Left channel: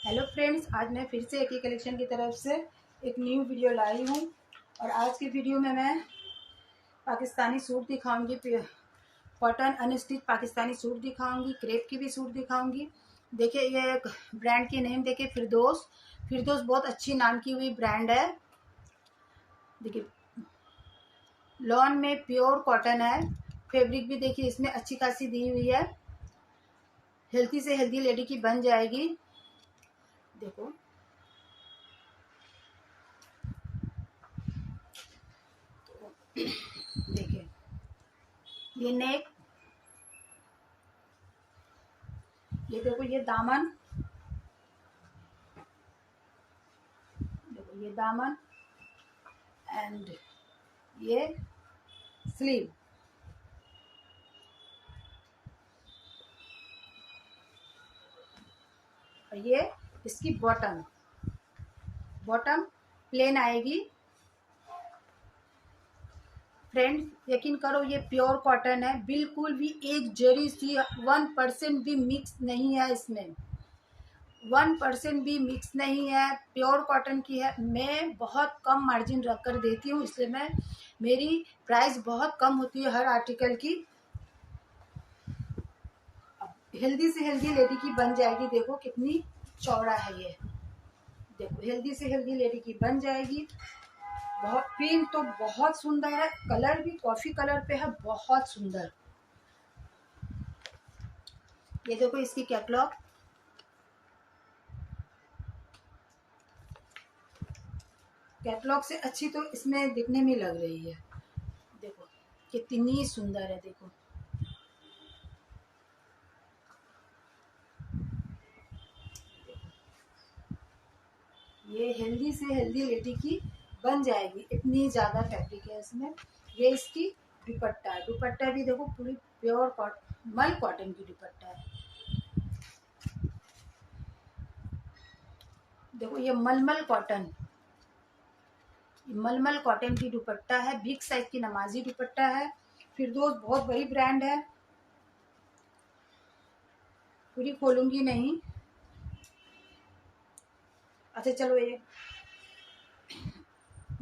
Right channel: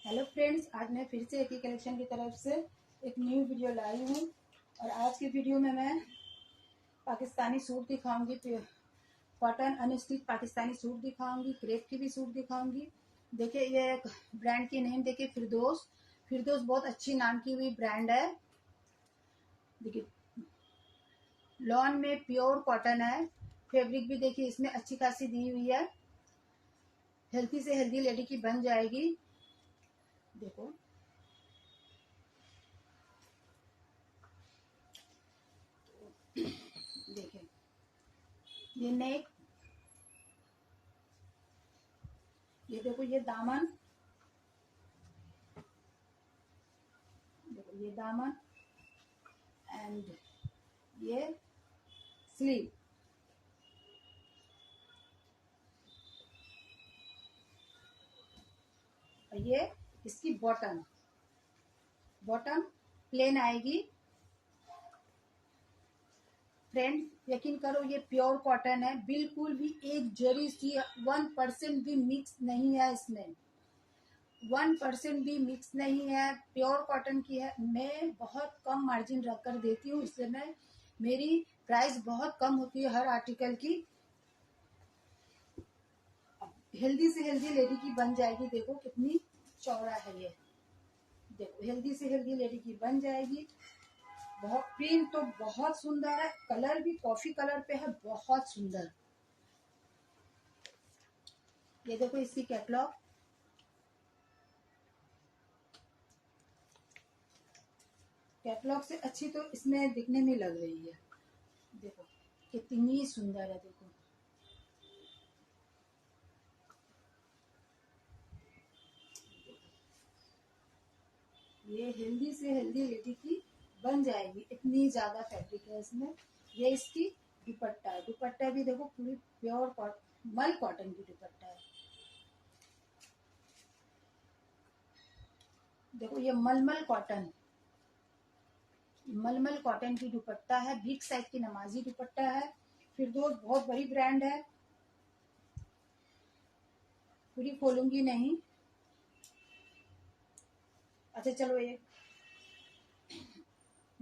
Hello friends, आज मैं फिर से एक ही कलेक्शन की तरफ से एक न्यू वीडियो लाई हूँ। और आज की वीडियो में मैं पाकिस्तानी सूट दिखाऊंगी, कॉटन अनस्टिच पाकिस्तानी सूट दिखाऊंगी, क्रेप की भी सूट दिखाऊंगी। देखिए, ये एक ब्रांड की नेम देखिए, फिरदौस। फिरदौस बहुत अच्छी नाम की हुई ब्रांड है। देखिए, लॉन में प्योर कॉटन है। फैब्रिक भी देखिए इसमें अच्छी खासी दी हुई है। हेल्थी से हेल्थी लेडी की बन जाएगी। देखो, देखिए ये नेक, ये देखो ये दामन, देखो ये दामन एंड ये स्लीव। और ये इसकी बॉटम, बॉटम प्लेन आएगी। फ्रेंड, यकीन करो ये प्योर कॉटन है, बिल्कुल भी एक जरी सी 1% भी मिक्स नहीं है इसमें। 1% भी मिक्स नहीं है, प्योर कॉटन की है। मैं बहुत कम मार्जिन रख कर देती हूँ, इसलिए मेरी प्राइस बहुत कम होती है हर आर्टिकल की। हेल्दी से हेल्दी लेडी की बन जाएगी। देखो कितनी चौड़ा है ये। देखो हेल्दी से हेल्दी लेडी की बन जाएगी। बहुत प्रिंट तो बहुत सुंदर है, कलर भी कॉफी कलर पे है, बहुत सुंदर। ये देखो इसकी कैटलॉग, कैटलॉग से अच्छी तो इसमें दिखने में लग रही है। देखो कितनी सुंदर है। देखो ये हेल्दी से हेल्दी लेडी की बन जाएगी, इतनी ज्यादा फैब्रिक है इसमें। ये इसकी दुपट्टा है। दुपट्टा भी देखो पूरी प्योर मल कॉटन की दुपट्टा है। देखो ये मलमल कॉटन, मलमल कॉटन की दुपट्टा है। बिग साइज की नमाजी दुपट्टा है। फिरदौस बहुत बड़ी ब्रांड है, पूरी खोलूंगी नहीं। अच्छा चलो, ये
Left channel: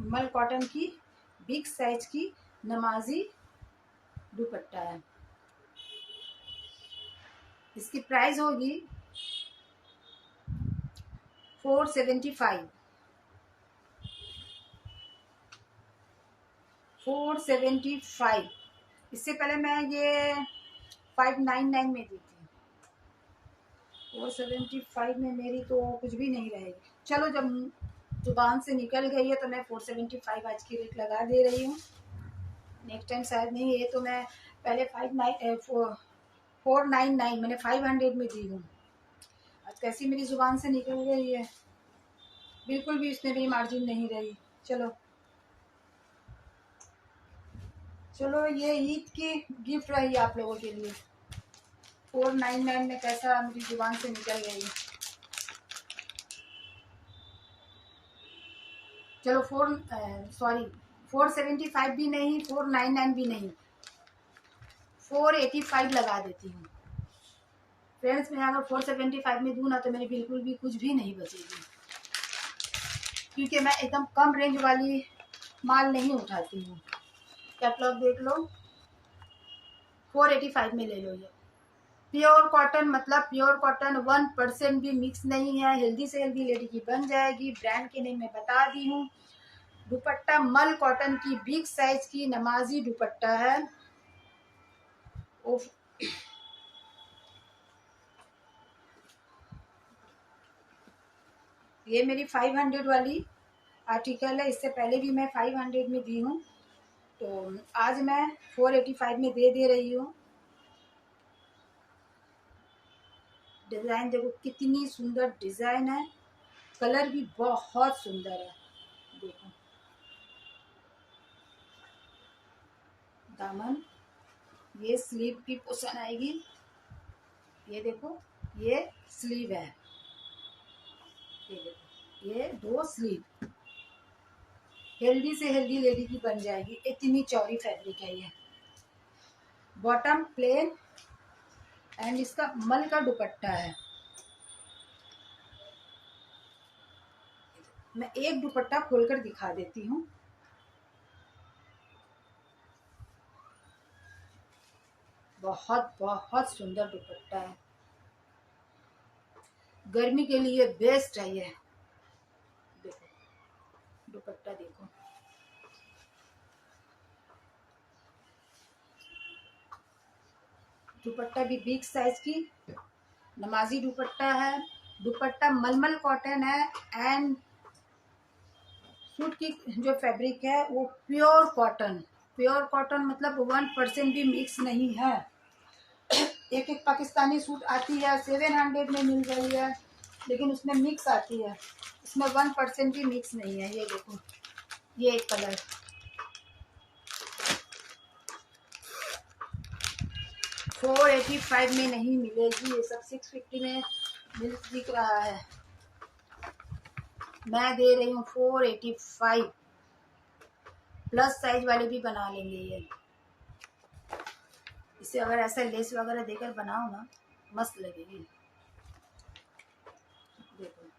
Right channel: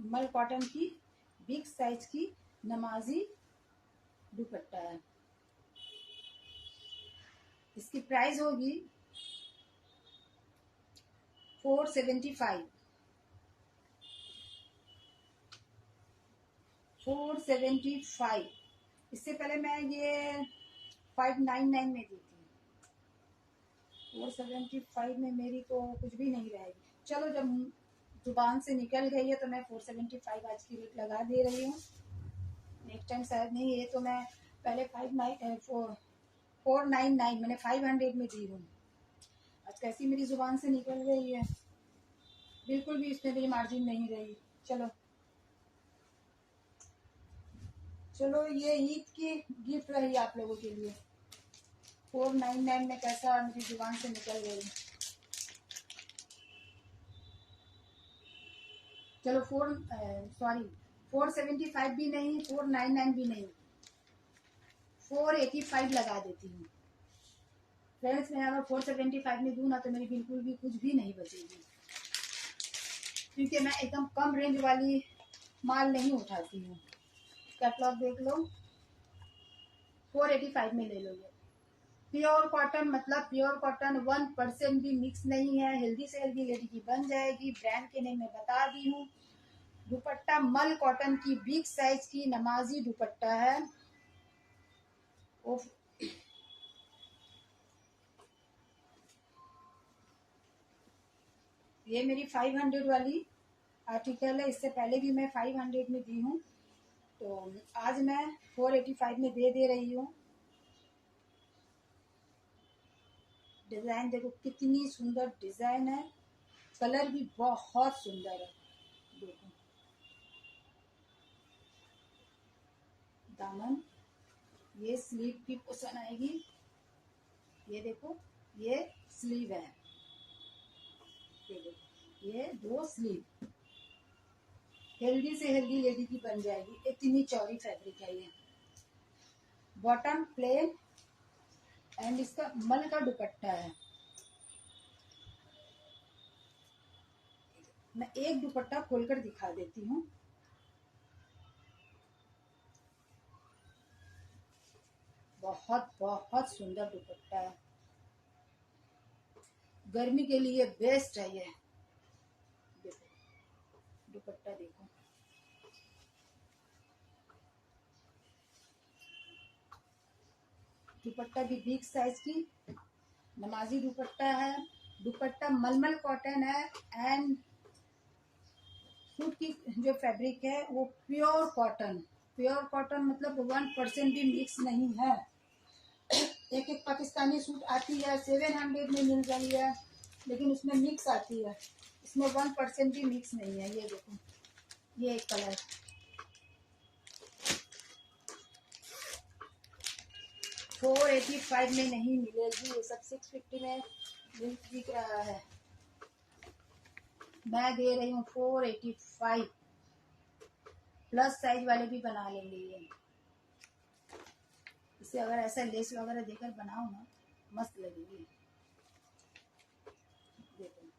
मल कॉटन की बिग साइज की नमाजी दुपट्टा है। इसकी प्राइस होगी 475। 475। इससे पहले मैं ये 599 में दी थी। 475 में मेरी तो कुछ भी नहीं रहेगी। चलो, जब दुकान से निकल गई है तो मैं 475 आज की रेट लगा दे रही हूँ। नेक्स्ट टाइम शायद नहीं। ये तो मैं पहले 499 मैंने 500 में दी हूँ। आज कैसी मेरी जुबान से निकल गई है, बिल्कुल भी इसमें भी मार्जिन नहीं रही। चलो चलो, ये ईद की गिफ्ट रही आप लोगों के लिए। 499 में कैसा मेरी जुबान से निकल गई। चलो 475 भी नहीं, 499 भी नहीं, 485 लगा देती हूँ। फ्रेंड्स, मैं अगर 475 में दूँ ना तो मेरी बिल्कुल भी कुछ भी नहीं बचेगी, क्योंकि मैं एकदम कम रेंज वाली माल नहीं उठाती हूँ। कैटलॉग देख लो, 485 में ले लो। ये प्योर कॉटन, मतलब प्योर कॉटन, 1% भी मिक्स नहीं है। हेल्दी से हेल्दी लेडी की बन जाएगी। ब्रांड के नेम मैं बता दी हूँ। दुपट्टा मल कॉटन की बिग साइज की नमाजी दुपट्टा है। ये मेरी 500 वाली आर्टिकल है। इससे पहले भी मैं 500 में दी हूँ, तो आज मैं 485 में दे रही हूँ। डिजाइन देखो कितनी सुंदर डिजाइन है, कलर भी बहुत सुंदर है। देखो दामन, ये स्लीव की पोर्शन आएगी। ये देखो ये स्लीव है। ये देखो ये 2 स्लीव। हेल्दी से हेल्दी लेडी की बन जाएगी, इतनी चौड़ी फैब्रिक है ये। बॉटम प्लेन एंड इसका मल का दुपट्टा है। मैं एक दुपट्टा खोलकर दिखा देती हूँ। बहुत बहुत सुंदर दुपट्टा है, गर्मी के लिए बेस्ट है ये। देखो दुपट्टा देखो, दुपट्टा भी बिग साइज की नमाजी दुपट्टा है। दुपट्टा मलमल कॉटन है एंड सूट की जो फैब्रिक है वो प्योर कॉटन। प्योर कॉटन मतलब 1% भी मिक्स नहीं है। एक एक पाकिस्तानी सूट आती है 700 में मिल रही है, लेकिन उसमें मिक्स आती है, इसमें 1% भी मिक्स नहीं है। ये देखो, ये एक कलर 485 में नहीं मिलेगी, ये सब 650 में मिल दिख रहा है। मैं दे रही हूँ 485, प्लस साइज वाले भी बना लेंगे ये। इसे अगर ऐसा लेस वगैरह देकर बनाओ ना, मस्त लगेगी। देखो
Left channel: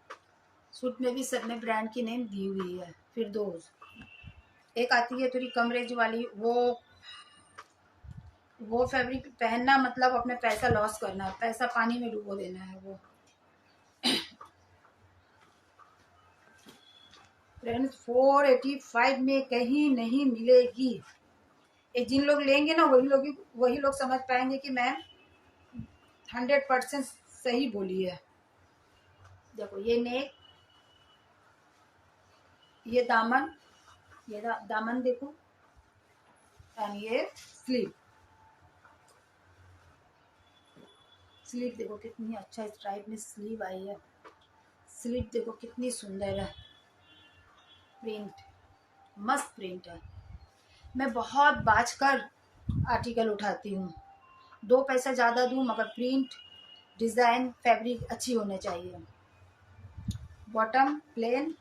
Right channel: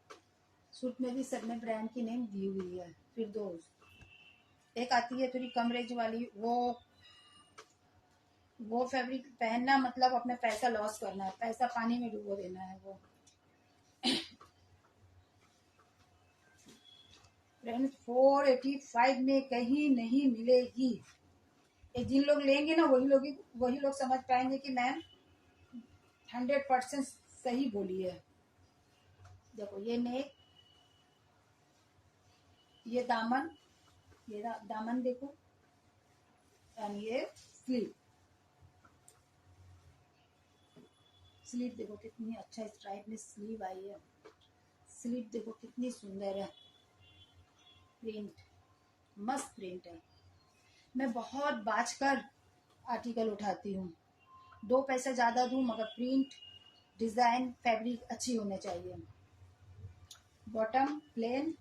सूट में भी सब में ब्रांड की नेम दी हुई है। फिर दो एक आती है थोड़ी कम रेंज वाली, वो फैब्रिक पहनना मतलब अपने पैसा लॉस करना, पैसा पानी में डुबो देना है वो। फ्रेंड्स 485 में कहीं नहीं मिलेगी। ये जिन लोग लेंगे ना वही लोग समझ पाएंगे कि मैम 100% सही बोली है। देखो ये नेक, ये दामन, ये दामन देखो, एंड ये स्लीव। स्लीव देखो कितनी अच्छा स्ट्राइप में स्लीव आई है। स्लीव देखो कितनी सुंदर है, प्रिंट मस्त प्रिंट है। मैं बहुत बाज कर आर्टिकल उठाती हूँ, 2 पैसा ज़्यादा दूँ मगर प्रिंट डिज़ाइन फैब्रिक अच्छी होने चाहिए। बॉटम प्लेन,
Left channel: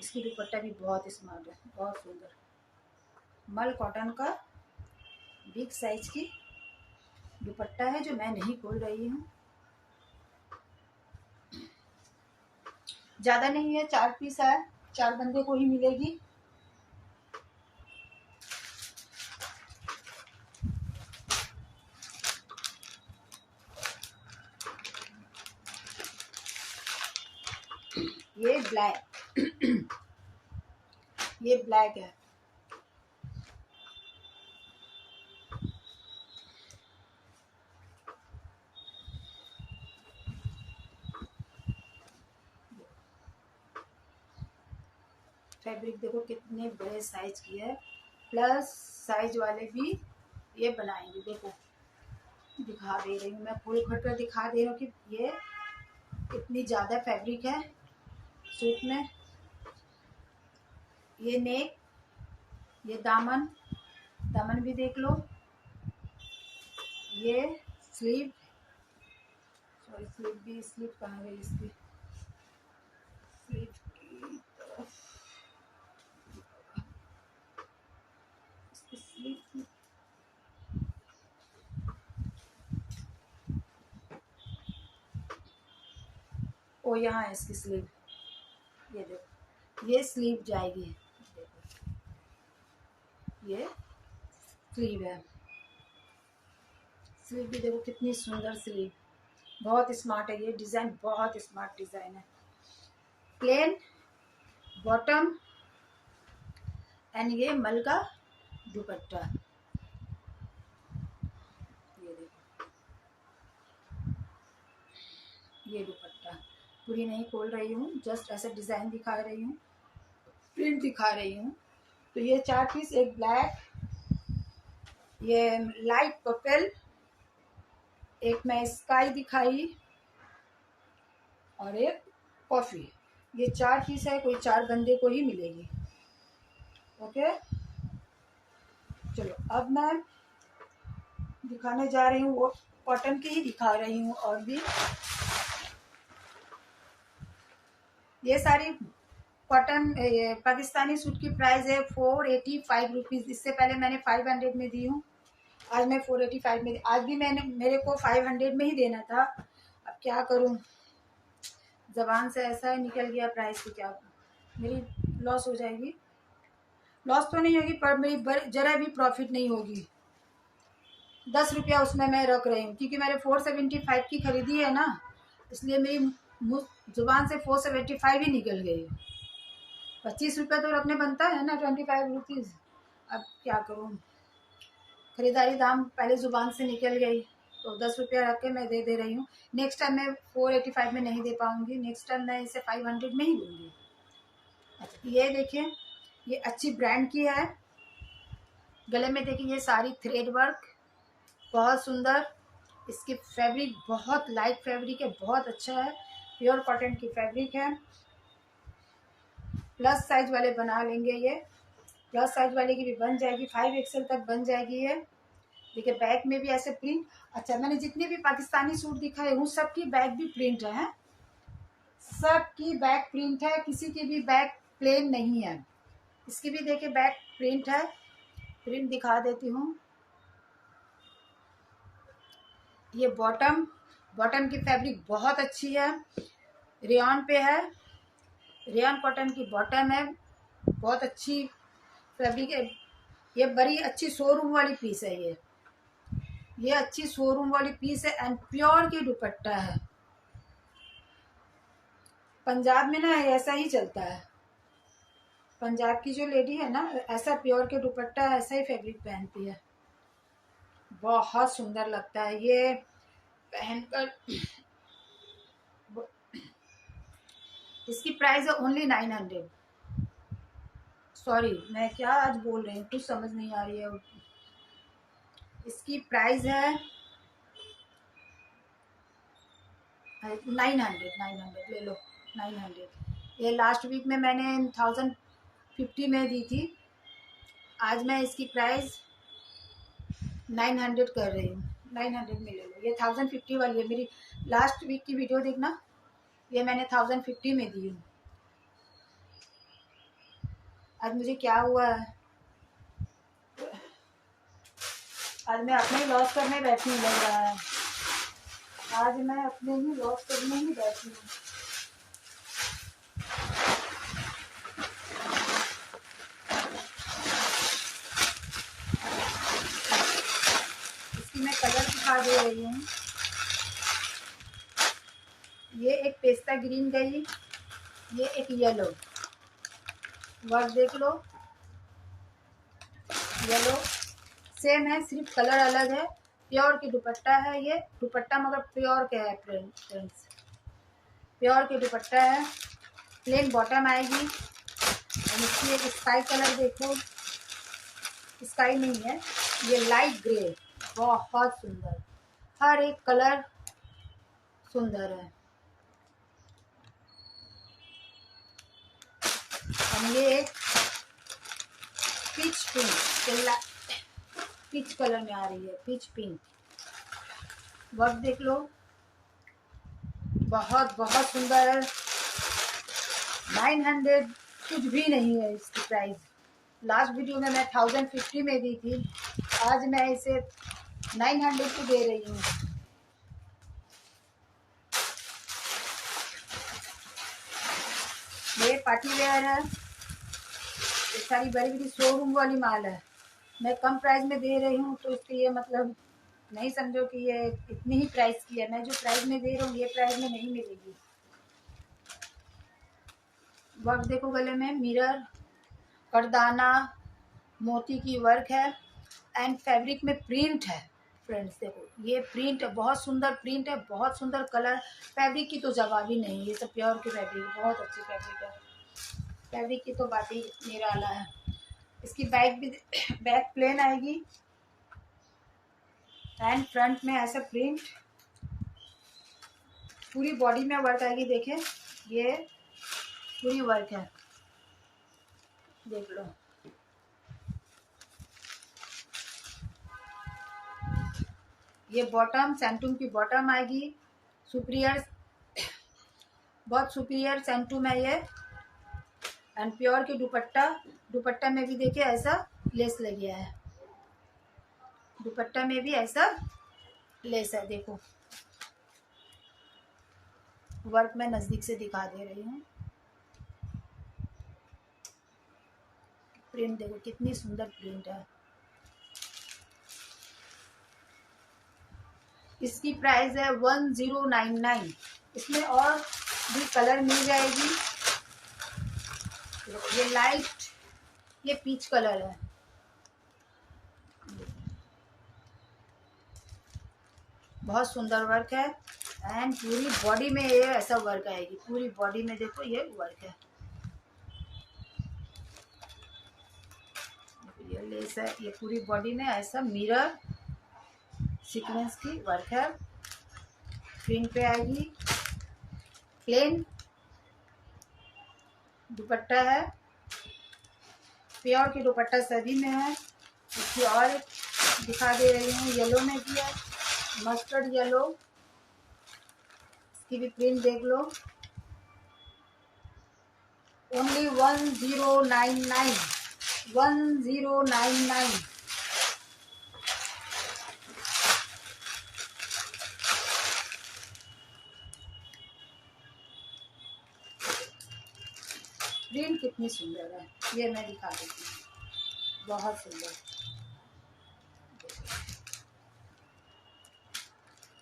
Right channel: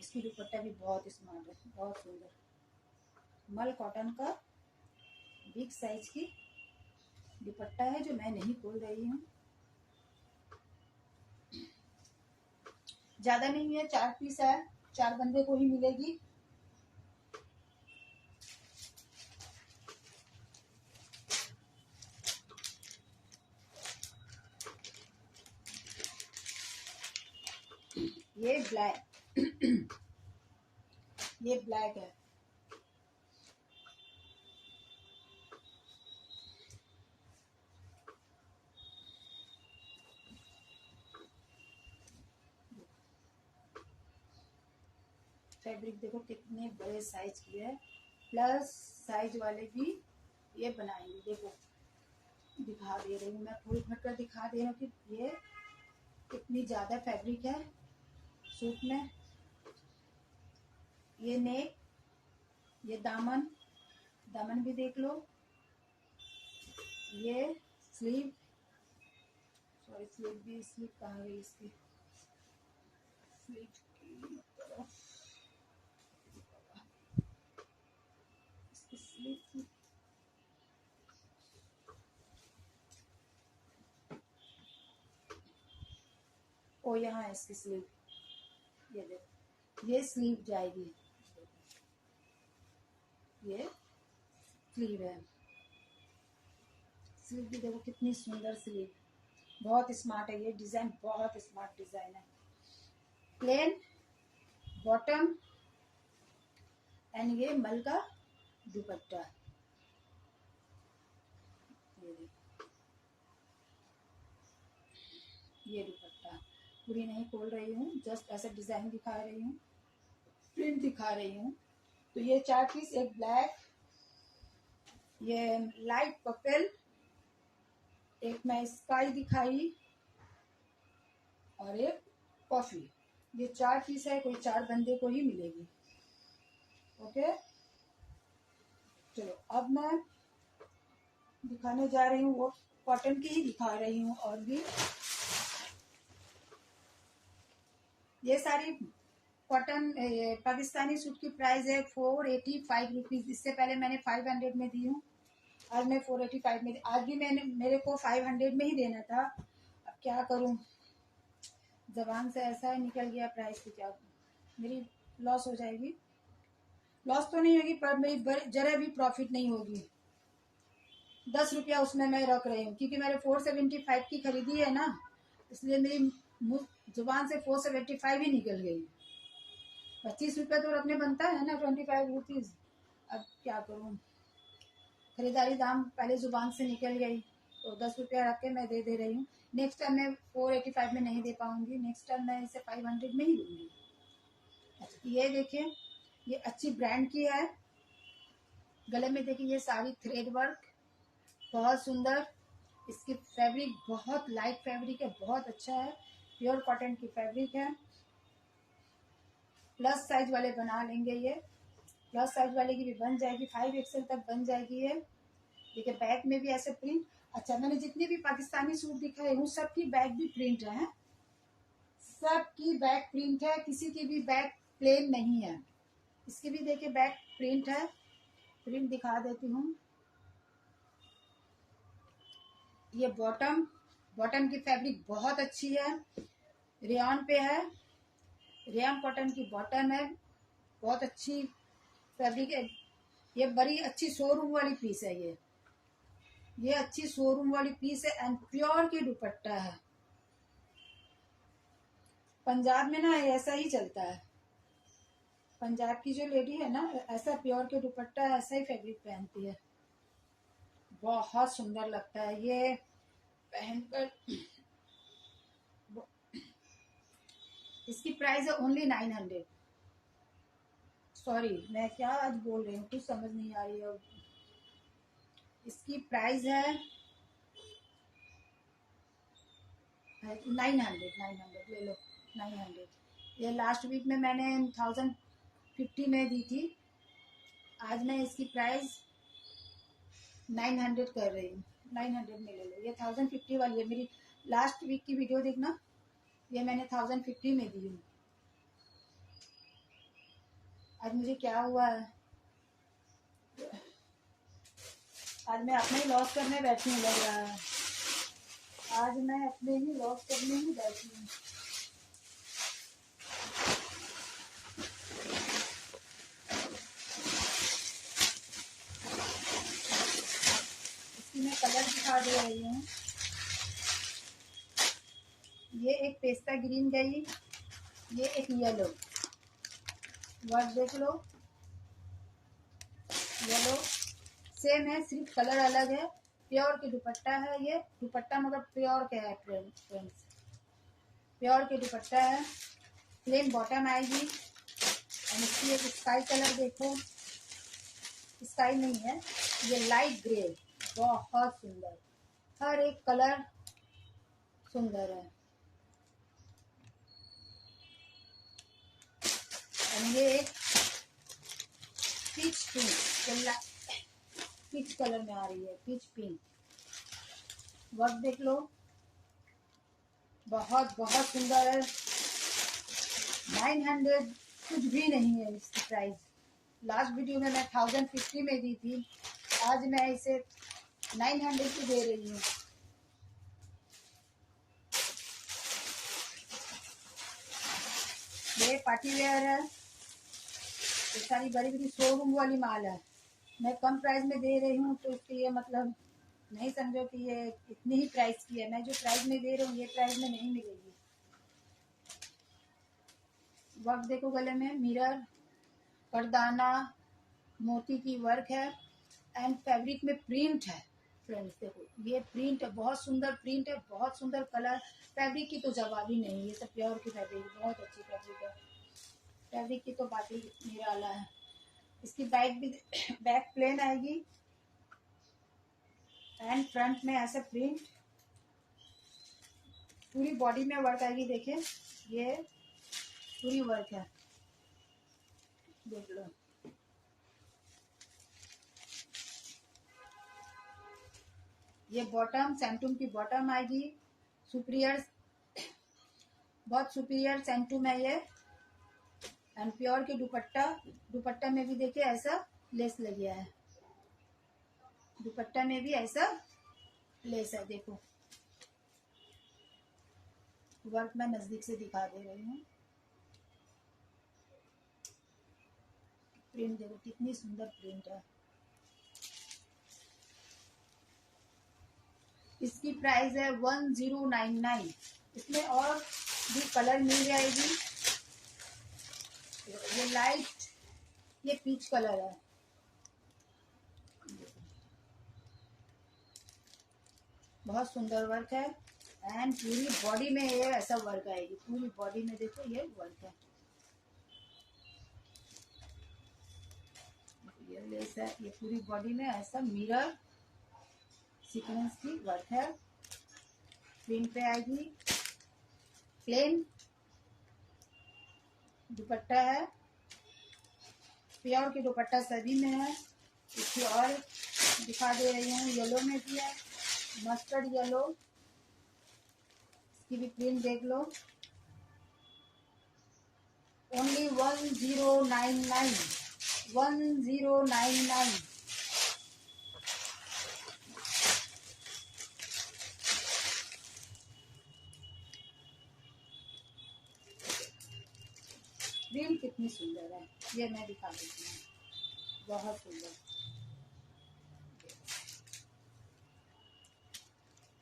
इसकी दुपट्टा भी बहुत स्मार्ट है, बहुत सुंदर। मल कॉटन का बिग साइज की दुपट्टा है जो मैं नहीं खोल रही हूँ। ज़्यादा नहीं है, 4 पीस है, 4 बंदे को ही मिलेगी। ये ब्लैक ये ब्लैक है। फैब्रिक देखो कितने बड़े साइज की है, प्लस साइज वाले भी ये बनाएंगे। देखो दिखा दे रही हूँ मैं, फुल कट कर दिखा दे रही हूँ कि ये इतनी ज़्यादा फैब्रिक है सूट में। ये नेक, ये दामन, दामन भी देख लो। ये स्लीव, सॉरी स्लीव भी, स्लीव कहाँ गई इसकी, स्लीव की तरफ, इसकी स्लीव की, ओ यहाँ है इसकी स्लीव। ये देखो ये स्लीव जाएगी, ये स्लीव है। स्लीव भी देखो कितनी सुंदर स्लीव, बहुत स्मार्ट है ये डिज़ाइन, बहुत स्मार्ट डिज़ाइन है। प्लेन बॉटम एंड ये मल का दुपट्टा। ये देखो ये दुपट्टा पूरी नहीं खोल रही हूँ, जस्ट ऐसे डिज़ाइन दिखा रही हूँ, प्रिंट दिखा रही हूँ। तो ये 4 पीस, एक ब्लैक, ये लाइट पर्पल, एक मैं स्काई दिखाई, और एक कॉफ़ी। ये 4 पीस है, कोई 4 बंदे को ही मिलेगी। ओके चलो अब मैं दिखाने जा रही हूँ, वो कॉटन की ही दिखा रही हूँ। और भी ये सारी कॉटन पाकिस्तानी सूट की प्राइस है 485 रुपीज़। इससे पहले मैंने 500 में दी हूँ, आज मैं 485 में, आज भी मेरे को 500 में ही देना था। अब क्या करूँ, ज़बान से ऐसा ही निकल गया प्राइस की, क्या मेरी लॉस हो जाएगी? लॉस तो नहीं होगी पर मेरी जरा भी प्रॉफिट नहीं होगी। 10 रुपया उसमें मैं रख रही हूँ क्योंकि मैंने 475 की खरीदी है ना, इसलिए मेरी ज़ुबान से 475 ही निकल गई। 25 रुपया तो रखने बनता है ना, 25 रुपीज़। अब क्या करूँ, खरीदारी दाम पहले ज़ुबान से निकल गई, तो 10 रुपया रख के मैं दे रही हूँ। नेक्स्ट टाइम मैं 485 में नहीं दे पाऊँगी, नेक्स्ट टाइम मैं इसे 500 में ही दूँगी। अच्छा ये देखिए, ये अच्छी ब्रांड की है। गले में देखिए ये सारी थ्रेड वर्क, बहुत सुंदर। इसकी फैब्रिक बहुत लाइट फैब्रिक है, बहुत अच्छा है, प्योर कॉटन की फैब्रिक है। प्लस साइज वाले बना लेंगे, ये प्लस साइज वाले की भी बन जाएगी, 5XL तक बन जाएगी ये। देखिए बैक में भी ऐसे प्रिंट। अच्छा मैंने जितने भी पाकिस्तानी सूट दिखाए हूँ सबकी बैक भी प्रिंट है, सबकी बैक प्रिंट है, किसी की भी बैक प्लेन नहीं है। इसकी भी देखिए बैक प्रिंट है, प्रिंट दिखा देती हूँ। ये बॉटम, बॉटम की फैब्रिक बहुत अच्छी है, रेयॉन पे है, रेयॉन कॉटन की बॉटम है, बहुत अच्छी फैब्रिक है। ये बड़ी अच्छी शोरूम वाली पीस है, ये अच्छी शोरूम वाली पीस है एंड प्योर की दुपट्टा है। पंजाब में ना ऐसा ही चलता है, पंजाब की जो लेडी है ना ऐसा प्योर के दुपट्टा ऐसा ही फैब्रिक पहनती है, बहुत सुंदर लगता है ये पहनकर। इसकी प्राइस है ओनली 900। सॉरी मैं क्या आज बोल रही हूँ, कुछ समझ नहीं आ रही है। इसकी प्राइस है 900 ले लो, 900। ये लास्ट वीक में मैंने 1050 में दी थी, आज मैं इसकी प्राइस 900 कर रही हूँ। 900 में ले लो, ये 1050 वाली है। मेरी लास्ट वीक की वीडियो देखना, ये मैंने 1050 में दी हूँ। आज मुझे क्या हुआ है, आज मैं अपने ही लॉस करने बैठी लग रहा है, आज मैं अपने ही लॉस करने ही बैठी हूँ। इसकी मैं कलर दिखा दे रही हूँ। ये एक पेस्ता ग्रीन गई, ये एक येलो, वर्क देख लो, येलो सेम है, सिर्फ कलर अलग है। प्योर की दुपट्टा है, ये दुपट्टा मगर प्योर का है फ्रेंड्स, प्योर की दुपट्टा है। प्लेन बॉटम आएगी और इसकी एक स्काई कलर देखो, स्काई नहीं है ये लाइट ग्रे, बहुत सुंदर, हर एक कलर सुंदर है। और ये एक पीच पिंक, पीच कलर में आ रही है, पीच पिंक, वर्क देख लो, बहुत बहुत सुंदर। 900 कुछ भी नहीं है इसकी प्राइस। लास्ट वीडियो में मैं 1050 में दी थी, आज मैं इसे 900 को दे रही हूँ। ये पार्टी वेयर है, ये सारी बड़ी बड़ी शोरूम वाली माल है, मैं कम प्राइस में दे रही हूँ, तो इसके ये मतलब नहीं समझो कि ये इतनी ही प्राइस की है। मैं जो प्राइस में दे रहा हूँ ये प्राइस में नहीं मिलेगी। वर्क देखो, गले में मिरर, करदाना, मोती की वर्क है एंड फैब्रिक में प्रिंट है फ्रेंड्स। देखो ये प्रिंट है, बहुत सुंदर प्रिंट है, बहुत सुंदर कलर, फैब्रिक की तो जवाब ही नहीं, ये सब प्योर की फैब्रिक है, बहुत अच्छी फैब्रिक है, फैब्रिक की तो बात ही निराला है। इसकी बैक भी बैक प्लेन आएगी एंड फ्रंट में ऐसा प्रिंट, पूरी बॉडी में वर्क आएगी। देखें ये पूरी वर्क है, देख लो। ये बॉटम सैंटूम की बॉटम आएगी, सुपीरियर, बहुत सुपीरियर सैंटूम है ये एंड प्योर की दुपट्टा, दुपट्टा में भी देखिए ऐसा लेस लग गया है, दुपट्टा में भी ऐसा लेस है, देखो वर्क मैं नज़दीक से दिखा दे रही हूँ। प्रिंट देखो कितनी सुंदर प्रिंट है। इसकी प्राइस है 1099। इसमें और भी कलर मिल जाएगी। ये लाइट, ये पीच कलर है। बहुत सुंदर वर्क है एंड पूरी बॉडी में ये ऐसा वर्क आएगी। पूरी बॉडी में देखो ये वर्क है। ये लेस है, ये पूरी बॉडी में ऐसा मिरर सीक्वेंस की वर्क है। प्रिंट पे आएगी। प्लेन दुपट्टा है, प्योर की दुपट्टा सभी में है। इसकी और दिखा दे रही हूँ, येलो में भी है, मस्टर्ड येलो। इसकी भी प्रिंट देख लो। ओनली 1099, 1099। प्रिंट कितनी सुंदर है, ये मैं दिखा देती हूँ। बहुत सुंदर।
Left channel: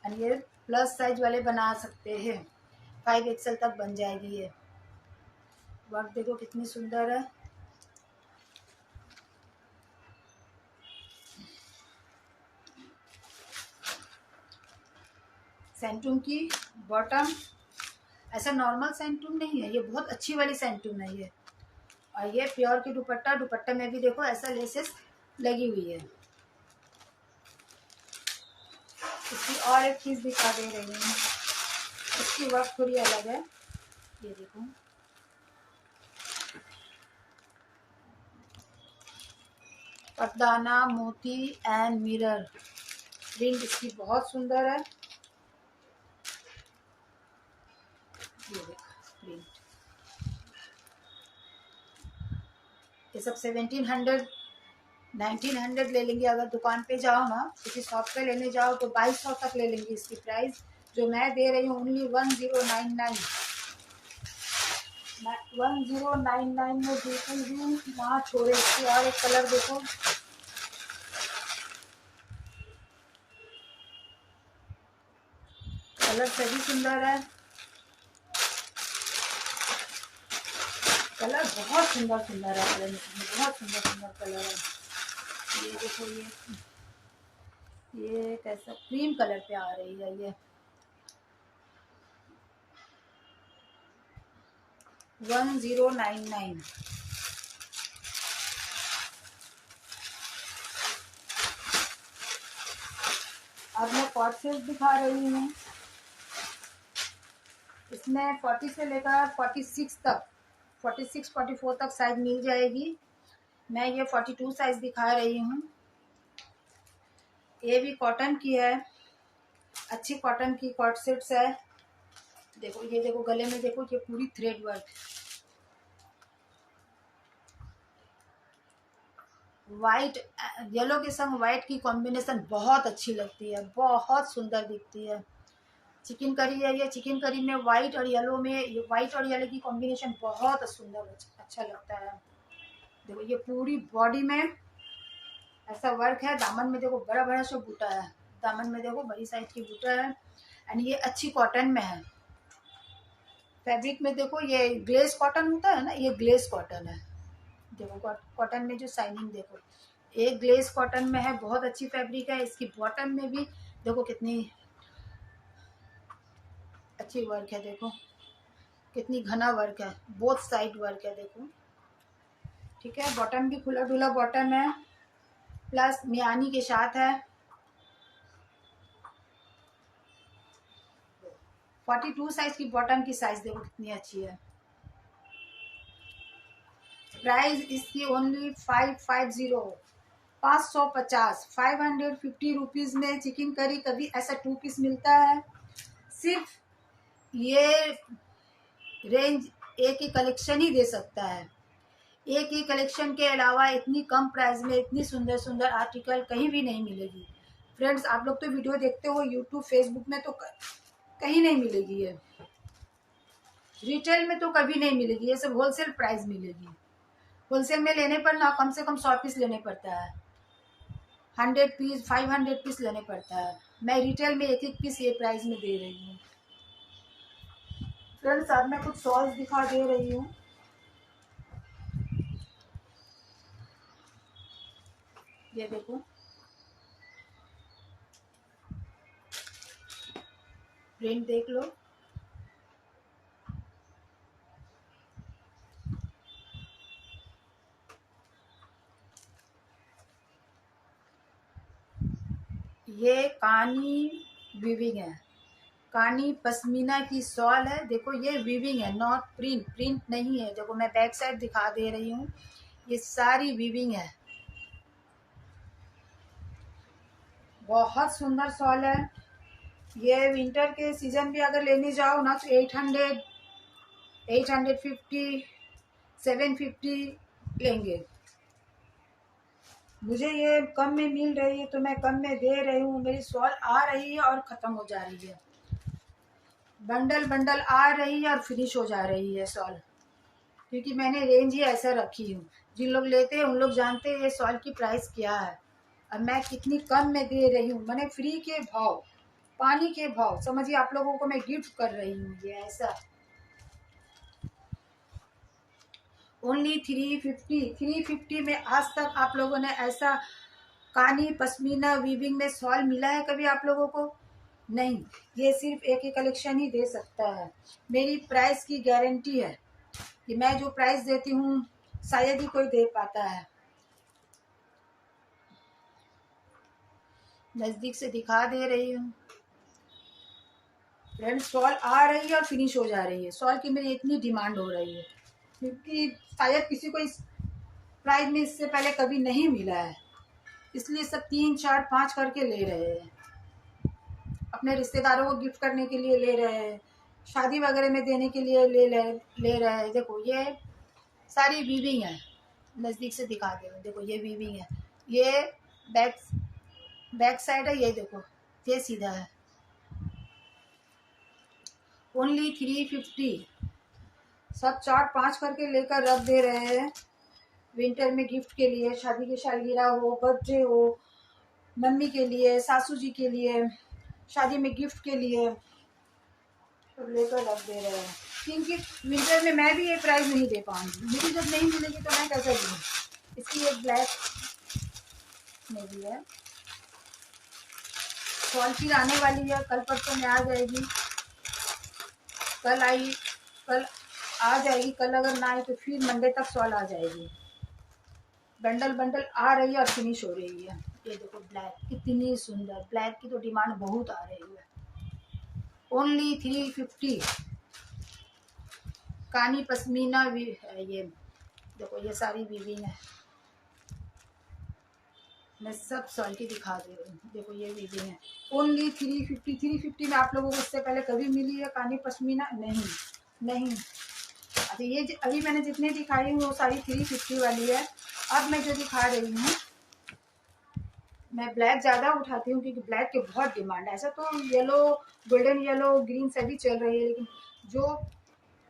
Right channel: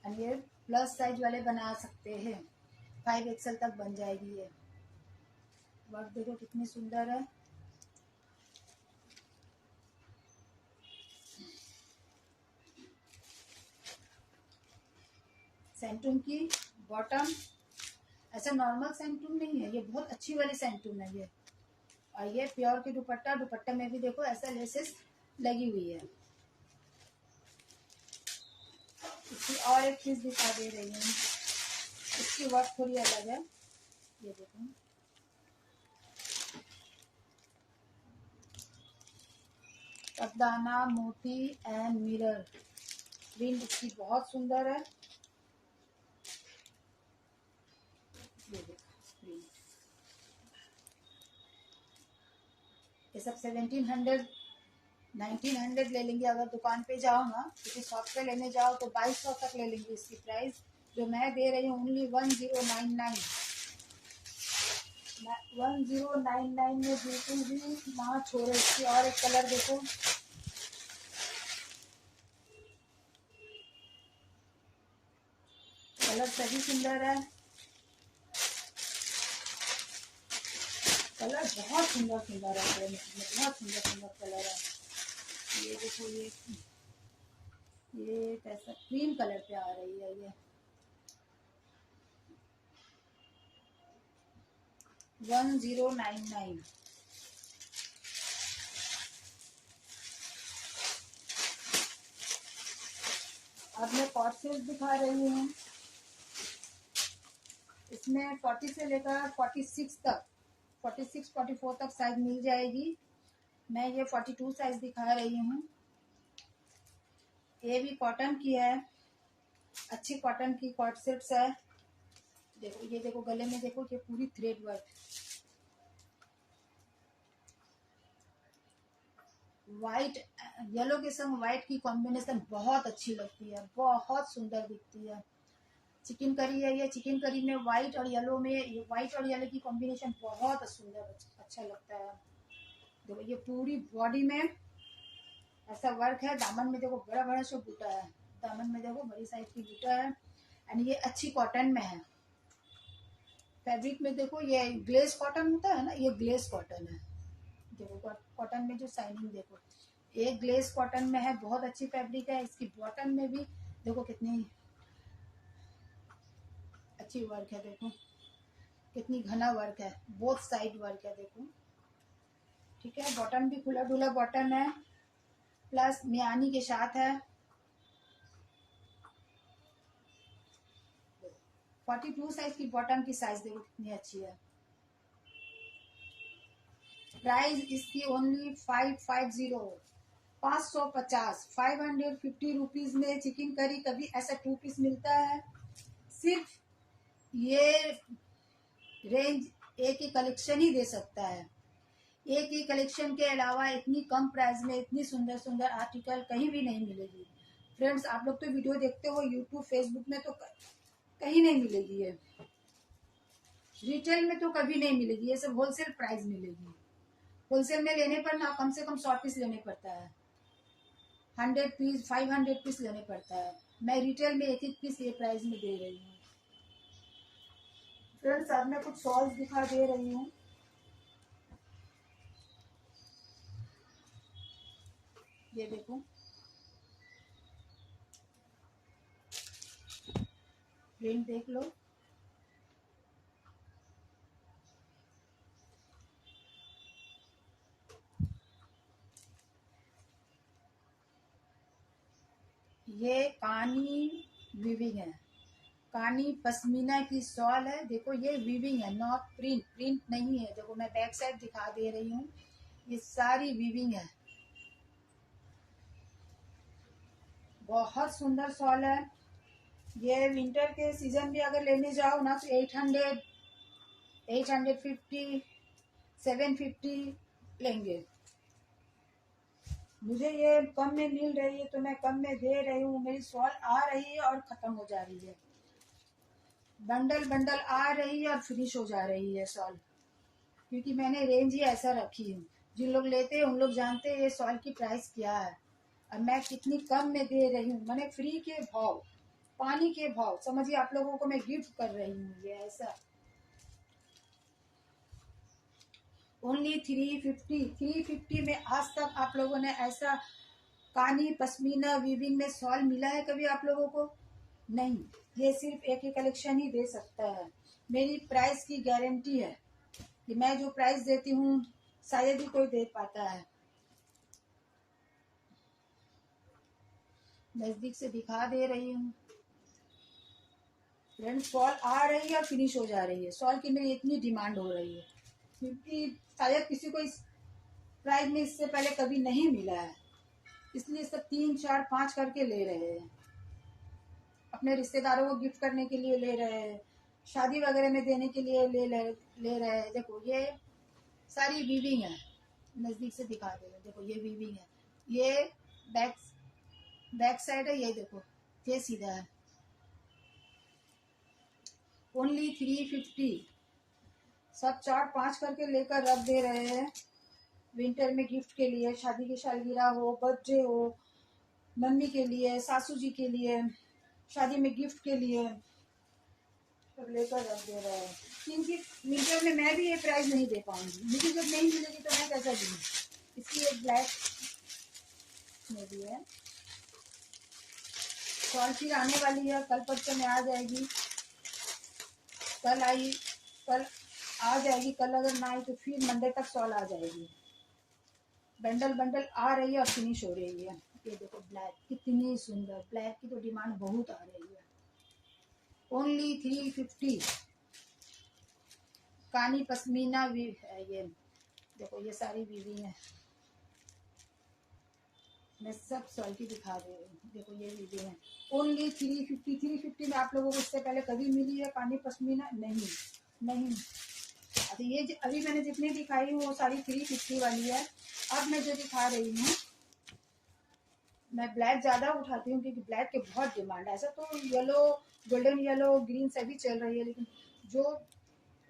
एंड ये प्लस साइज वाले बना सकते हैं, 5XL तक बन जाएगी। ये वर्क देखो कितनी सुंदर है। सेंटूम की बॉटम, ऐसा नॉर्मल सेंटूम नहीं है, ये बहुत अच्छी वाली सेंटूम है ये। और ये प्योर की दुपट्टा, दुपट्टे में भी देखो ऐसा लेसेस लगी हुई है। इसकी और एक चीज दिखा दे रही हूँ, इसकी वर्क थोड़ी अलग है। ये देखो पटदाना, मोती एंड मिरर। प्रिंट इसकी बहुत सुंदर है। ये देखो प्रिंट, ये सब 1700 1900 ले लेंगे। अगर दुकान पे जाओ ना, किसी शॉप पे लेने जाओ तो 2200 तक ले लेंगे इसकी प्राइस। जो मैं दे रही हूँ ओनली 1099। 1099 में बिल्कुल भी ना छोड़े। इसकी और एक कलर देखो, कलर सभी सुंदर है। कलर बहुत सुंदर सुंदर है, कलर में बहुत सुंदर सुंदर कलर है। ये देखो, ये कैसा क्रीम कलर पे आ रही है। ये 1099। अब मैं कॉट सेट दिखा रही हूँ। इसमें 40 से लेकर 46 तक, 46 44 तक साइज मिल जाएगी। मैं ये 42 साइज दिखा रही हूँ। ये भी कॉटन की है, अच्छी कॉटन की कॉट सेट्स है। देखो ये देखो गले में देखो, ये पूरी थ्रेड वर्क, वाइट येलो के संग वाइट की कॉम्बिनेशन बहुत अच्छी लगती है, बहुत सुंदर दिखती है। चिकन करी है ये, चिकन करी में वाइट और येलो में, वाइट और येलो की कॉम्बिनेशन बहुत सुंदर अच्छा लगता है। देखो ये पूरी बॉडी में ऐसा वर्क है। दामन में देखो बड़ा बड़ा सा बूटा है, दामन में देखो बड़ी साइज की बूटा है। एंड ये अच्छी कॉटन में है। फैब्रिक में देखो ये ग्लेस कॉटन होता है ना, ये ग्लेस कॉटन है। देखो कॉटन में जो शाइनिंग देखो, एक ग्लेस कॉटन में है, बहुत अच्छी फैब्रिक है। इसकी बॉटम में भी देखो कितनी अच्छी वर्क है। देखो कितनी घना वर्क है, बोथ साइड वर्क है। देखो ठीक है, बॉटम भी खुला डुला बॉटम है, प्लस मियानी के साथ है। 42 साइज की बॉटम की साइज देखो कितनी अच्छी है। प्राइस इसकी ओनली 550, 550, 550 रुपीज में चिकन करी। कभी ऐसा 2 पीस मिलता है। सिर्फ ये रेंज एक ही कलेक्शन ही दे सकता है। एक ही कलेक्शन के अलावा इतनी कम प्राइस में इतनी सुंदर सुंदर आर्टिकल कहीं भी नहीं मिलेगी। फ्रेंड्स आप लोग तो वीडियो देखते हो यूट्यूब फेसबुक में, तो कहीं नहीं मिलेगी ये। रिटेल में तो कभी नहीं मिलेगी, ये सब होलसेल प्राइस मिलेगी। होलसेल में लेने पर ना कम से कम 100 पीस लेने पड़ता है, 100 पीस 500 पीस लेने पड़ता है। मैं रिटेल में एक एक पीस ये प्राइस में दे रही हूँ। फ्रेंड्स अब मैं कुछ सॉल्स दिखा दे रही हूँ। ये देखो, प्रिंट देख लो। ये कानी वीविंग है, कानी पश्मीना की शॉल है। देखो ये वीविंग है, नॉट प्रिंट, प्रिंट नहीं है। देखो मैं बैक साइड दिखा दे रही हूँ, ये सारी वीविंग है। बहुत सुंदर शॉल है। ये विंटर के सीजन भी अगर लेने जाओ ना तो 800, 850, 750 लेंगे। मुझे ये कम में मिल रही है तो मैं कम में दे रही हूँ। मेरी शॉल आ रही है और ख़त्म हो जा रही है, बंडल बंडल आ रही है और फिनिश हो जा रही है शॉल, क्योंकि मैंने रेंज ही ऐसा रखी हूँ। जिन लोग लेते हैं उन लोग जानते हैं ये शॉल की प्राइस क्या है। अब मैं कितनी कम में दे रही हूँ, मैंने फ्री के भाव, पानी के भाव समझिए, आप लोगों को मैं गिफ्ट कर रही हूँ। ये ऐसा ओनली 350, 350 में आज तक आप लोगों ने ऐसा कानी पश्मीना वीविंग में शॉल मिला है कभी आप लोगों को? नहीं। ये सिर्फ एक ही कलेक्शन ही दे सकता है। मेरी प्राइस की गारंटी है कि मैं जो प्राइस देती हूँ शायद ही कोई दे पाता है। नज़दीक से दिखा दे रही हूँ फ्रेंड्स, शॉल आ रही है और फिनिश हो जा रही है। शॉल की मेरी इतनी डिमांड हो रही है क्योंकि शायद किसी को इस प्राइस में इससे पहले कभी नहीं मिला है, इसलिए सब 3, 4, 5 करके ले रहे हैं। अपने रिश्तेदारों को गिफ्ट करने के लिए ले रहे हैं, शादी वगैरह में देने के लिए ले रहे हैं। देखो ये सारी वीविंग है, नज़दीक से दिखा दे। देखो ये वीविंग है, ये बैक साइड है। ये देखो ये सीधा है। ओनली 350, सब 4, 5 करके लेकर रख दे रहे हैं विंटर में गिफ्ट के लिए। शादी की सालगिरह हो, बर्थडे हो, मम्मी के लिए, सासू जी के लिए, शादी में गिफ्ट के लिए सब लेकर रख दे रहे हैं। क्योंकि विंटर में मैं भी ये प्राइस नहीं दे पाऊंगी, मुझे जब नहीं मिलेगी तो मैं कैसे दूँ। इसकी एक ब्लैक में भी है। शॉल फिर आने वाली है, कल परसों में आ जाएगी। कल आ जाएगी, कल अगर ना आए तो फिर मंडे तक शॉल आ जाएगी। बंडल बंडल आ रही है और फिनिश हो रही है। ये देखो ब्लैक कितनी सुंदर, ब्लैक की तो डिमांड बहुत आ रही है। ओनली 350, कानी पश्मीना भी है। ये देखो ये सारी वीविंग है, मैं सब शॉल की दिखा दे रही हूँ। देखो ये वीविंग है, ओनली 350। 350 में आप लोगों को इससे पहले कभी मिली है कानी पश्मीना? नहीं। अच्छा ये अभी मैंने जितने दिखाई हूँ वो सारी 350 वाली है। अब मैं जो दिखा रही हूँ, मैं ब्लैक ज़्यादा उठाती हूँ क्योंकि ब्लैक की बहुत डिमांड है। ऐसा तो येलो, गोल्डन येलो, ग्रीन सभी चल रही है, लेकिन जो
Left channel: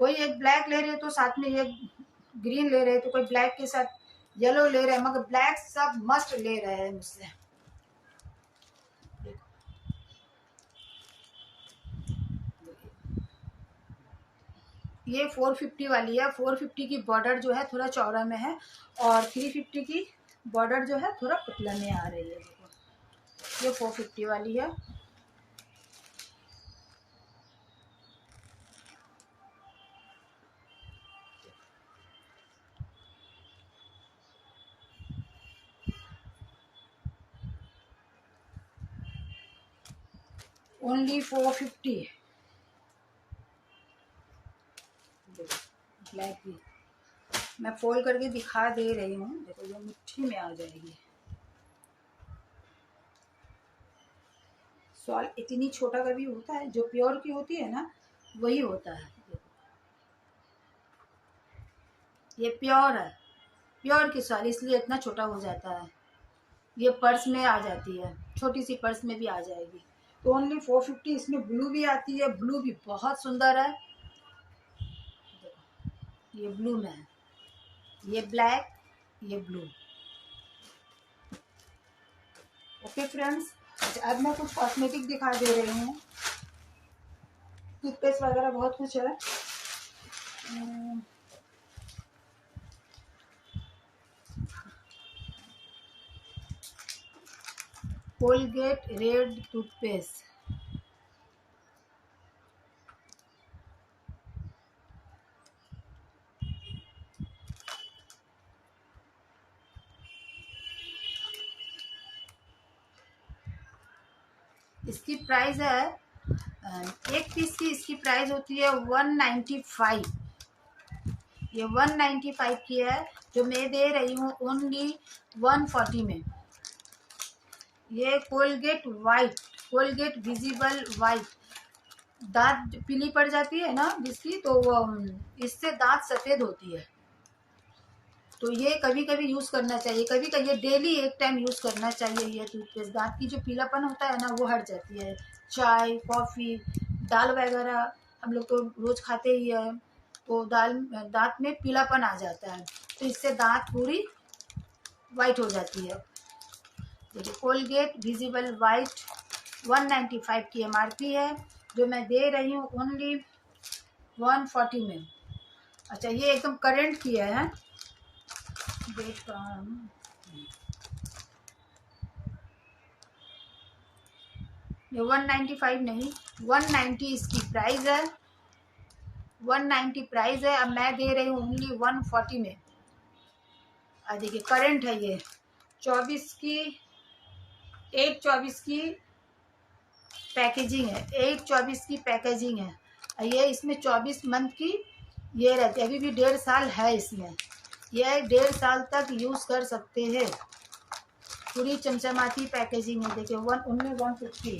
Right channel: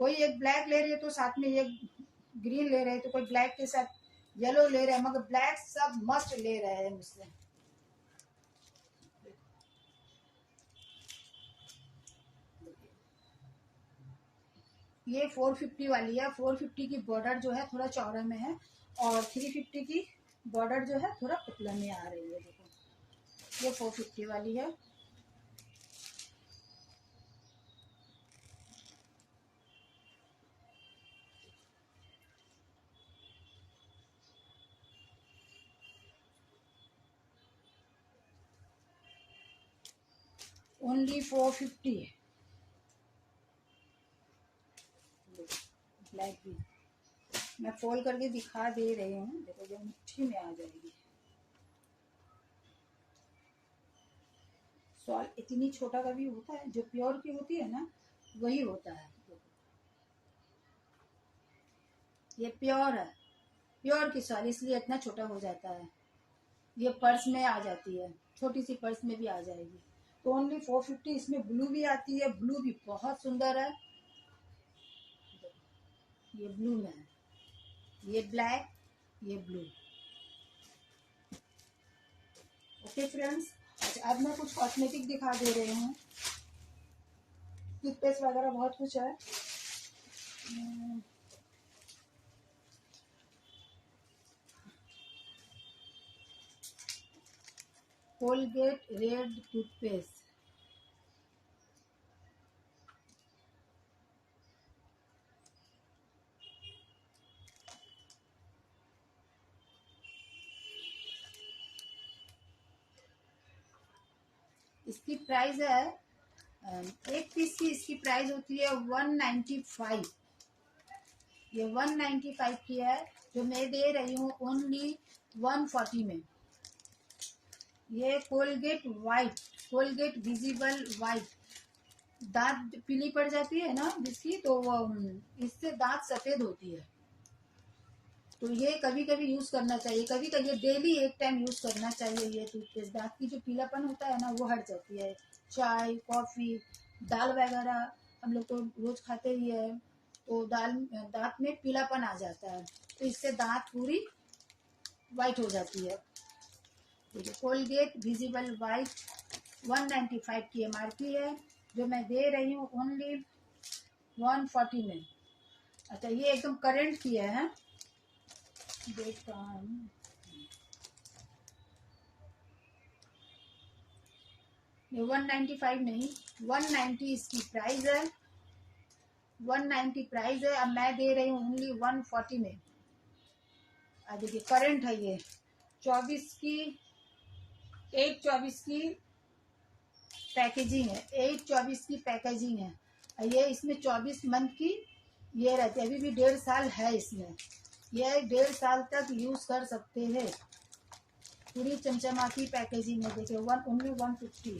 कोई एक ब्लैक ले रहे तो साथ में ये ग्रीन ले रहे, तो कोई ब्लैक के साथ येलो ले रहे हैं, मगर ब्लैक सब मस्ट ले रहे हैं मुझसे। ये 450 वाली है। 450 की बॉर्डर जो है थोड़ा चौड़ा में है और 350 की बॉर्डर जो है थोड़ा पतला में आ रही है। देखो ये 450 वाली है। ओनली 450। ब्लैक भी मैं फोल्ड करके दिखा दे रही हूँ। देखो ये मुट्ठी में आ जाएगी। शॉल इतनी छोटा कभी होता है, जो प्योर की होती है ना वही होता है। ये प्योर है, प्योर की शॉल, इसलिए इतना छोटा हो जाता है। ये पर्स में आ जाती है, छोटी सी पर्स में भी आ जाएगी। तो ओनली 450। इसमें ब्लू भी आती है, ब्लू भी बहुत सुंदर है। ये ब्लू में है, ये ब्लैक, ये ब्लू। ओके फ्रेंड्स, अब मैं कुछ कॉस्मेटिक दिखा दे रही हूँ। टूथपेस्ट वगैरह बहुत कुछ है। कोलगेट रेड टूथपेस्ट, इसकी प्राइस है एक पीस की इसकी प्राइस होती है 195। ये 195 की है, जो मैं दे रही हूँ ओनली 140 में। ये Colgate white, Colgate visible white, दांत पीली पड़ जाती है ना जिसकी, तो इससे दांत सफ़ेद होती है। तो ये कभी कभी यूज़ करना चाहिए, कभी कभी ये डेली एक टाइम यूज़ करना चाहिए। ये टूथपेस्ट दांत की जो पीलापन होता है ना वो हट जाती है। चाय, कॉफ़ी, दाल वगैरह हम लोग तो रोज़ खाते ही है, तो दांत में पीलापन आ जाता है, तो इससे दांत पूरी वाइट हो जाती है। देखिए कोलगेट विजिबल वाइट 195 की MRP है, जो मैं दे रही हूँ ओनली 140 में। अच्छा, ये एकदम करंट की है, देख रहा हूँ। ये 195 नहीं, 190 इसकी प्राइस है, 190 प्राइस है। अब मैं दे रही हूँ ओनली 140 में। देखिए करंट है ये, 24 की 8/24 की पैकेजिंग है, 8/24 की पैकेजिंग है। ये इसमें 24 मंथ की ये रहती है, अभी भी 1.5 साल है इसमें। यह 1.5 साल तक यूज़ कर सकते हैं। पूरी चमचमाती पैकेजिंग है। देखिए उनमें 150।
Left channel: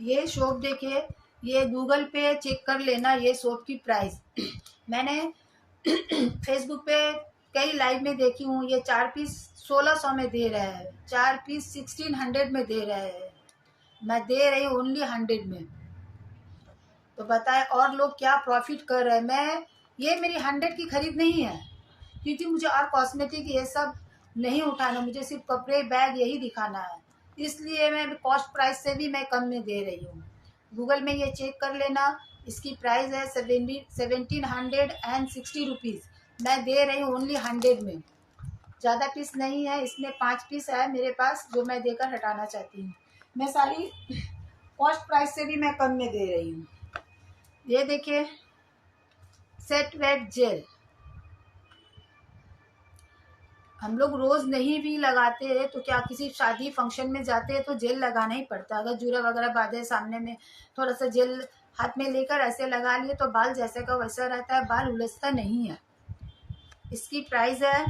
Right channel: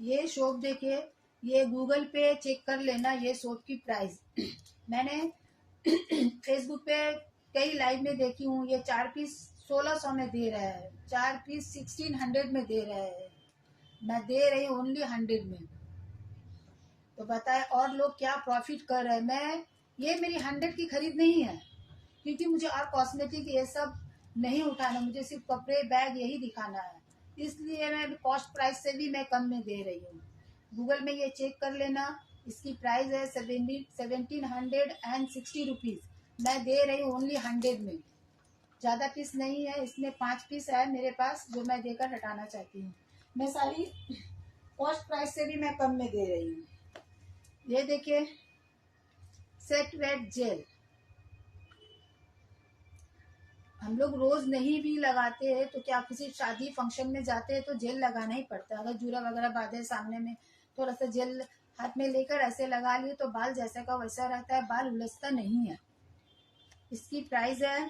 ये सोप देखिए, ये गूगल पे चेक कर लेना ये सोप की प्राइस। मैंने फेसबुक पे कई लाइव में देखी हूँ, ये 4 पीस 1600 में दे रहा है, 4 पीस 1600 में दे रहा है, मैं दे रही हूँ ओनली 100 में। तो बताए और लोग क्या प्रॉफिट कर रहे हैं। ये मेरी 100 की खरीद नहीं है, क्योंकि मुझे और कॉस्मेटिक ये सब नहीं उठाना, मुझे सिर्फ कपड़े बैग यही दिखाना है, इसलिए मैं कॉस्ट प्राइस से भी मैं कम में दे रही हूँ। गूगल में ये चेक कर लेना, इसकी प्राइस है 1760 रुपीज़, मैं दे रही हूँ ओनली 100 में। ज़्यादा पीस नहीं है इसमें, 5 पीस है मेरे पास जो मैं देकर हटाना चाहती हूँ। मैं सारी कॉस्ट प्राइस से भी मैं कम में दे रही हूँ। ये देखिए सेट वेट जेल, हम लोग रोज नहीं भी लगाते हैं तो क्या किसी शादी फंक्शन में जाते हैं तो जेल लगाना ही पड़ता है। अगर जूड़ा वगैरह बांधे सामने में थोड़ा सा जेल हाथ में लेकर ऐसे लगा लिए तो बाल जैसे का वैसा रहता है, बाल उलझता नहीं है। इसकी प्राइस है,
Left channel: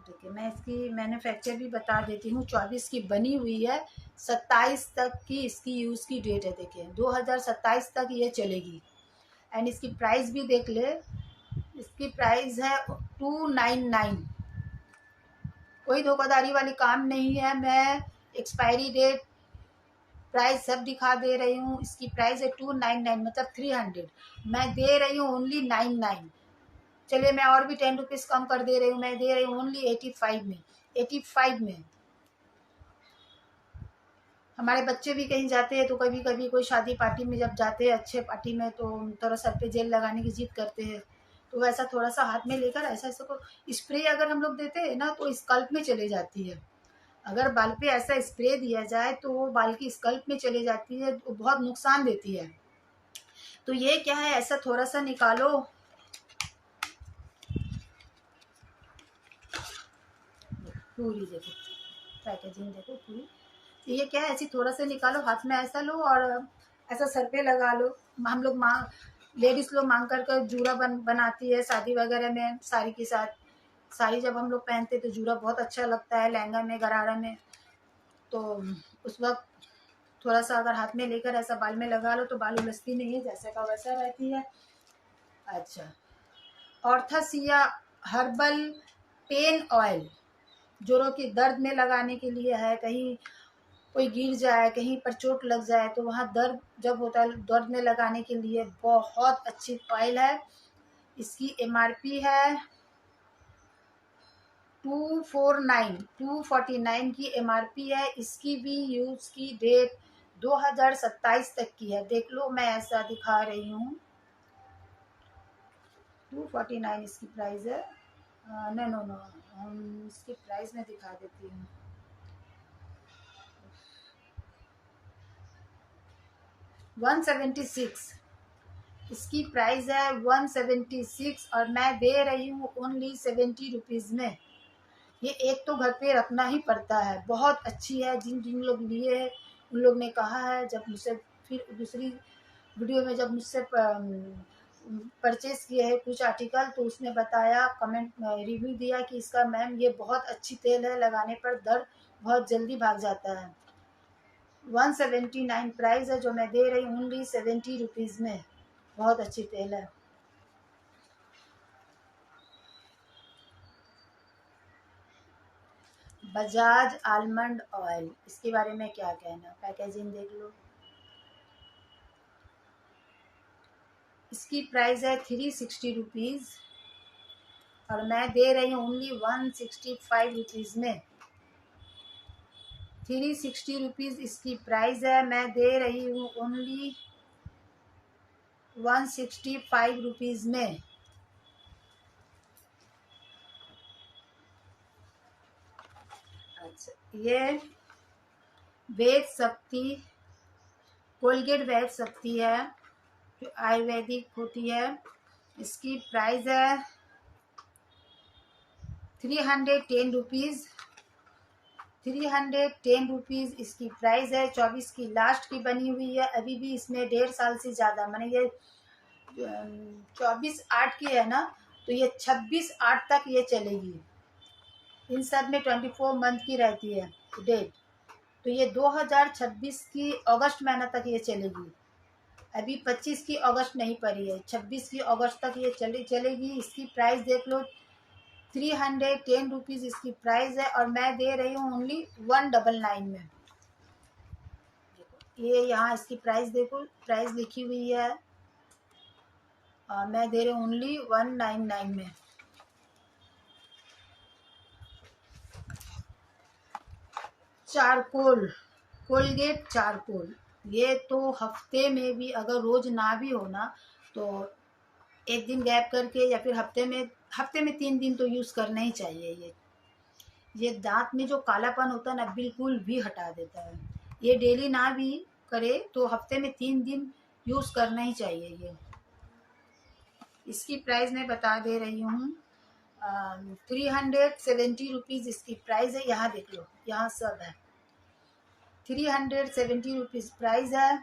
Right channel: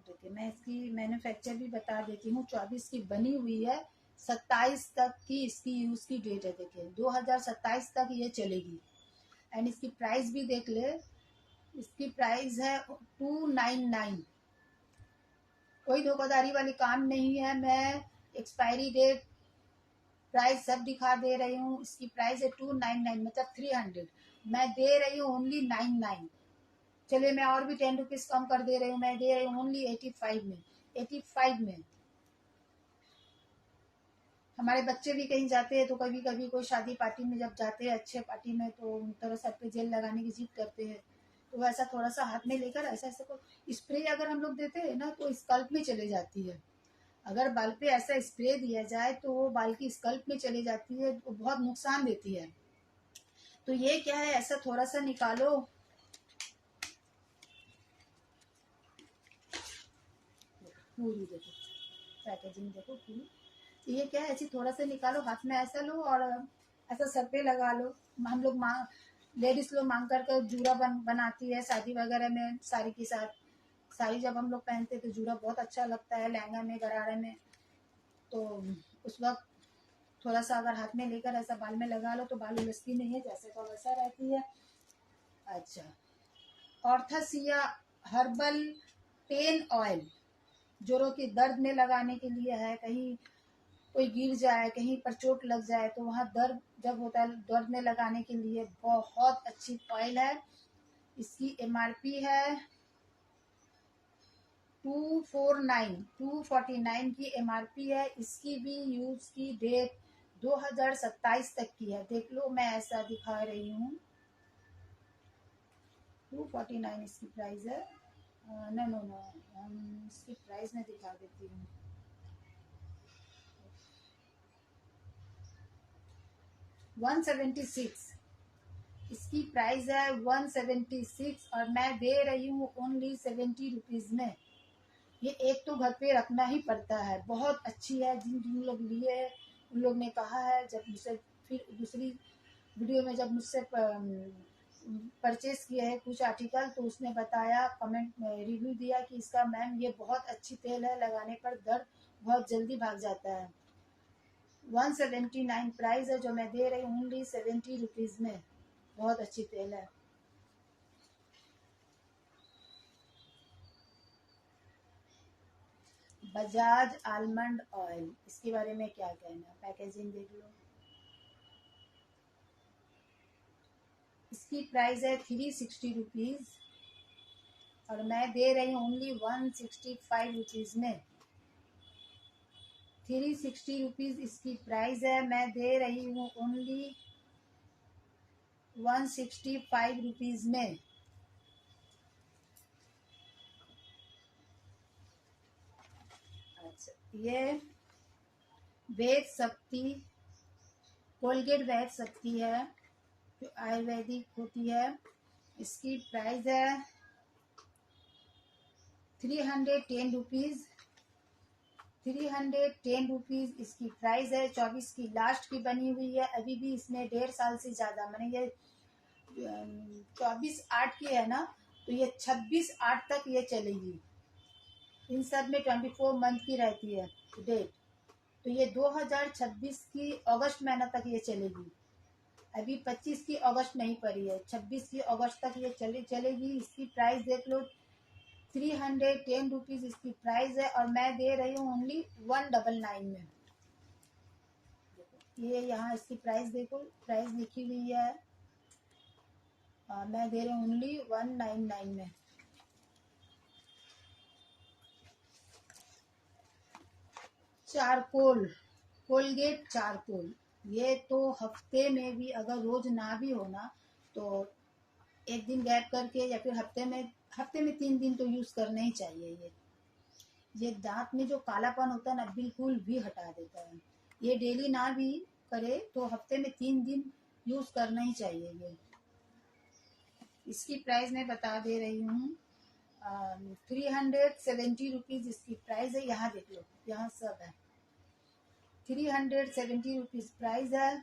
देखिए मैं इसकी मैन्युफैक्चर भी बता देती हूँ, 24 की बनी हुई है, 27 तक की इसकी यूज़ की डेट है। देखिए 2027 तक ये चलेगी। एंड इसकी प्राइस भी देख ले, इसकी प्राइस है 299। कोई धोखाधड़ी वाली काम नहीं है, मैं एक्सपायरी डेट प्राइस सब दिखा दे रही हूँ। इसकी प्राइस है 299, मतलब 300, मैं दे रही हूँ ओनली 99। चलिए मैं और भी 10 रुपीज़ कम कर दे रही हूँ, मैं दे रही हूँ ओनली 85 में। 85 में हमारे बच्चे भी कहीं जाते हैं तो कभी कभी कोई शादी पार्टी में जब जाते हैं अच्छे पार्टी में, तो थोड़ा सर पे जेल लगाने की जिद करते हैं, तो वैसा थोड़ा सा हाथ में लेकर ऐसा ऐसा को स्प्रे अगर हम लोग देते हैं ना तो स्कल्प में चले जाती है। अगर बाल पे ऐसा स्प्रे दिया जाए तो वो बाल की स्कल्प में चले जाती है, तो बहुत नुकसान देती है। तो ये क्या है, ऐसा थोड़ा सा निकालो, पूरी देखो पैकेजिंग देखो पूरी। ये क्या है, ऐसी थोड़ा सा निकालो, हाथ में ऐसा लो और ऐसा सर पे लगा लो। हम लोग लेडीज लोग मांग कर जूड़ा बनाती है शादी वगैरह में, साड़ी के साथ। साड़ी जब हम लोग पहनते तो जूड़ा बहुत अच्छा लगता है लहंगा में, गरारा में, तो उस वक्त थोड़ा सा अगर हाथ में लेकर ऐसा बाल में लगा लो तो बाल उलझती नहीं है, जैसे का वैसा रहती है। अच्छा, ऑर्थासिया हर्बल पेन ऑयल जोड़ों की दर्द में लगाने के लिए है, कहीं कोई गिर जाए, कहीं पर चोट लग जाए तो वहाँ दर्द जब होता है, दर्द में लगाने के लिए बहुत अच्छी ऑयल है। इसकी MRP है 249 की MRP है। इसकी भी यूज की डेट 2027 तक की है। देख लो, मैं ऐसा दिखा रही हूँ। 249 इसकी प्राइस है। नो नो नो, इसकी प्राइस मैं दिखा देती हूँ। 176 इसकी प्राइस है, 176, और मैं दे रही हूँ ओनली 70 रुपीज़ में। ये एक तो घर पे रखना ही पड़ता है, बहुत अच्छी है। जिन जिन लोग लिए है उन लोग ने कहा है, जब मुझसे फिर दूसरी वीडियो में जब मुझसे परचेस किए हैं कुछ आर्टिकल, तो उसने बताया, कमेंट रिव्यू दिया कि इसका मैम ये बहुत अच्छी तेल है, लगाने पर दर्द बहुत जल्दी भाग जाता है। 179 प्राइस है, जो मैं दे रही हूँ ओनली 70 रुपीज़ में। बहुत अच्छी तेल है। बजाज आलमंड ऑयल, इसके बारे में क्या कहना, पैकेजिंग देख लो। इसकी प्राइस है 360 रुपीज़, और मैं दे रही हूँ ओनली 165 रुपीज़ में। 360 रुपीज़ इसकी प्राइस है, मैं दे रही हूँ ओनली 165 रुपीज़ में। अच्छा, ये वेद शक्ति, कोलगेट वेद शक्ति है, जो आयुर्वेदिक होती है। इसकी प्राइस है 310 रुपीज़। 310 रुपीज़ इसकी प्राइस है। 24 की लास्ट की बनी हुई है। अभी भी इसमें 1.5 साल से ज़्यादा, माने ये 24/8 की है ना, तो ये 26/8 तक ये चलेगी। इन सब में 24 मंथ की रहती है डेट, तो ये 2026 की अगस्त महीना तक ये चलेगी। अभी 25 की अगस्त नहीं पड़ी है, 26 की अगस्त तक ये चलेगी। इसकी प्राइस देख लो, 310 रुपीज़ इसकी प्राइस है, और मैं दे रही हूँ ओनली 199 में। ये यहाँ इसकी प्राइस देखो, प्राइस लिखी हुई है, मैं दे रही हूँ ओनली 199 में। चारकोल, कोलगेट चारकोल, ये तो हफ्ते में भी, अगर रोज ना भी हो ना, तो एक दिन गैप करके, या फिर हफ्ते में 3 दिन तो यूज़ करना ही चाहिए। ये दांत में जो कालापन होता है ना, बिल्कुल भी हटा देता है। ये डेली ना भी करे तो हफ्ते में 3 दिन यूज़ करना ही चाहिए ये। इसकी प्राइस मैं बता दे रही हूँ, 370 रुपीज़ इसकी प्राइस है। यहाँ देख लो, यहाँ सब है। 370 रुपीज़ प्राइस है,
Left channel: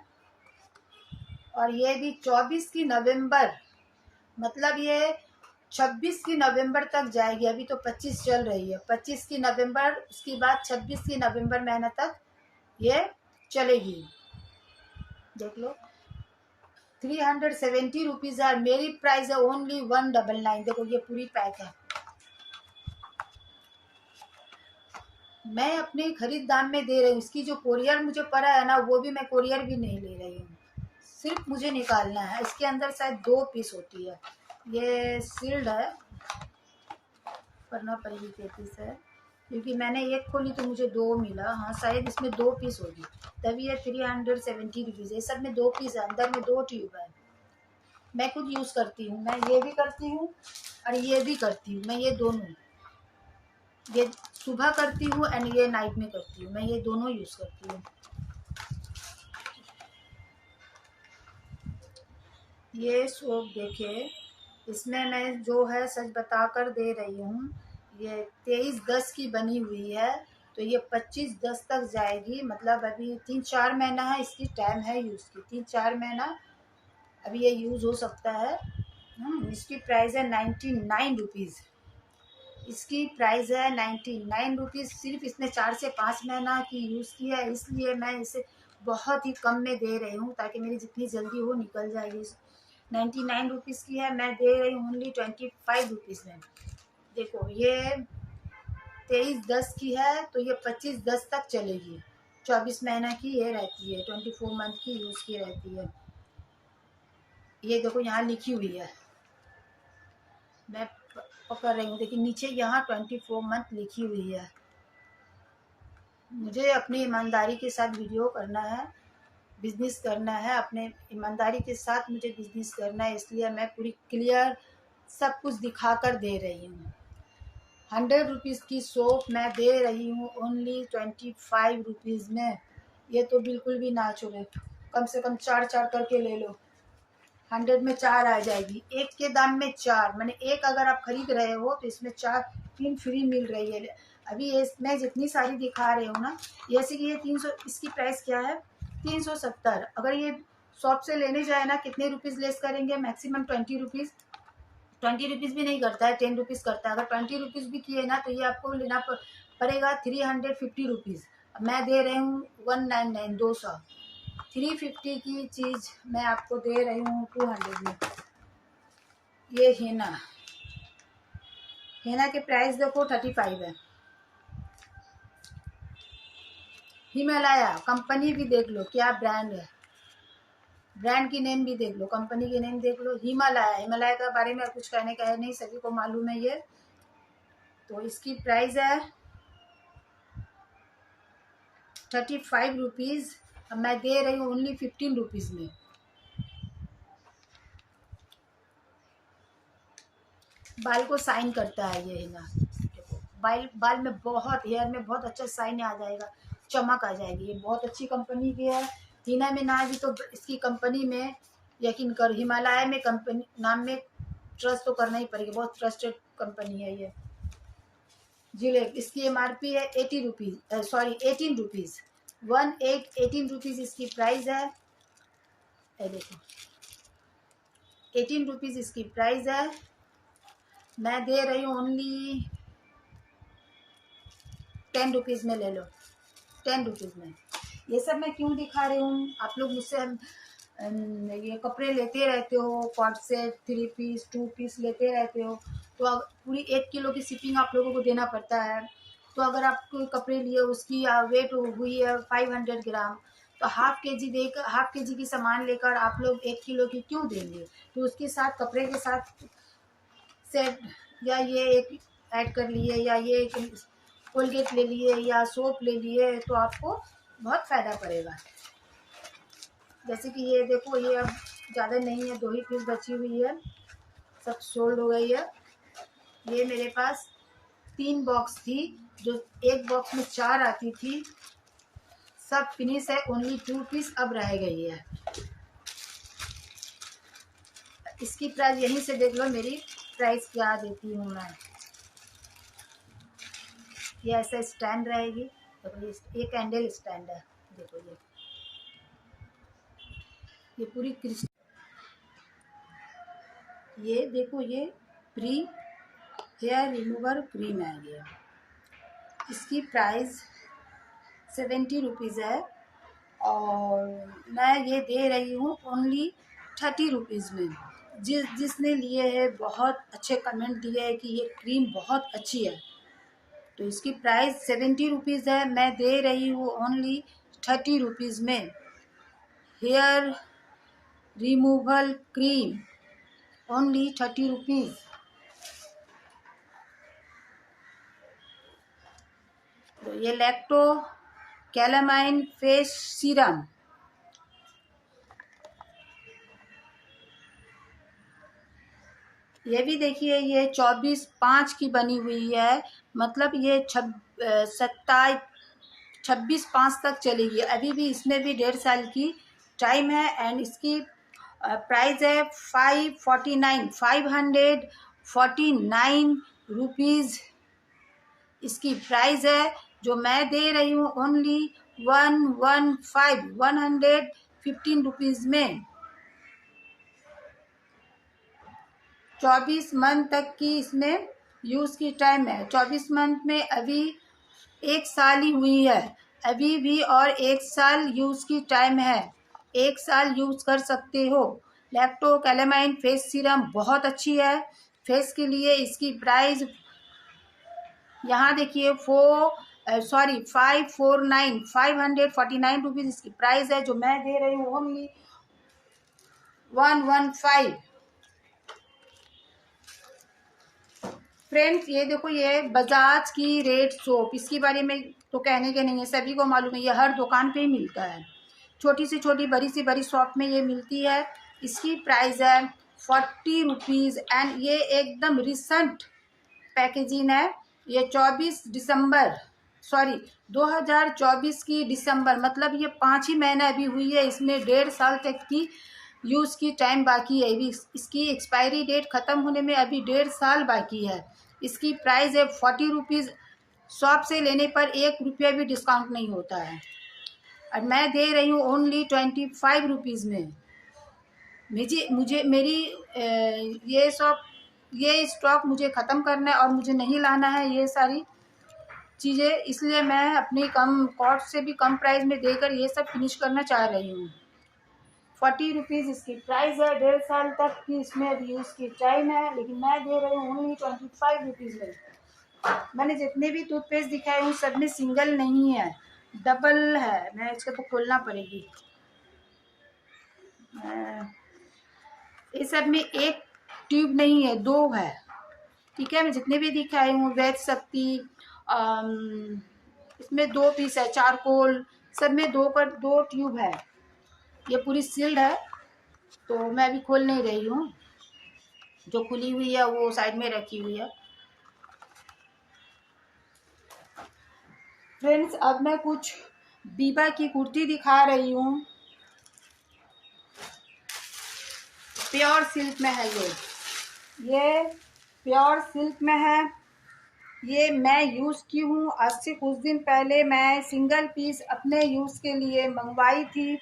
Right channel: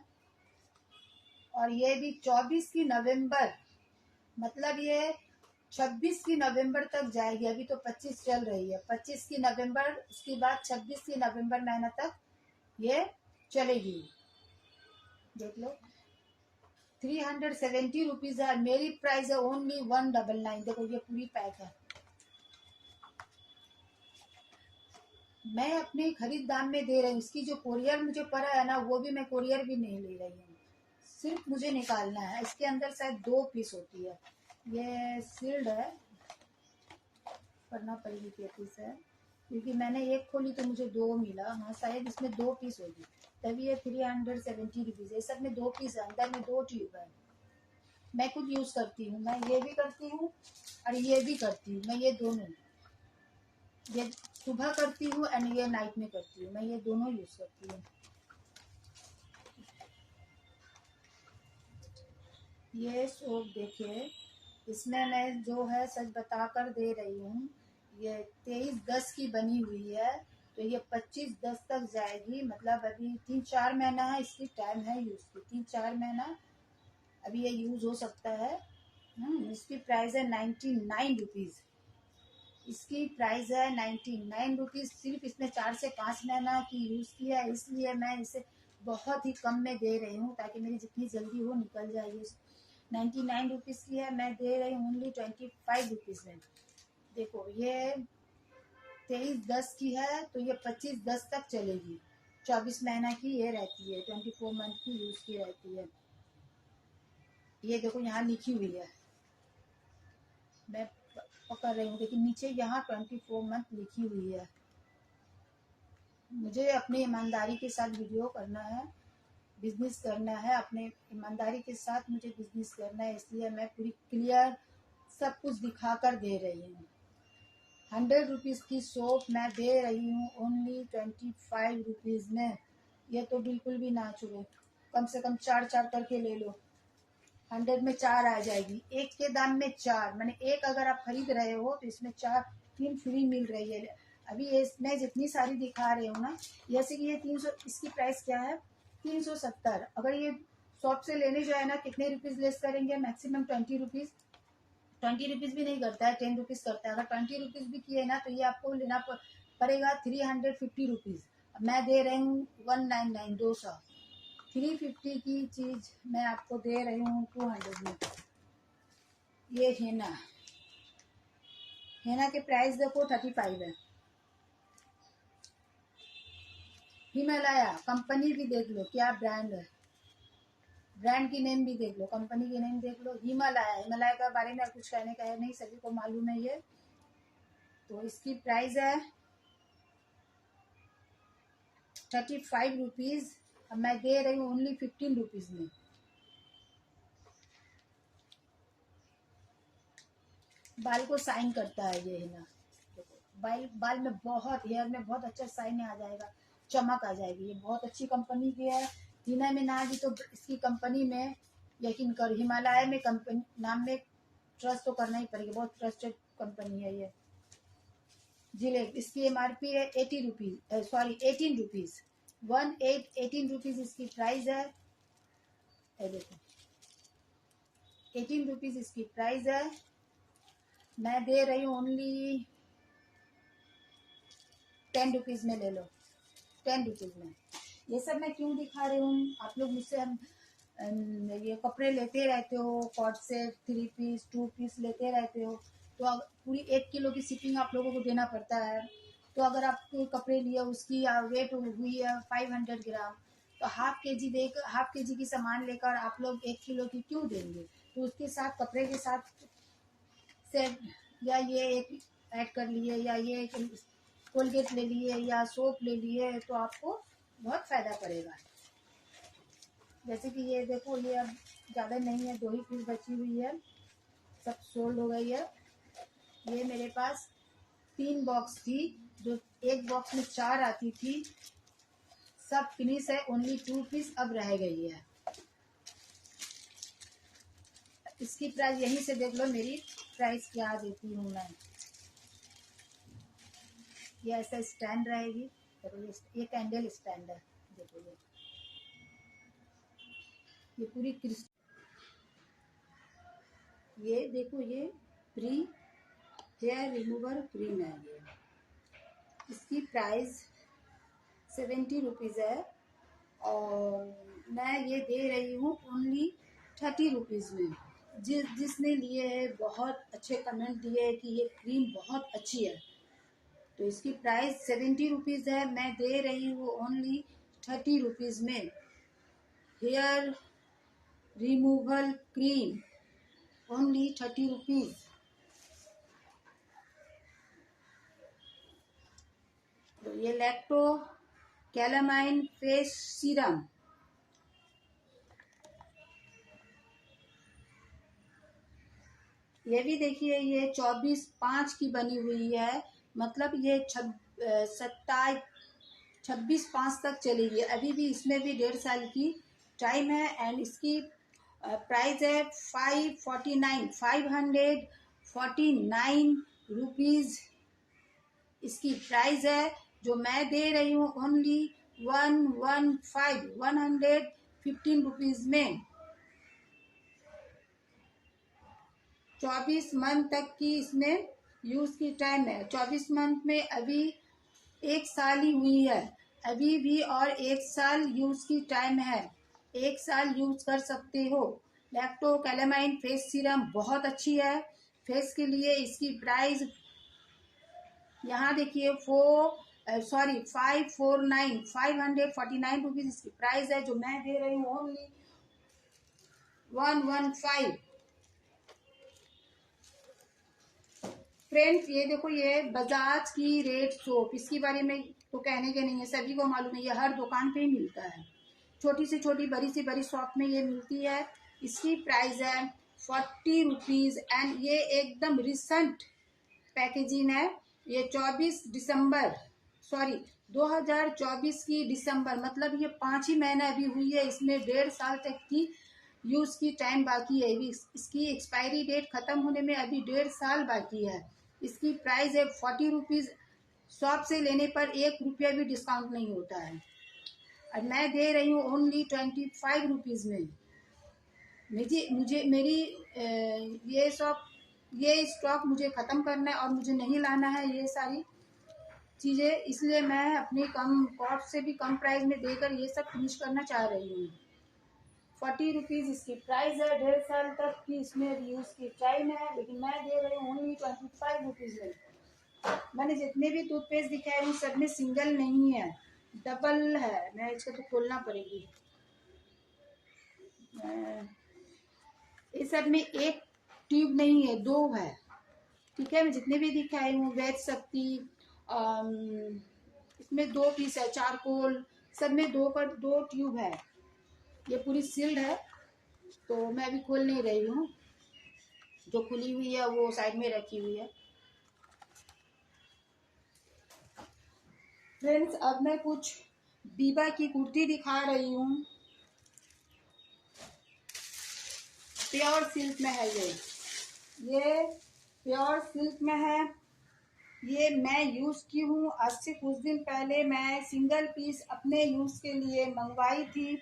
और ये भी 24 की नवंबर, मतलब ये 26 की नवंबर तक जाएगी। अभी तो 25 चल रही है, 25 की नवंबर, उसके बाद 26 की नवंबर महीना तक ये चलेगी। देख लो, 370 रुपीज़ है। मेरी प्राइस है ओनली 199। देखो, ये पूरी पैक है। मैं अपने खरीद दाम में दे रही हूँ। इसकी जो कोरियर मुझे पड़ा है ना, वो भी मैं कोरियर भी नहीं ले रही हूँ, सिर्फ मुझे निकालना है। इसके अंदर शायद 2 पीस होती है, ये सील्ड है, करना पड़ेगी 2 पीस है, क्योंकि मैंने एक खोली तो मुझे 2 मिला। हाँ, शायद इसमें 2 पीस होगी, तभी ये 370 रुपीज़ है। सब में 2 पीस है, अंदर में 2 ट्यूब है। मैं खुद यूज़ करती हूँ, मैं ये भी करती हूँ और ये भी करती हूँ। मैं ये दोनों, ये सुबह करती हूँ एंड ये नाइट में करती हूँ। मैं ये दोनों यूज़ करती हूँ। ये सोप देखिए, इसमें मैं जो है सच बता कर दे रही हूँ, ये 23/10 की बनी हुई है, तो ये 25/10 तक जाएगी। मतलब अभी 3-4 महीना है इसकी टाइम है यूज़ की, 3-4 महीना अभी ये यूज़ हो सकता है। इसकी प्राइस है 99 रुपीज़। इसकी प्राइस है 99 रुपीज़। सिर्फ इसमें 4 से 5 महीना की यूज़ की है, इसलिए मैं इसे बहुत ही कम में दे रही हूँ, ताकि मेरी जितनी जल्दी हो निकल जाएगी। 99 रुपीज़ की है, मैं दे रही हूँ ओनली 25 रुपीज़ में। देखो, ये 23/10 की है, तो ये 25/10 तक चलेगी। 24 महीना की ये रहती है, 24 मंथ की यूज़ की रहती है। ये देखो यहाँ लिखी हुई है, मैं पकड़ रही हूँ, देखिए नीचे यहाँ 24 मंथ लिखी हुई है। मुझे अपनी ईमानदारी के साथ वीडियो करना है, बिजनेस करना है, अपने ईमानदारी के साथ मुझे बिजनेस करना है, इसलिए मैं पूरी क्लियर सब कुछ दिखा कर दे रही हूँ। 100 रुपीज़ की सोप मैं दे रही हूँ ओनली 25 रुपीज़ में। ये तो बिल्कुल भी ना छोड़े, कम से कम 4 करके ले लो, 100 में 4 आ जाएगी। एक के दाम में 4, मैंने एक अगर आप खरीद रहे हो तो इसमें 3 फ्री मिल रही है। अभी ये मैं जितनी सारी दिखा रही हूँ ना, जैसे कि ये 300, इसकी प्राइस क्या है 370। अगर ये शॉप से लेने जाए ना, कितने रुपीज़ लेस करेंगे, मैक्सिमम 20 रुपीज़, 20 रुपीज़ भी नहीं करता है, 10 रुपीज़ करता है। अगर 20 रुपीज़ भी किए ना तो ये आपको लेना पड़ेगा 350 रुपीज़। मैं दे रही हूँ 199, 200। 350 की चीज़ मैं आपको दे रही हूँ 200 में। ये हेना के प्राइस देखो 35 है। हिमालया कंपनी भी देख लो क्या ब्रांड है, ब्रांड की नेम भी देख लो, कंपनी की नेम देख लो, हिमालया के बारे में कुछ कहने का है नहीं, सभी को मालूम है ये। तो इसकी प्राइस है 35 रुपीज़। अब मैं दे रही हूँ ओनली 15 रुपीज़ में। बाल को शाइन करता है ये हिना, देखो बाल में बहुत, हेयर में बहुत अच्छा शाइन आ जाएगा, चमक आ जाएगी। ये बहुत अच्छी कंपनी की है। हिना में ना भी तो इसकी कंपनी में यकीन कर, हिमालय में कंपनी नाम में ट्रस्ट तो करना ही पड़ेगा, बहुत ट्रस्टेड कंपनी है ये। जिलेट इसकी MRP है 80 रुपीज़, सॉरी 18 रुपीज़, 18 रुपीज़ इसकी प्राइस है। ये देखो 18 रुपीज़ इसकी प्राइस है। मैं दे रही हूँ ओनली 10 रुपीज़ में ले लो, 10 रुपीज़ में। ये सब मैं क्यों दिखा रही हूँ, आप लोग मुझसे ये कपड़े लेते रहते हो, कॉट सेट, 3 पीस 2 पीस लेते रहते हो, तो पूरी 1 किलो की शिपिंग आप लोगों को देना पड़ता है। तो अगर आप कोई कपड़े लिए, उसकी वेट हुई है 500 ग्राम, तो हाफ के जी की सामान लेकर आप लोग 1 किलो की क्यों देंगे। तो उसके साथ कपड़े के साथ सेट, या ये एक ऐड कर लिए, या ये एक कोलगेट ले लिए, या सोप ले लिए, तो आपको बहुत फ़ायदा पड़ेगा। जैसे कि ये देखो, ये अब ज़्यादा नहीं है, 2 ही पीस बची हुई है, सब सोल्ड हो गई है। ये मेरे पास 3 बॉक्स थी, जो एक बॉक्स में 4 आती थी, सब फिनिश है, ओनली 2 पीस अब रह गई है। इसकी प्राइस यहीं से देख लो, मेरी प्राइस क्या देती हूँ मैं। ये ऐसा स्टैंड रहेगी, देखो ये कैंडल स्टैंड है, देखो ये पूरी क्रिस्टल, ये देखो ये प्री हेयर रिमूवर क्रीम है ये। इसकी प्राइस 70 रुपीज़ है, और मैं ये दे रही हूँ ओनली 30 रुपीज़ में। जिसने लिए है बहुत अच्छे कमेंट दिए है कि ये क्रीम बहुत अच्छी है, तो इसकी प्राइस 70 रुपीज़ है, मैं दे रही हूँ ओनली 30 रुपीज़ में। Hair removal cream only 30 rupees. तो ये लैक्टो कैलामाइन फेस सीरम, ये भी देखिए, ये 24/5 की बनी हुई है, मतलब ये 26/5 तक चलेगी। अभी भी इसमें भी 1.5 साल की टाइम है। एंड इसकी प्राइस है 549 रुपीज़ इसकी प्राइस है, जो मैं दे रही हूँ ओनली 115 रुपीज़ में। 24 मंथ तक की इसमें यूज़ की टाइम है। 24 मंथ में अभी 1 साल ही हुई है अभी भी, और 1 साल यूज़ की टाइम है, 1 साल यूज़ कर सकते हो। लैक्टो कैलामाइन फेस सीरम बहुत अच्छी है फेस के लिए। इसकी प्राइस यहाँ देखिए सॉरी 549 इसकी प्राइस है, जो मैं दे रही हूँ ओनली 115। फ्रेंड्स ये देखो, ये बजाज की रेड सोप, इसके बारे में तो कहने के नहीं है, सभी को मालूम है, ये हर दुकान पे ही मिलता है। छोटी से छोटी बड़ी से बड़ी शॉप में ये मिलती है। इसकी प्राइस है 40 रुपीज़ एंड ये एकदम रिसेंट पैकेजिंग है। ये 2024 की दिसंबर, मतलब ये 5 ही महीना अभी हुई है, इसमें 1.5 साल तक की यूज़ की टाइम बाकी है। अभी इसकी एक्सपायरी डेट ख़त्म होने में अभी 1.5 साल बाकी है। इसकी प्राइस है 40 रुपीज़। शॉप से लेने पर 1 रुपया भी डिस्काउंट नहीं होता है, और मैं दे रही हूँ ओनली 25 रुपीज़ में। मुझे मुझे मेरी ये स्टॉक मुझे ख़त्म करना है और मुझे नहीं लाना है ये सारी चीज़ें, इसलिए मैं अपनी कम कॉस्ट से भी कम प्राइस में देकर ये सब फिनिश करना चाह रही हूँ। 40 रुपीज़ इसकी प्राइस है। 1.5 साल तक की इसमें अभी यूज़ की टाइम है, लेकिन मैं दे रही हूँ ओनली 25 रुपीज़ में। मैंने जितने भी टूथपेस्ट दिखाए उन सब में सिंगल नहीं है, डबल है। मैं इसको तो खोलना पड़ेगी। इस सब में एक ट्यूब नहीं है, 2 है। ठीक है, मैं जितने भी दिखाई हूँ वैद शक्ति, इसमें 2 पीस है, चारकोल, सब में 2 ट्यूब है। ये पूरी सील्ड है, तो मैं अभी खोल नहीं रही हूँ। जो खुली हुई है वो साइड में रखी हुई है। फ्रेंड्स अब मैं कुछ बीबा की कुर्ती दिखा रही हूँ। प्योर सिल्क में है ये प्योर सिल्क में है। ये मैं यूज़ की हूँ। आज से कुछ दिन पहले मैं सिंगल पीस अपने यूज़ के लिए मंगवाई थी।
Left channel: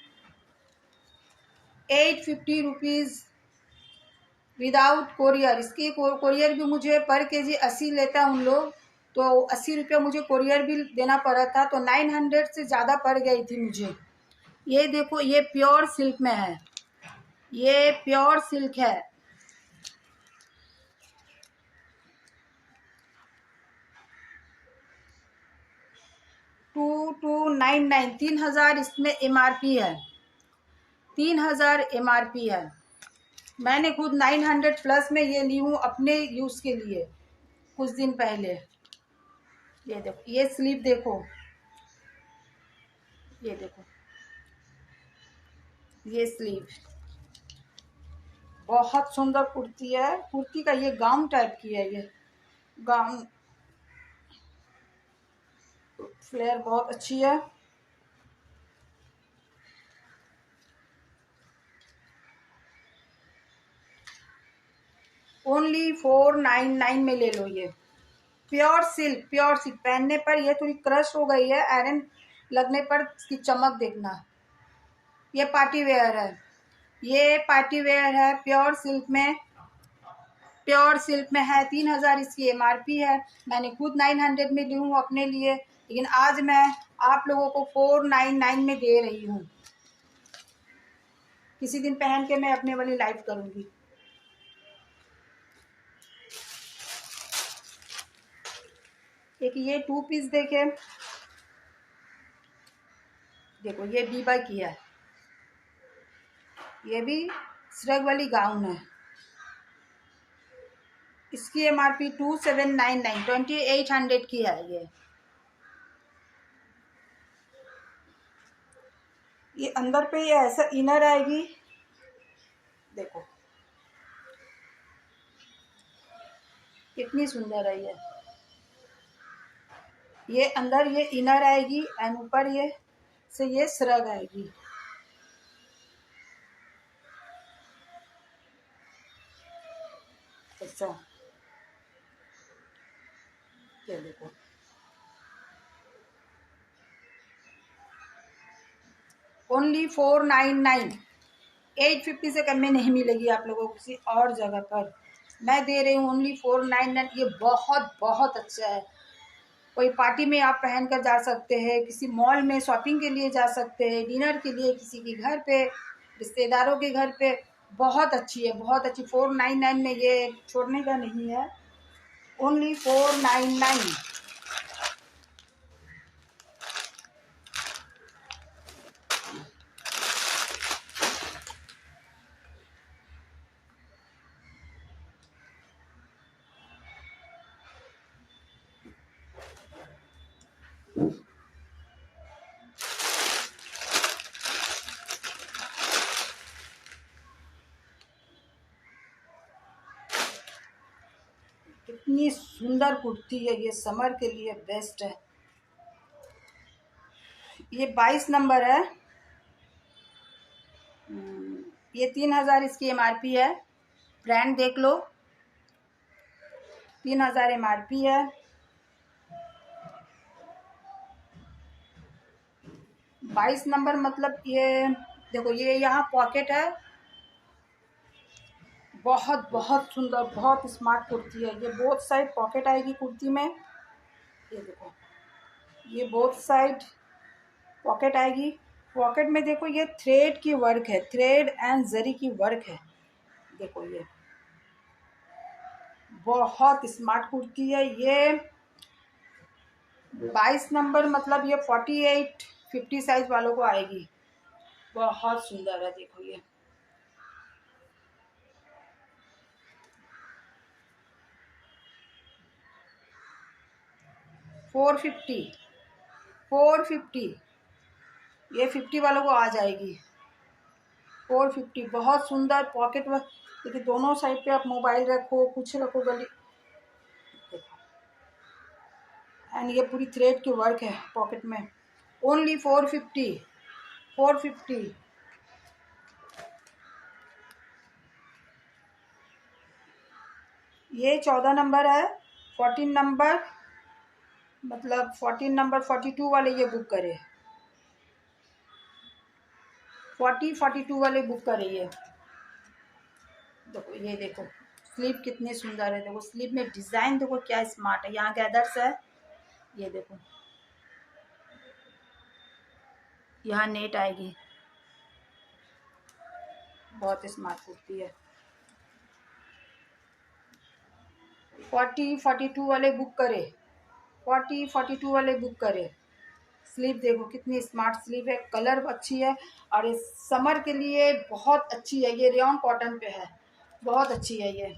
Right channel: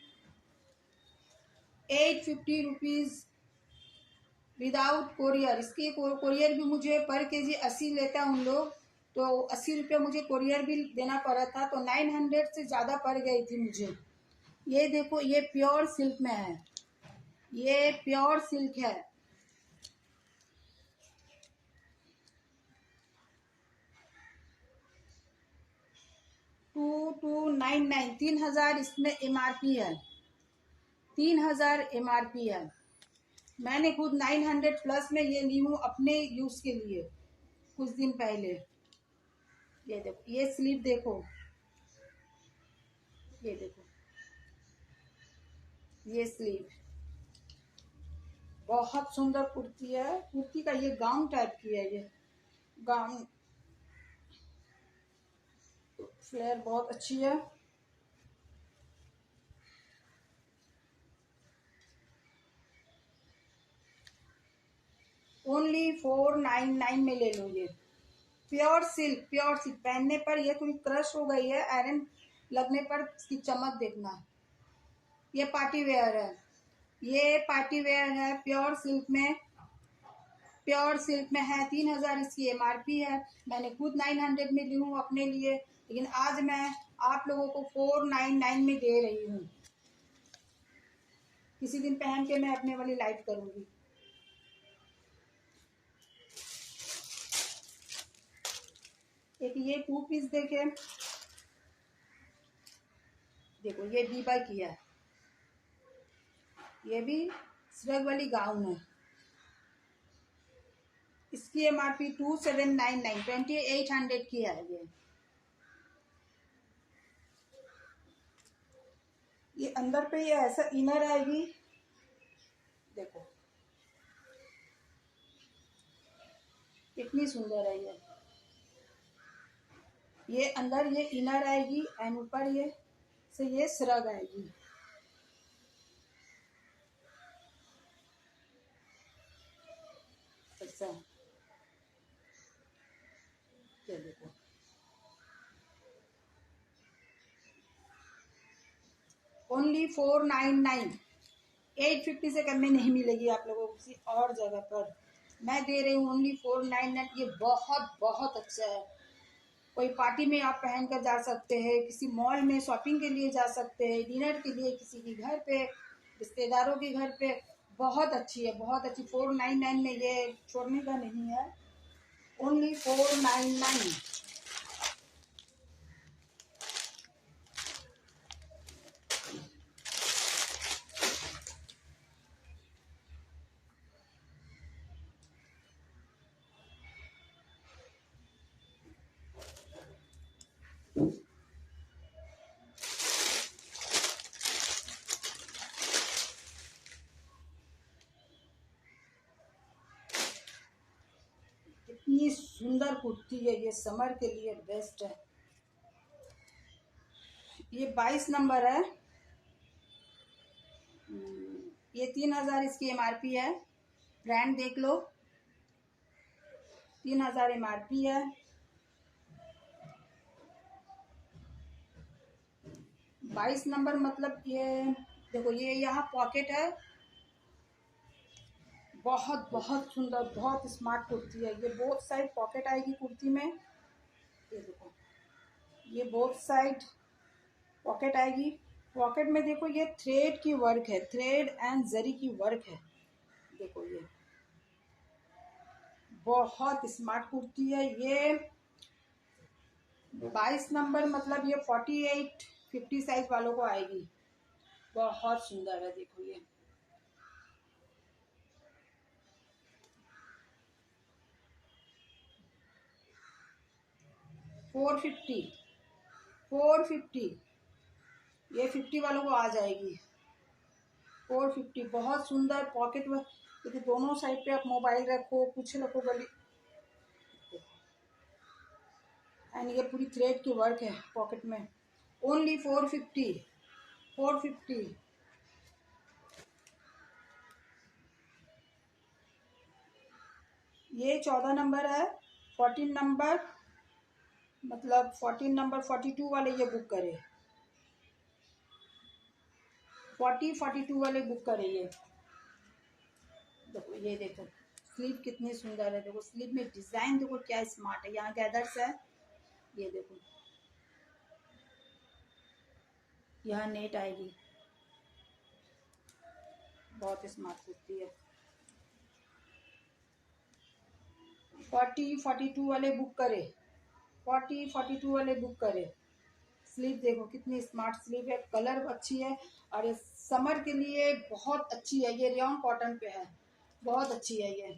850 रुपीज़ विदाउट कोरियर। इसकी कोरियर भी मुझे पर केजी 80 लेता उन लोग, तो 80 रुपया मुझे कोरियर बिल देना पड़ा था, तो 900 से ज़्यादा पड़ गई थी मुझे। ये देखो, ये प्योर सिल्क में है, ये प्योर सिल्क है। टू 99 3000 इसमें MRP है, 3000 MRP है। मैंने खुद 900 प्लस में ये ली हूँ अपने यूज़ के लिए कुछ दिन पहले। ये देखो, ये स्लीव देखो, ये देखो, ये स्लीव बहुत सुंदर कुर्ती है। कुर्ती का ये गाउन टाइप की है, ये गाउन फ्लेयर बहुत अच्छी है। ओनली 499 में ले लो। ये प्योर सिल्क पहनने पर ये थोड़ी क्रश हो गई है, आयरन लगने पर इसकी चमक देखना। ये पार्टी वेयर है, ये पार्टी वेयर है, प्योर सिल्क में है। 3000 इसकी MRP है। मैंने खुद 900 में ली हूँ अपने लिए, लेकिन आज मैं आप लोगों को 499 में दे रही हूँ। किसी दिन पहन के मैं अपने वाली लाइव करूँगी। एक ये 2 पीस देखो, ये बीबा की है, ये भी श्रग वाली गाउन है। इसकी MRP 2799 2800 की है। ये अंदर पे ये ऐसा इनर आएगी, देखो कितनी सुंदर है ये अंदर ये इनर आएगी एंड ऊपर ये से ये श्रग आएगी। ऐसा ये देखो, ओनली 499। 850 से कम में नहीं मिलेगी आप लोगों को किसी और जगह पर। मैं दे रही हूँ ओनली 499। ये बहुत बहुत अच्छा है। कोई पार्टी में आप पहन कर जा सकते हैं, किसी मॉल में शॉपिंग के लिए जा सकते हैं, डिनर के लिए किसी के घर पे, रिश्तेदारों के घर पे। बहुत अच्छी है, बहुत अच्छी। 499 में ये छोड़ने का नहीं है, ओनली 499। कितनी सुंदर कुर्ती है, ये समर के लिए बेस्ट है। ये 22 नंबर है। ये 3000 इसकी MRP है। ब्रांड देख लो, 3000 MRP है। 22 नंबर मतलब ये देखो, ये यहाँ पॉकेट है। बहुत बहुत सुंदर, बहुत स्मार्ट कुर्ती है ये। बोथ साइड पॉकेट आएगी कुर्ती में। ये देखो, ये बोथ साइड पॉकेट आएगी। पॉकेट में देखो ये थ्रेड की वर्क है, थ्रेड एंड जरी की वर्क है। देखो ये बहुत स्मार्ट कुर्ती है ये। 22 नंबर मतलब ये 48-50 साइज वालों को आएगी। बहुत सुंदर है, देखो ये। फोर फिफ्टी ये 50 वालों को आ जाएगी। 450 बहुत सुंदर पॉकेट में। देखिए दोनों साइड पे आप मोबाइल रखो, कुछ रखो गली। एंड ये पूरी थ्रेड की वर्क है पॉकेट में। ओनली 450। ये 14 नंबर है। 14 नंबर मतलब 14 नंबर 42 वाले ये बुक करे। 42 वाले बुक करे ये। देखो ये देखो स्लीव कितनी सुंदर है। देखो स्लीव में डिजाइन देखो क्या स्मार्ट है। यहाँ गैदर्स है, ये देखो यहाँ नेट आएगी। बहुत स्मार्ट कुर्ती है। 42 वाले बुक करे। 42 वाले बुक करे। स्लीव देखो कितनी स्मार्ट स्लीव है, कलर अच्छी है। और ये समर के लिए बहुत अच्छी है। ये रेयन कॉटन पे है, बहुत अच्छी है ये।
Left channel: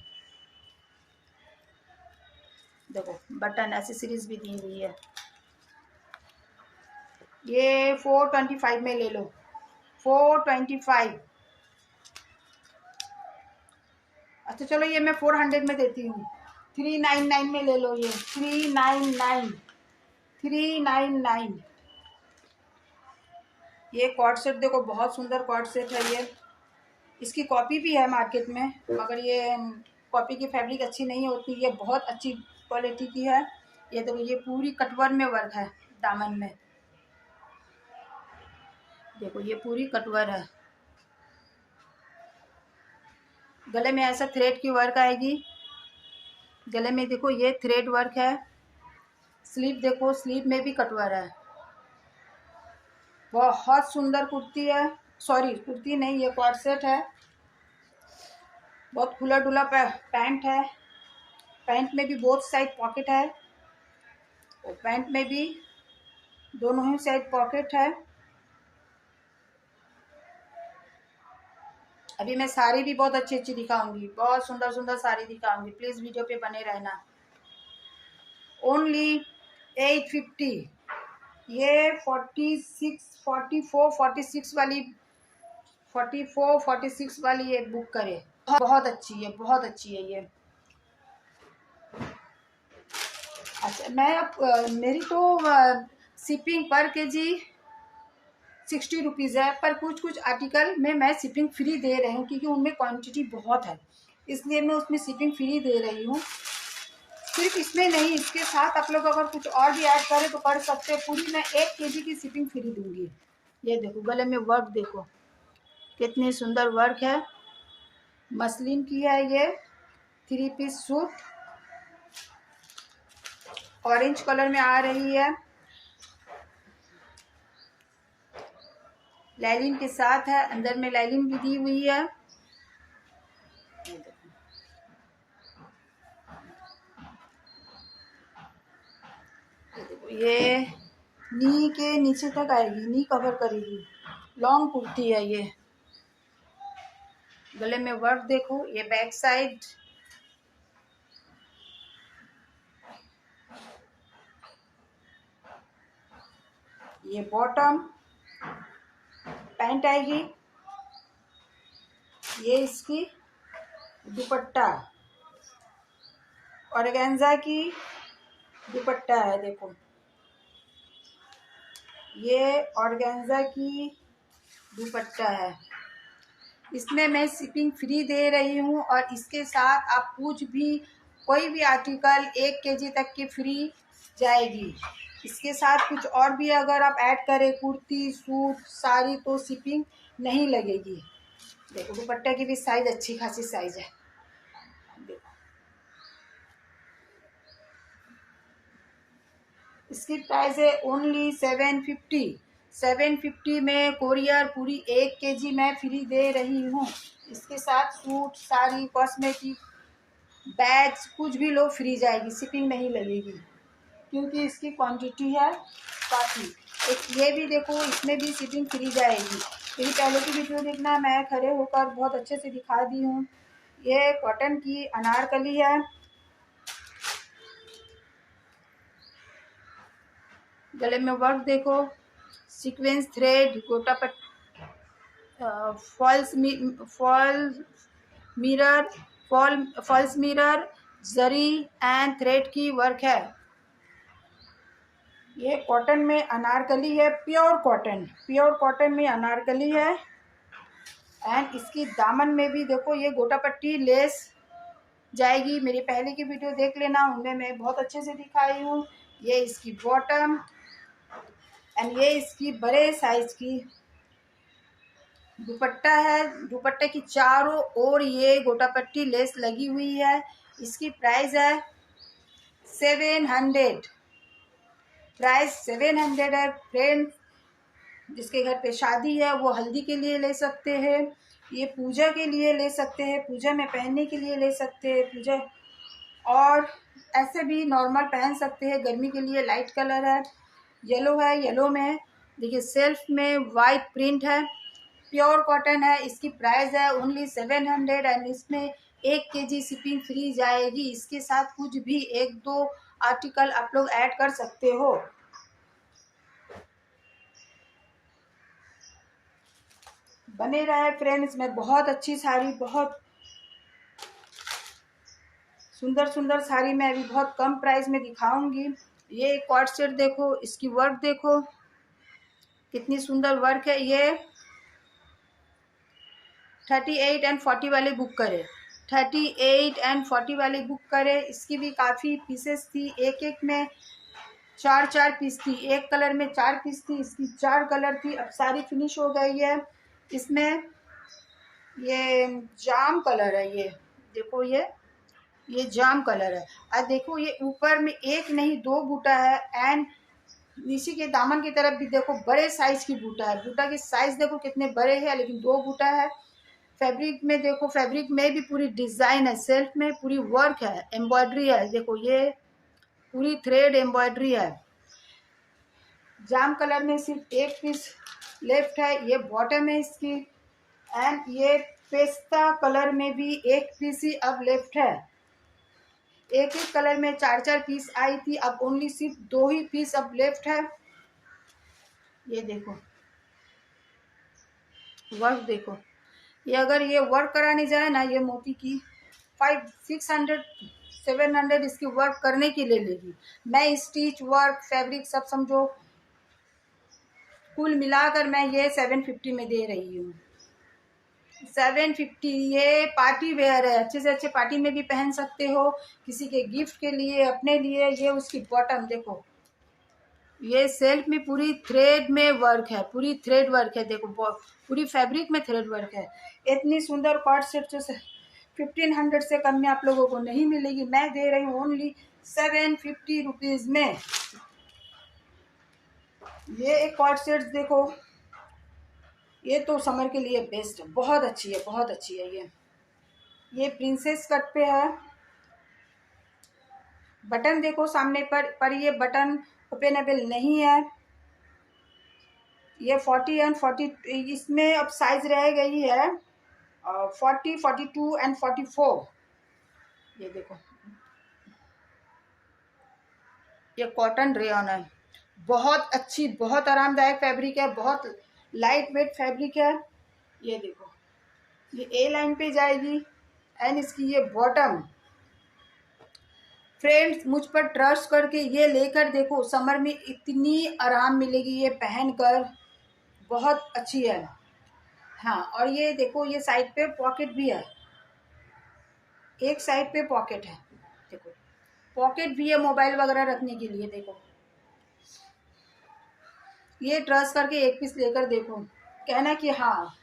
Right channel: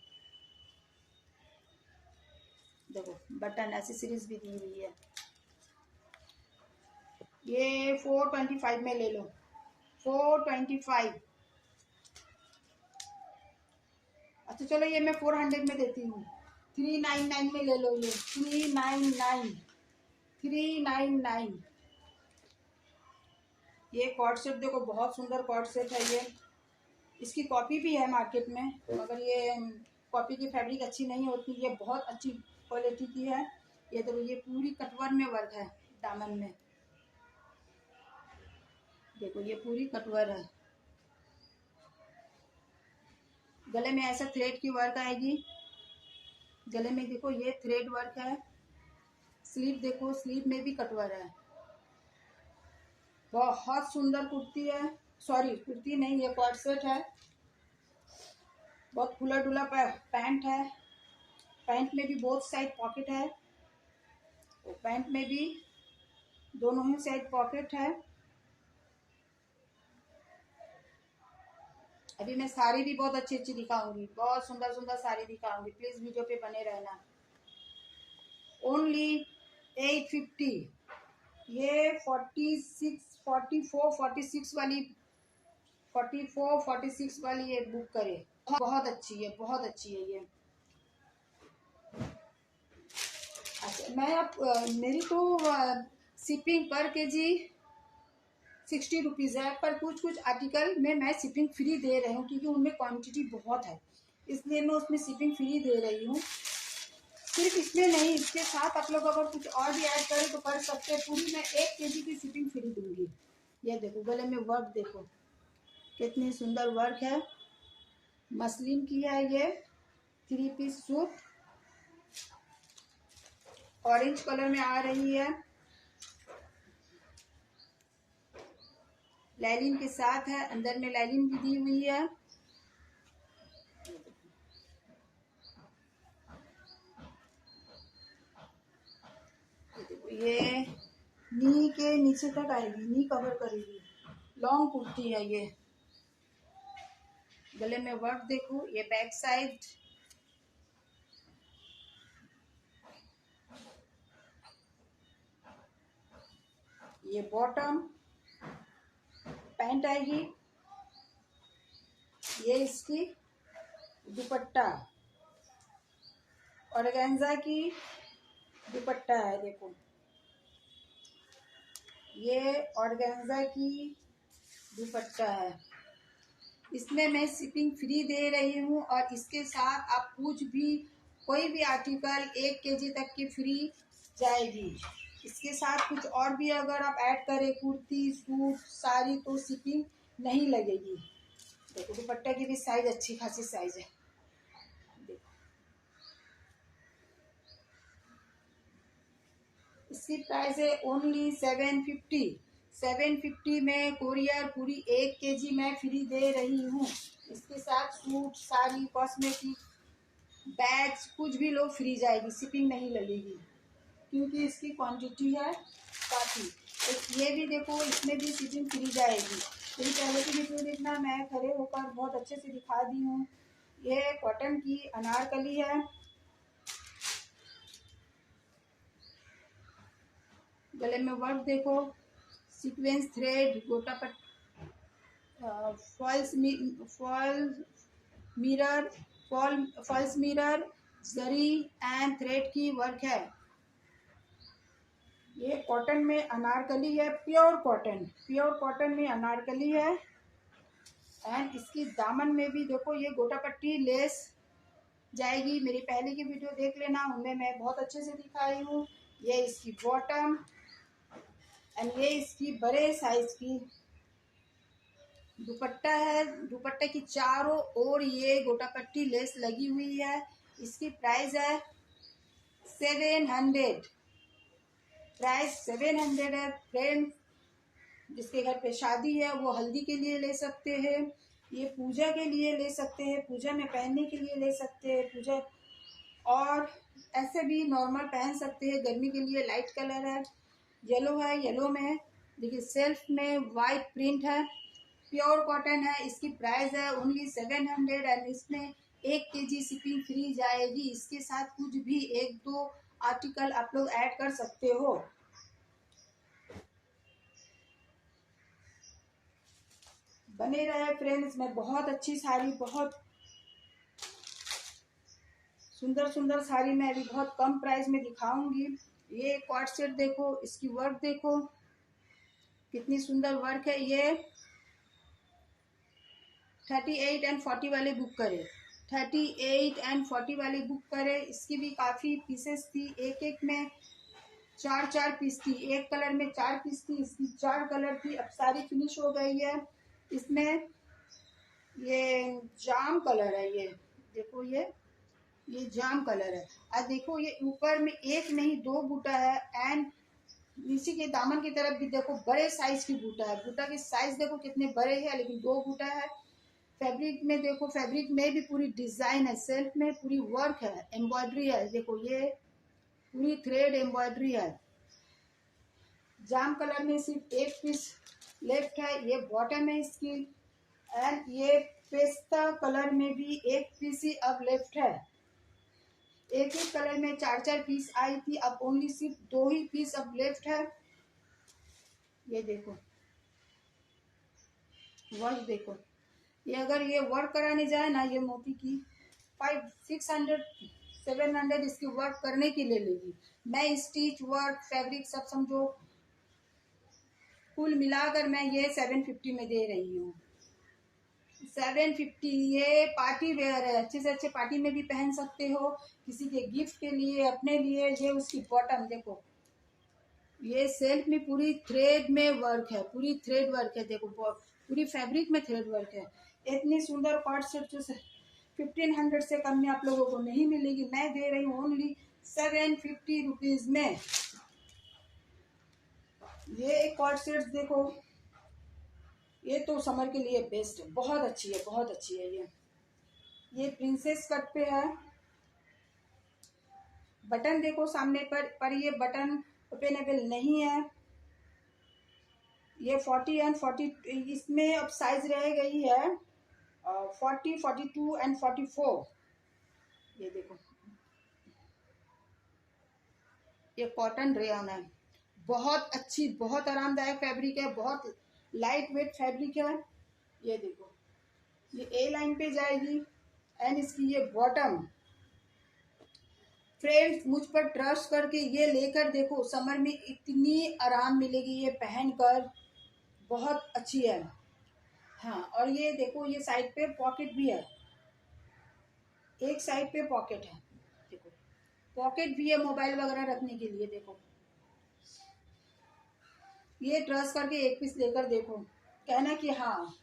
देखो बटन एसेसरीज भी दी हुई है। ये 425 में ले लो। 425। अच्छा चलो ये मैं 400 में देती हूँ। 399 में ले लो ये। 399। ये कॉर्ड सेट देखो बहुत सुंदर कॉर्ड सेट है ये। इसकी कॉपी भी है मार्केट में, मगर ये कॉपी की फैब्रिक अच्छी नहीं होती। ये बहुत अच्छी क्वालिटी की है। ये देखो ये पूरी कटवर में वर्क है दामन में। देखो ये पूरी कटवर है। गले में ऐसा थ्रेड की वर्क आएगी। गले में देखो ये थ्रेड वर्क है। स्लीव देखो, स्लीव में भी कटवर है। बहुत सुंदर कुर्ती है। सॉरी कुर्ती नहीं, ये कॉर्ड सेट है। बहुत खुला डुला पैंट है। पैंट में भी बोथ साइड पॉकेट है, और पैंट में भी दोनों ही साइड पॉकेट है। अभी मैं साड़ी भी बहुत अच्छी अच्छी दिखाऊंगी, बहुत सुंदर सुंदर साड़ी दिखाऊंगी। प्लीज वीडियो पे बने रहना। ओनली 850। ये 46 वाली 46 वाली ये बुक करे। बहुत अच्छी है, बहुत अच्छी है ये। अच्छा मैं अब मेरी तो शिपिंग पर केजी 60 रुपीज़ है, पर कुछ कुछ आर्टिकल में मैं शिपिंग फ्री दे रही हूँ, क्योंकि उनमें क्वांटिटी बहुत है, इसलिए मैं उसमें शिपिंग फ्री दे रही हूँ। सिर्फ इसमें नहीं, इसके साथ आप लोग अगर कुछ और भी ऐड करें तो कर सकते हैं। पूरी मैं 1 केजी की शिपिंग फ्री दूंगी। ये देखो गले में वर्क देखो कितनी सुंदर वर्क है। मसलिन की है ये। 3 पीस सूट ऑरेंज कलर में आ रही है। लाइलिन के साथ है, अंदर में लाइलिन भी दी हुई है। ये नी के नीचे तक आएगी, नी कवर करेगी। लॉन्ग कुर्ती है ये। गले में वर्क देखो, ये बैक साइड। ये बॉटम पैंट आएगी। ये इसकी दुपट्टा। ऑर्गेन्जा की दुपट्टा है। देखो ये ऑर्गेन्जा की दुपट्टा है। इसमें मैं शिपिंग फ्री दे रही हूँ और इसके साथ आप कुछ भी कोई भी आर्टिकल 1 kg तक की फ्री जाएगी। इसके साथ कुछ और भी अगर आप ऐड करें, कुर्ती, सूट, साड़ी, तो शिपिंग नहीं लगेगी। देखो दुपट्टे की भी साइज अच्छी खासी साइज है। देखो इसकी प्राइस है ओनली 750। 750 में कोरियर पूरी 1 kg मैं फ्री दे रही हूँ। इसके साथ सूट, साड़ी, कॉस्मेटिक, बैग्स कुछ भी लो फ्री जाएगी, शिपिंग नहीं लगेगी क्योंकि इसकी क्वांटिटी है काफ़ी। एक ये भी देखो, इसमें भी शिपिंग फ्री जाएगी। मेरी पहले की वीडियो देखना, मैं खड़े होकर बहुत अच्छे से दिखा दी हूँ। ये कॉटन की अनारकली है। गले में वर्क देखो, सीक्वेंस थ्रेड, गोटा पट, फॉल्स मिरर, जरी एंड थ्रेड की वर्क है। ये कॉटन में अनारकली है, प्योर कॉटन में अनारकली है। एंड इसकी दामन में भी देखो ये गोटा पट्टी लेस जाएगी। मेरी पहले की वीडियो देख लेना, उनमें मैं बहुत अच्छे से दिखाई हूँ। ये इसकी बॉटम एंड ये इसकी बड़े साइज की दुपट्टा है। दुपट्टे की चारों ओर ये गोटा पट्टी लेस लगी हुई है। इसकी प्राइस है 700। प्राइस 700 है। फ्रेंड्स, जिसके घर पे शादी है वो हल्दी के लिए ले सकते हैं, ये पूजा के लिए ले सकते हैं, पूजा में पहनने के लिए ले सकते हैं, पूजा और ऐसे भी नॉर्मल पहन सकते हैं। गर्मी के लिए लाइट कलर है, येलो है। येलो में देखिए सेल्फ में वाइट प्रिंट है, प्योर कॉटन है। इसकी प्राइस है ओनली 700 एंड इसमें 1 kg शिपिंग फ्री जाएगी। इसके साथ कुछ भी 1-2 आर्टिकल आप लोग ऐड कर सकते हो। बने रहे फ्रेंड्स, मैं बहुत अच्छी साड़ी, बहुत सुंदर सुंदर साड़ी मैं अभी बहुत कम प्राइस में दिखाऊंगी। ये कॉर्ड सेट देखो, इसकी वर्क देखो कितनी सुंदर वर्क है। ये 38 एंड 40 वाले बुक करे, 38 एंड 40 वाले बुक करे। इसकी भी काफ़ी पीसेस थी, एक एक में 4-4 पीस थी, एक कलर में 4 पीस थी, इसकी 4 कलर थी। अब सारी फिनिश हो गई है। इसमें ये जाम कलर है, ये देखो ये जाम कलर है। और देखो ये ऊपर में एक नहीं 2 बूटा है एंड नीचे के दामन की तरफ भी देखो बड़े साइज की बूटा है। बूटा की साइज देखो कितने बड़े हैं, लेकिन 2 बूटा है। फैब्रिक में देखो, फैब्रिक में भी पूरी डिजाइन है, सेल्फ में पूरी वर्क है, एम्ब्रॉयडरी है। देखो ये पूरी थ्रेड एम्ब्रॉयडरी है। जाम कलर में सिर्फ एक पीस लेफ्ट है, ये बॉटम है इसकी। एंड ये पेस्ता कलर में भी एक पीस ही अब लेफ्ट है। एक ही कलर में 4-4 पीस आई थी, अब ओनली सिर्फ 2 ही पीस अब लेफ्ट है। ये देखो वर्क देखो, ये अगर ये वर्क कराने जाए ना, ये मोती की 500-600-700 इसकी वर्क करने की ले लेगी। मैं स्टिच वर्क फैब्रिक सब समझो कुल मिलाकर मैं ये 750 में दे रही हूँ। 750। ये पार्टी वेयर है, अच्छे से अच्छे पार्टी में भी पहन सकते हो, किसी के गिफ्ट के लिए, अपने लिए। ये उसकी बॉटम देखो, ये सेल्फ में पूरी थ्रेड में वर्क है, पूरी थ्रेड वर्क है। देखो पूरी फैब्रिक में थ्रेड वर्क है। इतनी सुंदर कॉर्ड सेट जो 1500 से कम में आप लोगों को नहीं मिलेगी। मैं दे रही हूँ ओनली 750 रुपीज में। ये एक कॉर्ड सेट देखो, ये तो समर के लिए बेस्ट है, बहुत अच्छी है, बहुत अच्छी है। ये प्रिंसेस कट पे है। बटन देखो सामने पर ये बटन ओपनेबल नहीं है। ये 40 एंड 40 इसमें अब साइज रह गई है 40, 42 एंड 44। ये देखो ये कॉटन रेयन है, बहुत अच्छी, बहुत आरामदायक फैब्रिक है, बहुत लाइट वेट फैब्रिक है। ये देखो ये ए लाइन पे जाएगी एंड इसकी ये बॉटम फ्रेंड्स मुझ पर ट्रस्ट करके ये लेकर देखो, समर में इतनी आराम मिलेगी ये पहनकर, बहुत अच्छी है। हाँ, और ये देखो ये साइड पे पॉकेट भी है, एक साइड पे पॉकेट है, देखो पॉकेट भी है मोबाइल वगैरह रखने के लिए। देखो ये ट्रस्ट करके एक पीस लेकर देखो, कहना कि हाँ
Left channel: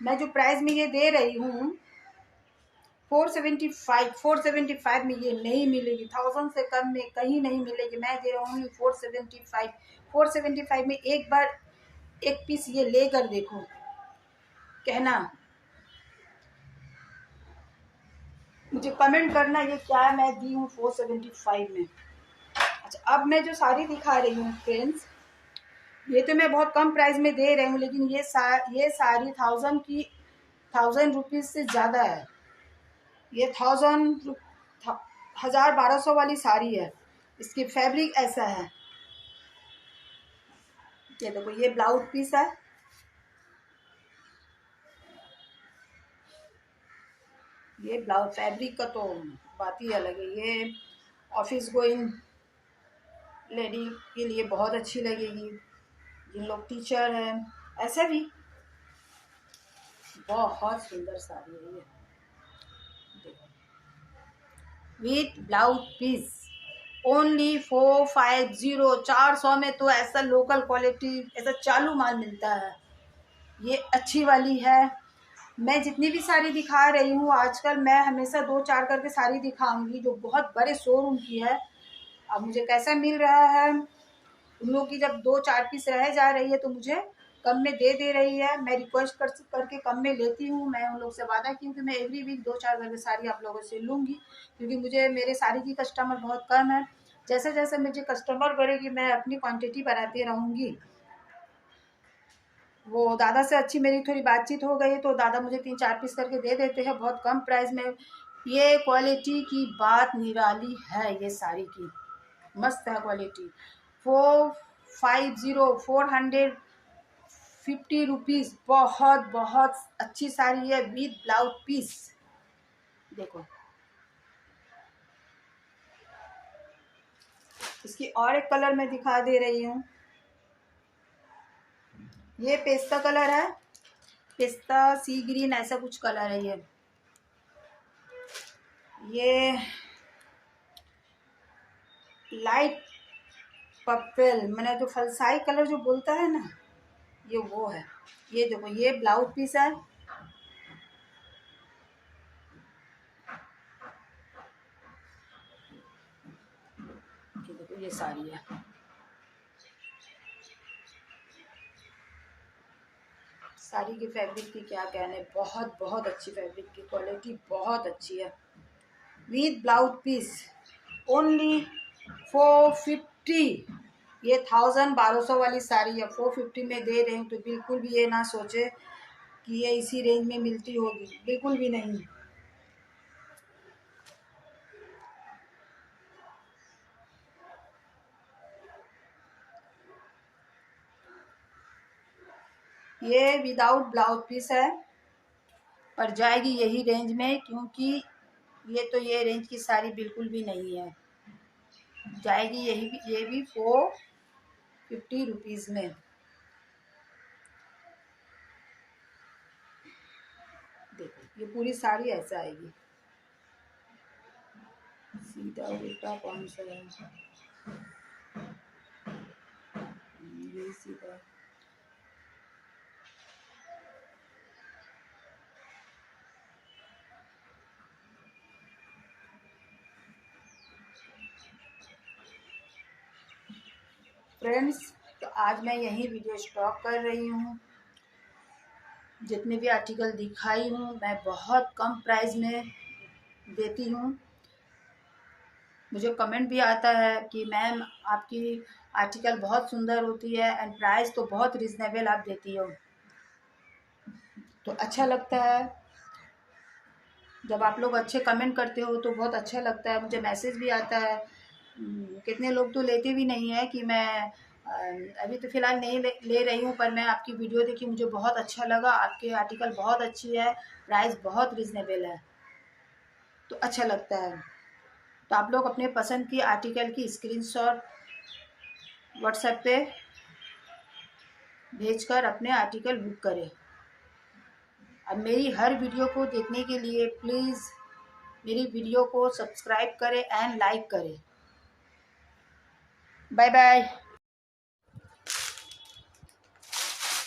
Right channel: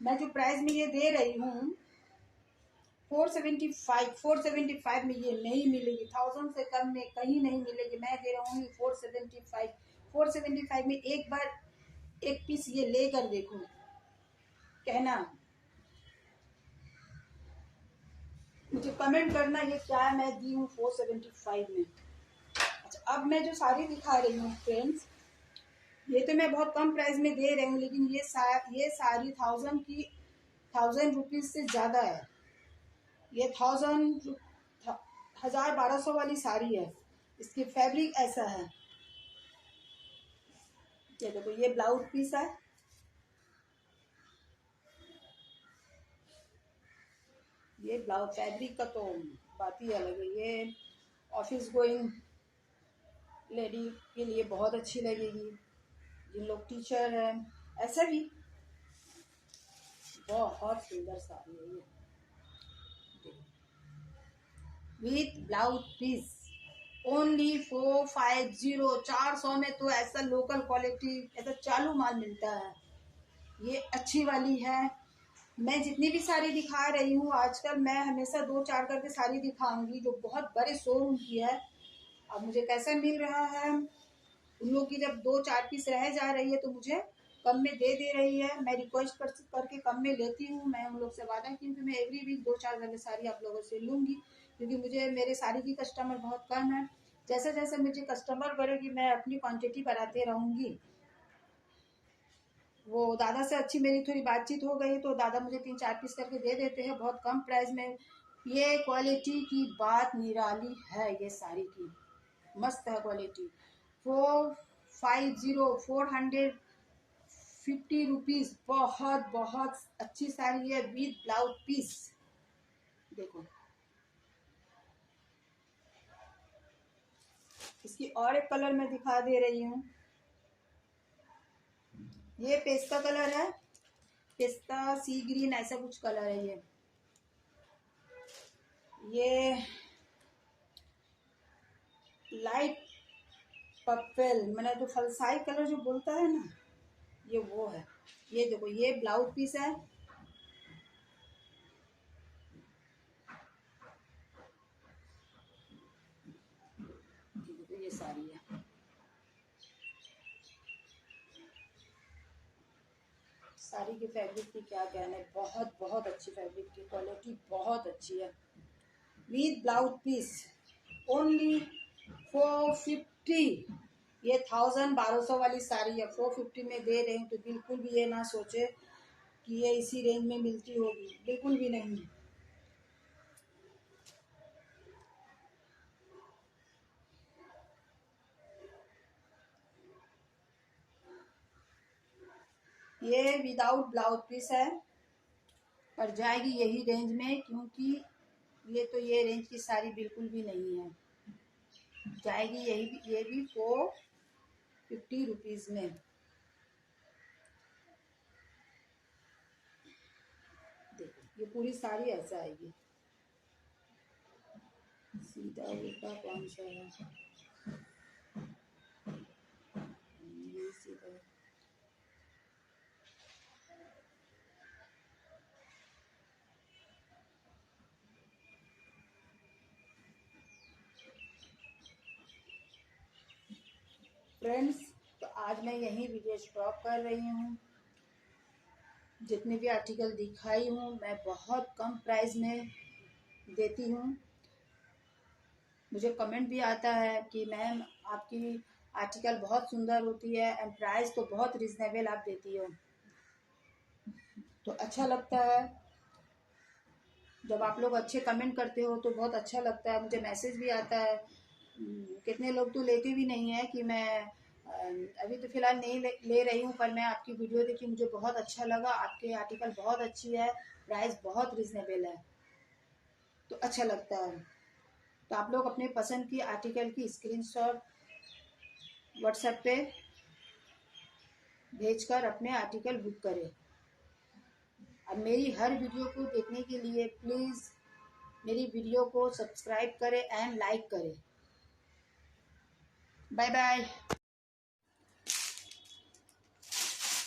मैं जो प्राइस में ये दे रही हूँ 475 में ये नहीं मिलेगी, 1000 से कम में कहीं नहीं मिलेगी। मैं दे रहा हूँ 475 में एक बार एक पीस ये लेकर देखो, कहना, मुझे कमेंट करना ये क्या मैं दी हूँ 475 में। अच्छा, अब मैं जो साड़ी दिखा रही हूँ फ्रेंड्स, ये तो मैं बहुत कम प्राइस में दे रही हूँ, लेकिन ये साड़ी 1000 रुपीज़ से ज़्यादा है। ये 1200 वाली साड़ी है, इसकी फैब्रिक ऐसा है। ये देखो ये ब्लाउज पीस है, ये ब्लाउज फैब्रिक का तो बात ही अलग है। ये ऑफिस गोइंग लेडी के लिए बहुत अच्छी लगेगी, जिन लोग टीचर हैं, ऐसा भी बहुत सुंदर साड़ी है ये, विथ ब्लाउज पीस ओनली 450। 400 में तो ऐसा लोकल क्वालिटी ऐसा चालू माल मिलता है, ये अच्छी वाली है। मैं जितनी भी साड़ी दिखा रही हूँ आजकल, मैं हमेशा 2-4 करके साड़ी दिखाऊंगी जो बहुत बड़े शोरूम की है। अब मुझे कैसा मिल रहा है, उन लोगों की जब 2-4 पीस रह जा रही है तो मुझे कम में दे रही है। मैं रिक्वेस्ट करके कम में लेती हूँ। मैं उन लोग से वादा की हूँ कि मैं एवरी वीक 2-4 करके साड़ी आप लोगों से लूँगी, क्योंकि मुझे मेरे साड़ी की कस्टमर बहुत कम है। जैसे जैसे मुझे कस्टमर बढ़ेगी मैं अपनी क्वांटिटी बढ़ाती रहूँगी। वो दादा से अच्छी मेरी थोड़ी बातचीत हो गई तो दादा मुझे 3-4 पीस करके दे देते हैं बहुत कम प्राइस में। ये क्वालिटी की बात निराली है, ये साड़ी की मस्त है क्वालिटी। 450 रुपीज़, बहुत बहुत अच्छी साड़ी है विद ब्लाउज पीस। देखो इसकी और एक कलर मैं दिखा दे रही हूँ, ये पेस्ता कलर है, पिस्ता सी ग्रीन ऐसा कुछ कलर है ये लाइट पर्पल, मैंने जो फलसाई कलर जो बोलता है ना, ये वो है। ये देखो ये ब्लाउज पीस है, ये देखो ये साड़ी है। साड़ी की फैब्रिक की क्या कहने, बहुत बहुत अच्छी फैब्रिक की क्वालिटी बहुत अच्छी है विद ब्लाउज पीस ओनली 450। ये 1200 वाली साड़ी है 450 में दे रहे हैं, तो बिल्कुल भी ये ना सोचे कि ये इसी रेंज में मिलती होगी, बिल्कुल भी नहीं। ये विदाउट ब्लाउज पीस है और जाएगी यही रेंज में, क्योंकि ये रेंज की साड़ी बिल्कुल भी नहीं है, जाएगी ये भी 450 रुपीज़ में। देखो ये पूरी साड़ी ऐसा आएगी, सीधा उल्टा कौन सा है, ये सीधा। फ्रेंड्स तो आज मैं यही वीडियो स्टॉप कर रही हूँ। जितने भी आर्टिकल दिखाई हूँ मैं बहुत कम प्राइस में देती हूँ। मुझे कमेंट भी आता है कि मैम आपकी आर्टिकल बहुत सुंदर होती है एंड प्राइस तो बहुत रिजनेबल आप देती हो, तो अच्छा लगता है जब आप लोग अच्छे कमेंट करते हो, तो बहुत अच्छा लगता है। मुझे मैसेज भी आता है, कितने लोग तो लेते भी नहीं है कि मैं अभी तो फ़िलहाल नहीं ले रही हूँ, पर मैं आपकी वीडियो देखी मुझे बहुत अच्छा लगा, आपके आर्टिकल बहुत अच्छी है, प्राइस बहुत रिजनेबल है, तो अच्छा लगता है। तो आप लोग अपने पसंद की आर्टिकल की स्क्रीनशॉट व्हाट्सएप पे भेजकर अपने आर्टिकल बुक करें। अब मेरी हर वीडियो को देखने के लिए प्लीज़ मेरी वीडियो को सब्सक्राइब करें एंड लाइक करें। Bye bye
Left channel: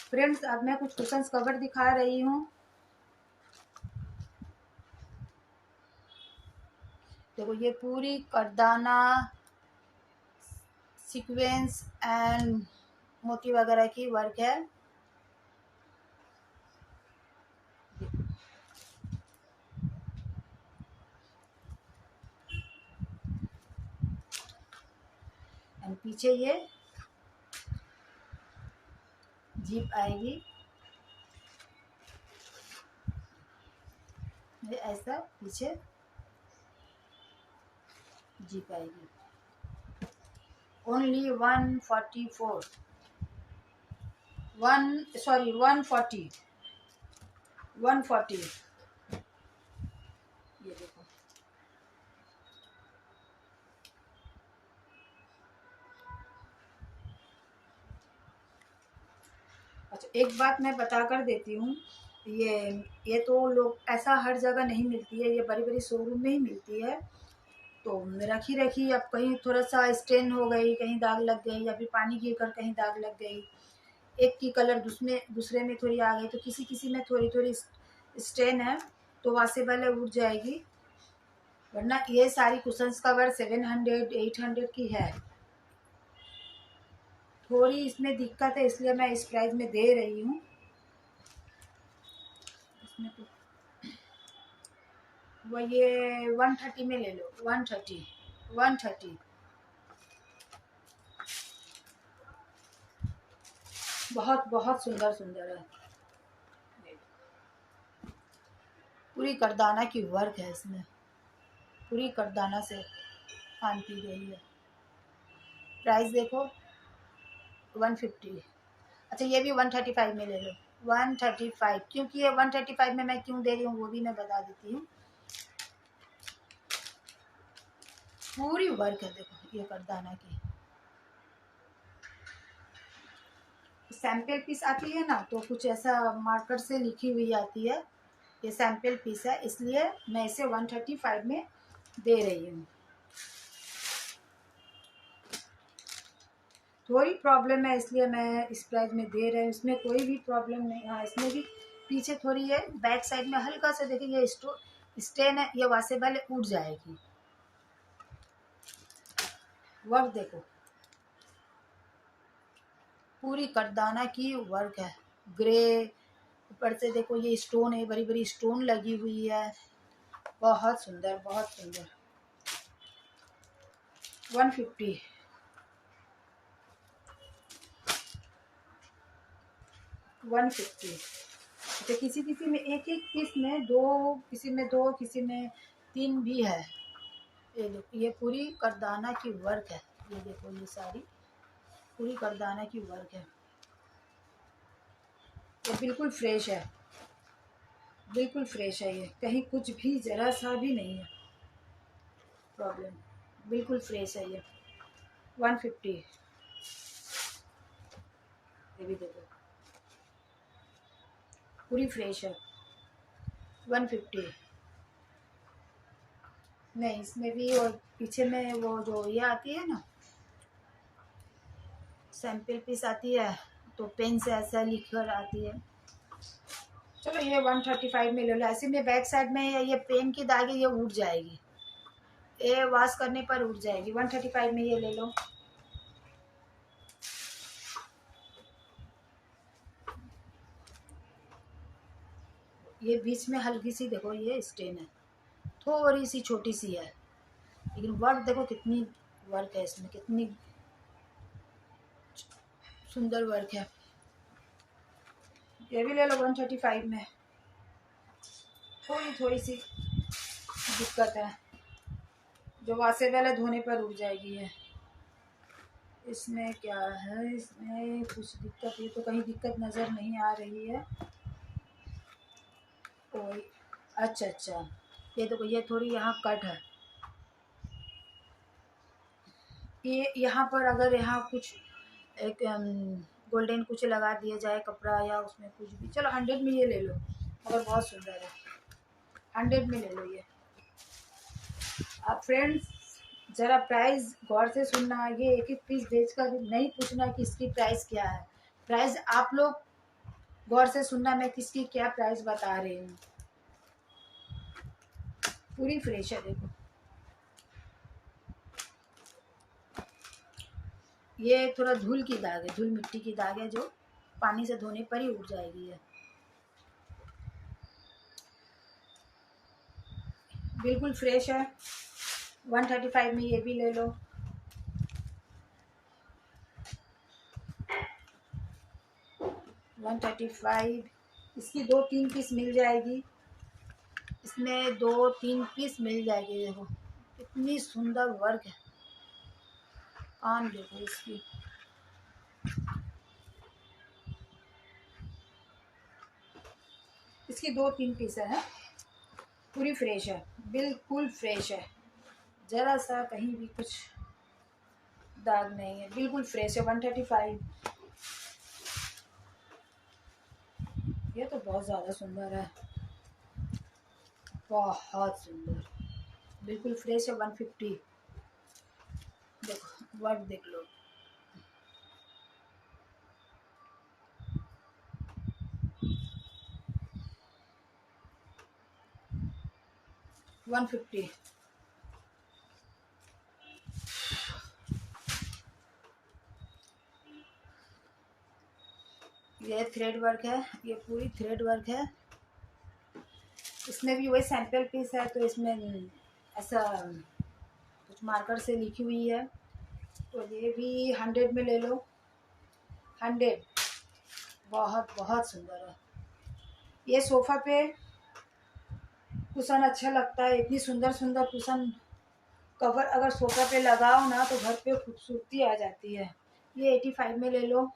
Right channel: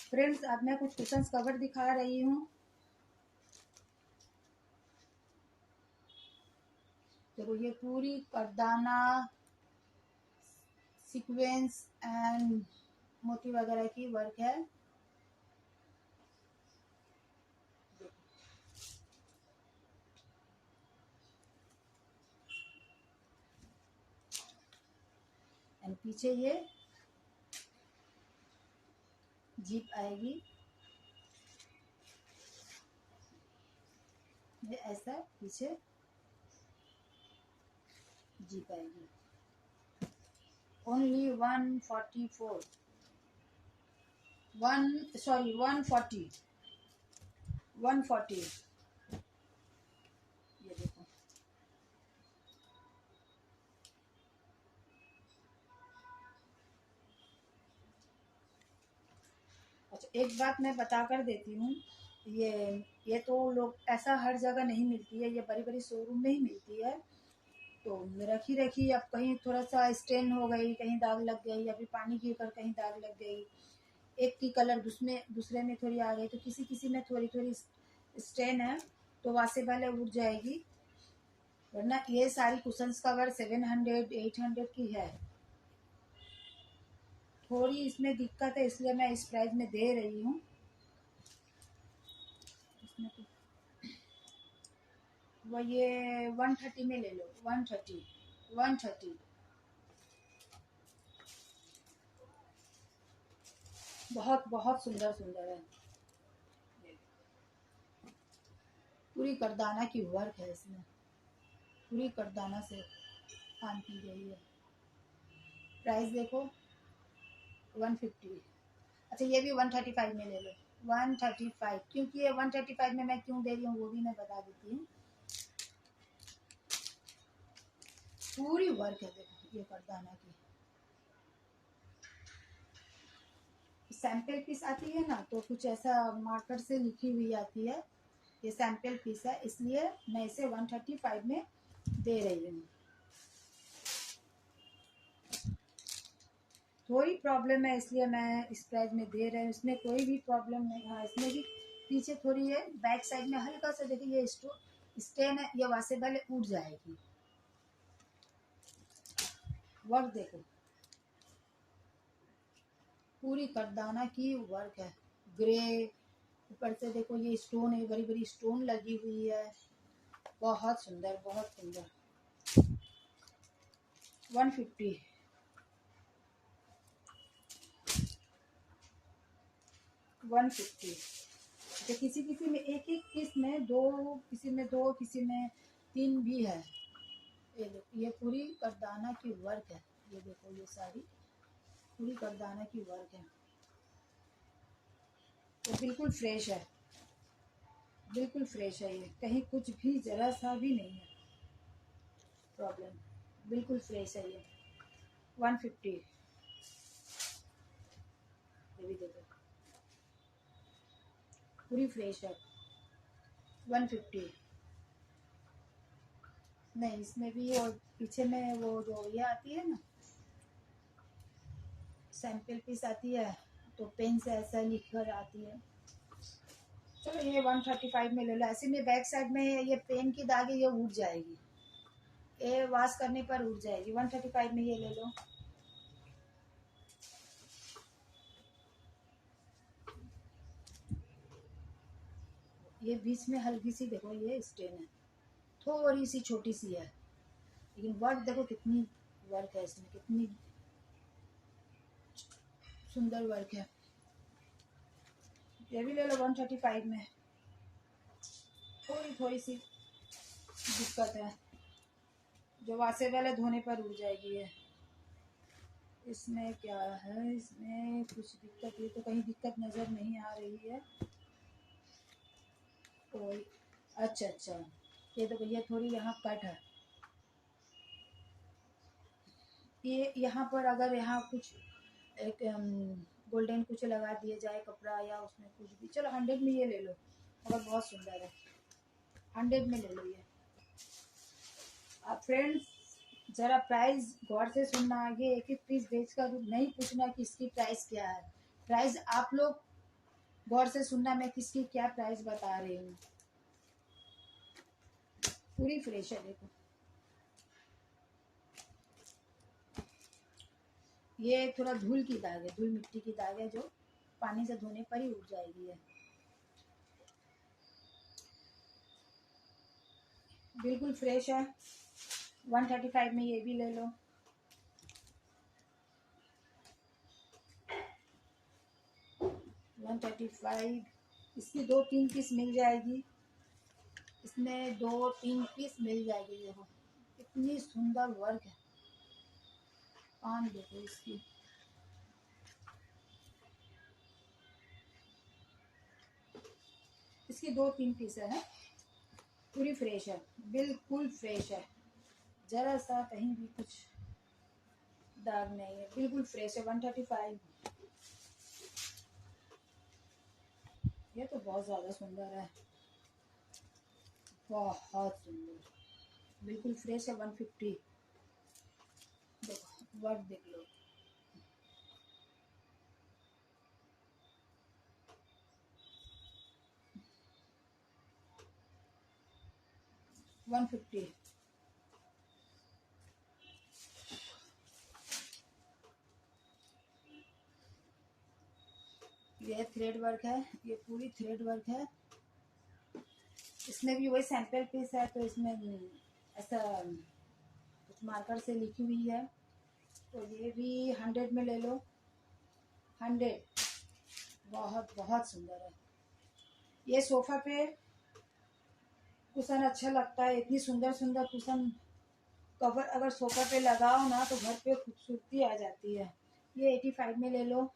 friends. अब मैं कुछ कुशन्स कवर दिखा रही हूँ। देखो ये पूरी करदाना सीक्वेंस एंड मोती वगैरह की वर्क है। एंड पीछे ये जीप आएगी, ये ऐसा पीछे जीप आएगी। ओनली 144 140 140। ये देखो अच्छा, एक बात मैं बता कर देती हूँ, ये तो लोग ऐसा हर जगह नहीं मिलती है, ये बड़ी बड़ी शोरूम में ही मिलती है। तो रखी रखी अब कहीं थोड़ा सा स्टेन हो गई, कहीं दाग लग गई, या फिर पानी गिर कर कहीं दाग लग गई, एक की कलर दूसरे में थोड़ी आ गई, तो किसी किसी में थोड़ी थोड़ी स्टेन है तो वॉशेबल है, उठ जाएगी। वरना ये सारी कुशन्स कवर 700 800 की है। थोड़ी इसमें दिक्कत है इसलिए मैं इस प्राइस में दे रही हूँ। इसमें तो वो ये 130 में ले लो, 130 बहुत बहुत सुंदर सुंदर है। पूरी करदाना की वर्क है इसमें, पूरी करदाना से काम की गई है। प्राइस देखो 150। अच्छा ये भी 135 में ले लो, 135, क्योंकि ये 135 में मैं क्यों दे रही हूँ वो भी मैं बता देती हूँ। पूरी वर्क है देखो ये करदाना की। सैंपल पीस आती है ना, तो कुछ ऐसा मार्कर से लिखी हुई आती है, ये सैंपल पीस है, इसलिए मैं इसे 135 में दे रही हूँ। थोड़ी प्रॉब्लम है इसलिए मैं इस प्राइस में दे रही हूँ, इसमें कोई भी प्रॉब्लम नहीं। हाँ इसमें भी पीछे थोड़ी है, बैक साइड में हल्का सा देखिए ये स्टेन है, ये वॉशेबल है, उठ जाएगी। वर्क देखो पूरी करदाना की वर्क है, ग्रे ऊपर से देखो ये स्टोन है, बड़ी बड़ी स्टोन लगी हुई है, बहुत सुंदर बहुत सुंदर। 150 150। तो किसी किसी में एक एक पीस में दो, किसी में दो, किसी में तीन भी है। ये देखो ये पूरी करदाना की वर्क है, ये देखो ये सारी पूरी करदाना की वर्क है। ये बिल्कुल फ्रेश है, बिल्कुल फ्रेश है, ये कहीं कुछ भी ज़रा सा भी नहीं है प्रॉब्लम, बिल्कुल फ्रेश है ये। 150। ये भी देखो पूरी फ्रेश है, 150। नहीं इसमें भी, और पीछे में वो जो ये आती है ना सैंपल पीस आती है, तो पेन से ऐसा लिख कर आती है। चलो ये 135 में ले लो। ऐसे में बैक साइड में ये पेन की दाग है, ये उठ जाएगी, ये वॉश करने पर उठ जाएगी। 135 में ये ले लो। ये बीच में हल्की सी देखो ये स्टेन है, थोड़ी सी छोटी सी है, लेकिन वर्क देखो कितनी वर्क है इसमें, कितनी सुंदर वर्क है। ये भी ले लो 135 में। थोड़ी थोड़ी सी दिक्कत है, जो वॉशेबल है धोने पर उड़ जाएगी है। इसमें क्या है, इसमें कुछ दिक्कत, ये तो कहीं दिक्कत नज़र नहीं आ रही है कोई। अच्छा अच्छा ये देखो ये थोड़ी यहाँ कट है, ये यहाँ पर अगर यहाँ कुछ एक गोल्डन कुछ लगा दिया जाए कपड़ा या उसमें कुछ भी, चलो 100 में ये ले लो, मगर बहुत सुंदर है, 100 में ले लो ये। आप फ्रेंड्स ज़रा प्राइस गौर से सुनना, ये एक एक पीस बेच कर नहीं पूछना कि इसकी प्राइस क्या है। प्राइस आप लोग गौर से सुनना, मैं किसकी क्या प्राइस बता रही हूँ। पूरी फ्रेश है, देखो ये थोड़ा धूल की दाग है, धूल मिट्टी की दाग है, जो पानी से धोने पर ही उठ जाएगी है। बिल्कुल फ्रेश है। 135 में ये भी ले लो। वन 135, इसकी 2-3 पीस मिल जाएगी, इसमें 2-3 पीस मिल जाएगी। देखो इतनी सुंदर वर्क है, काम देखो इसकी। इसकी 2-3 पीस है, पूरी फ्रेश है, बिल्कुल फ्रेश है, ज़रा सा कहीं भी कुछ दाग नहीं है, बिल्कुल फ्रेश है। 135। ये तो बहुत ज़्यादा सुंदर है, बहुत सुंदर, बिल्कुल फ्रेश है। 150। देखो वर्क देख लो, वन 150। ये थ्रेड वर्क है, ये पूरी थ्रेड वर्क है। इसमें भी वही सैंपल पीस है, तो इसमें ऐसा कुछ मार्कर से लिखी हुई है, तो ये भी 100 में ले लो। 100, बहुत बहुत सुंदर है। ये सोफ़ा पे कुशन अच्छा लगता है, इतनी सुंदर सुंदर कुशन कवर अगर सोफ़ा पे लगाओ ना तो घर पे खूबसूरती आ जाती है। ये 85 में ले लो,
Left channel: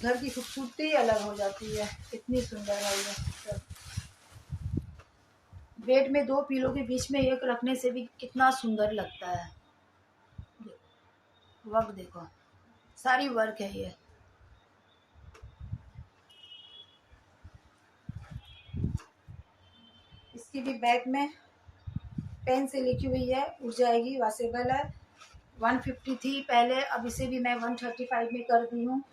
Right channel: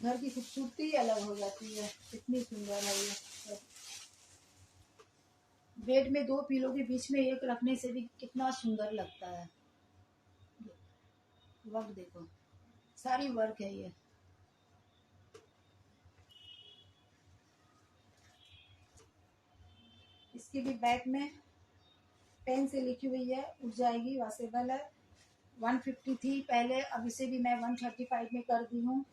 घर की खूबसूरती अलग हो जाती है, इतनी सुंदर है ये सब। बेड में 2 पिलो के बीच में एक रखने से भी कितना सुंदर लगता है। वर्क देखो, सारी वर्क है ये। इसकी भी बैक में पेन से लिखी हुई है, उठ जाएगी, वॉशेबल है। 150 थी पहले, अब इसे भी मैं 135 में कर दी हूँ।